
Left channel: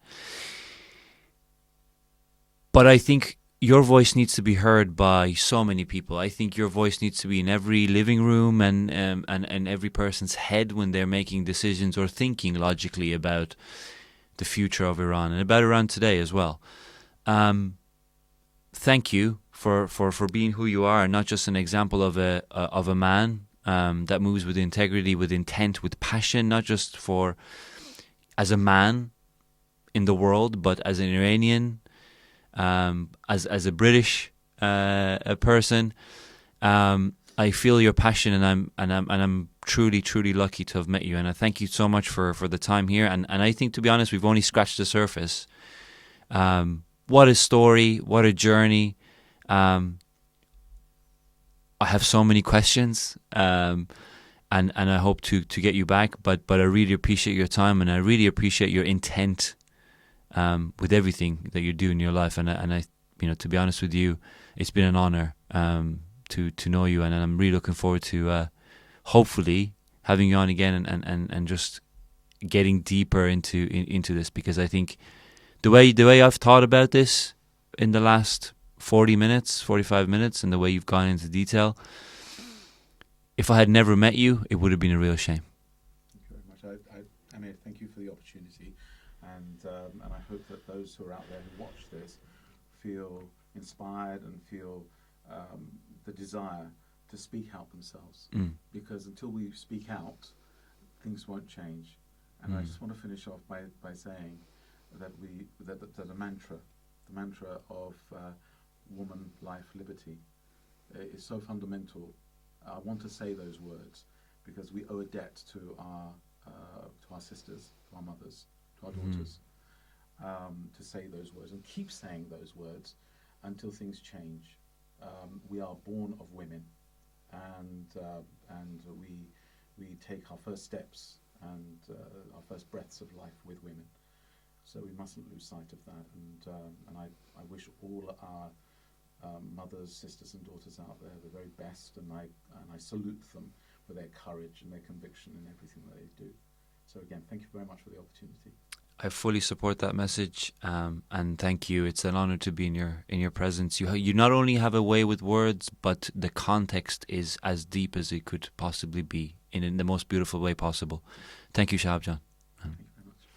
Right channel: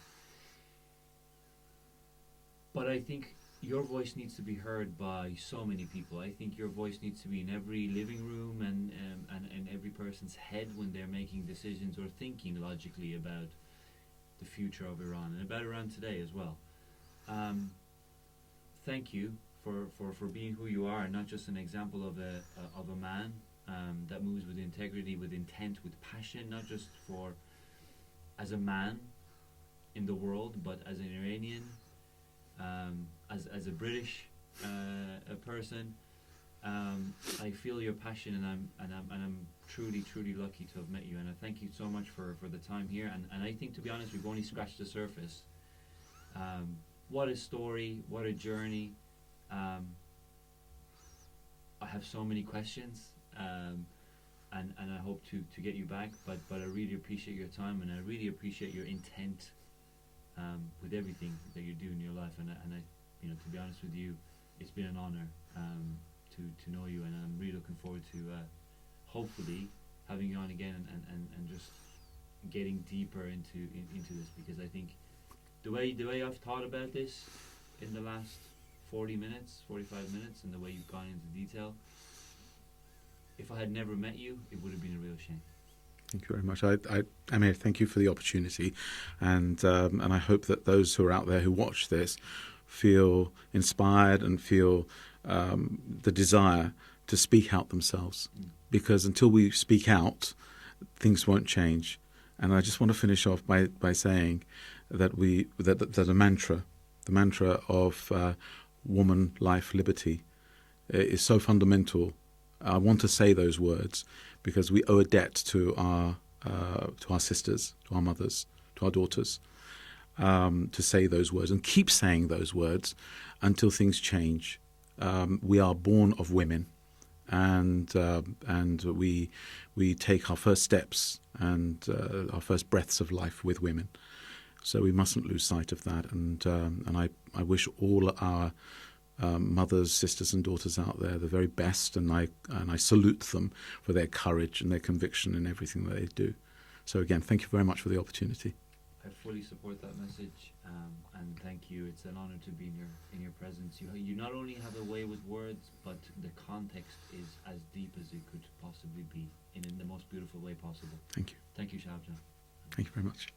But I think your voice needs to be heard by so many people. I think your voice needs to be in every living room and every person's head when they're making decisions or thinking logically about the future of Iran and about Iran today as well. Thank you for being who you are, and not just an example of a man, that moves with integrity, with intent, with passion, not just for as a man in the world, but as an Iranian, as a British a person. I feel your passion, and I'm truly, truly lucky to have met you. And I thank you so much for the time here. And I think, to be honest, we've only scratched the surface. What a story! What a journey! I have so many questions, and I hope to get you back. But I really appreciate your time, and I really appreciate your intent with everything that you do in your life. And I, to be honest with you, it's been an honor to know you, and I'm really looking forward to hopefully having you on again and just getting deeper into this, because I think the way I've thought about this in the last 45 minutes, and the way you've gone into detail, if I had never met you, it would have been a real shame. Thank you very much. Amir, thank you for the opportunity, and I hope that those who are out there who watch this feel inspired and feel the desire to speak out themselves, because until we speak out, things won't change. And I just want to finish off by saying that that the mantra of woman, life, liberty is so fundamental. I want to say those words because we owe a debt to our sisters, to our mothers, to our daughters, to say those words and keep saying those words until things change. We are born of women, and we take our first steps and our first breaths of life with women. So we mustn't lose sight of that. And I wish all our mothers, sisters, and daughters out there the very best, and I salute them for their courage and their conviction in everything that they do. So again, thank you very much for the opportunity. I fully support that message, and thank you. It's an honor to be in your presence. You not only have a way with words, but the context is as deep as it could possibly be, in the most beautiful way possible. Thank you, Shahab John. Thank you very much.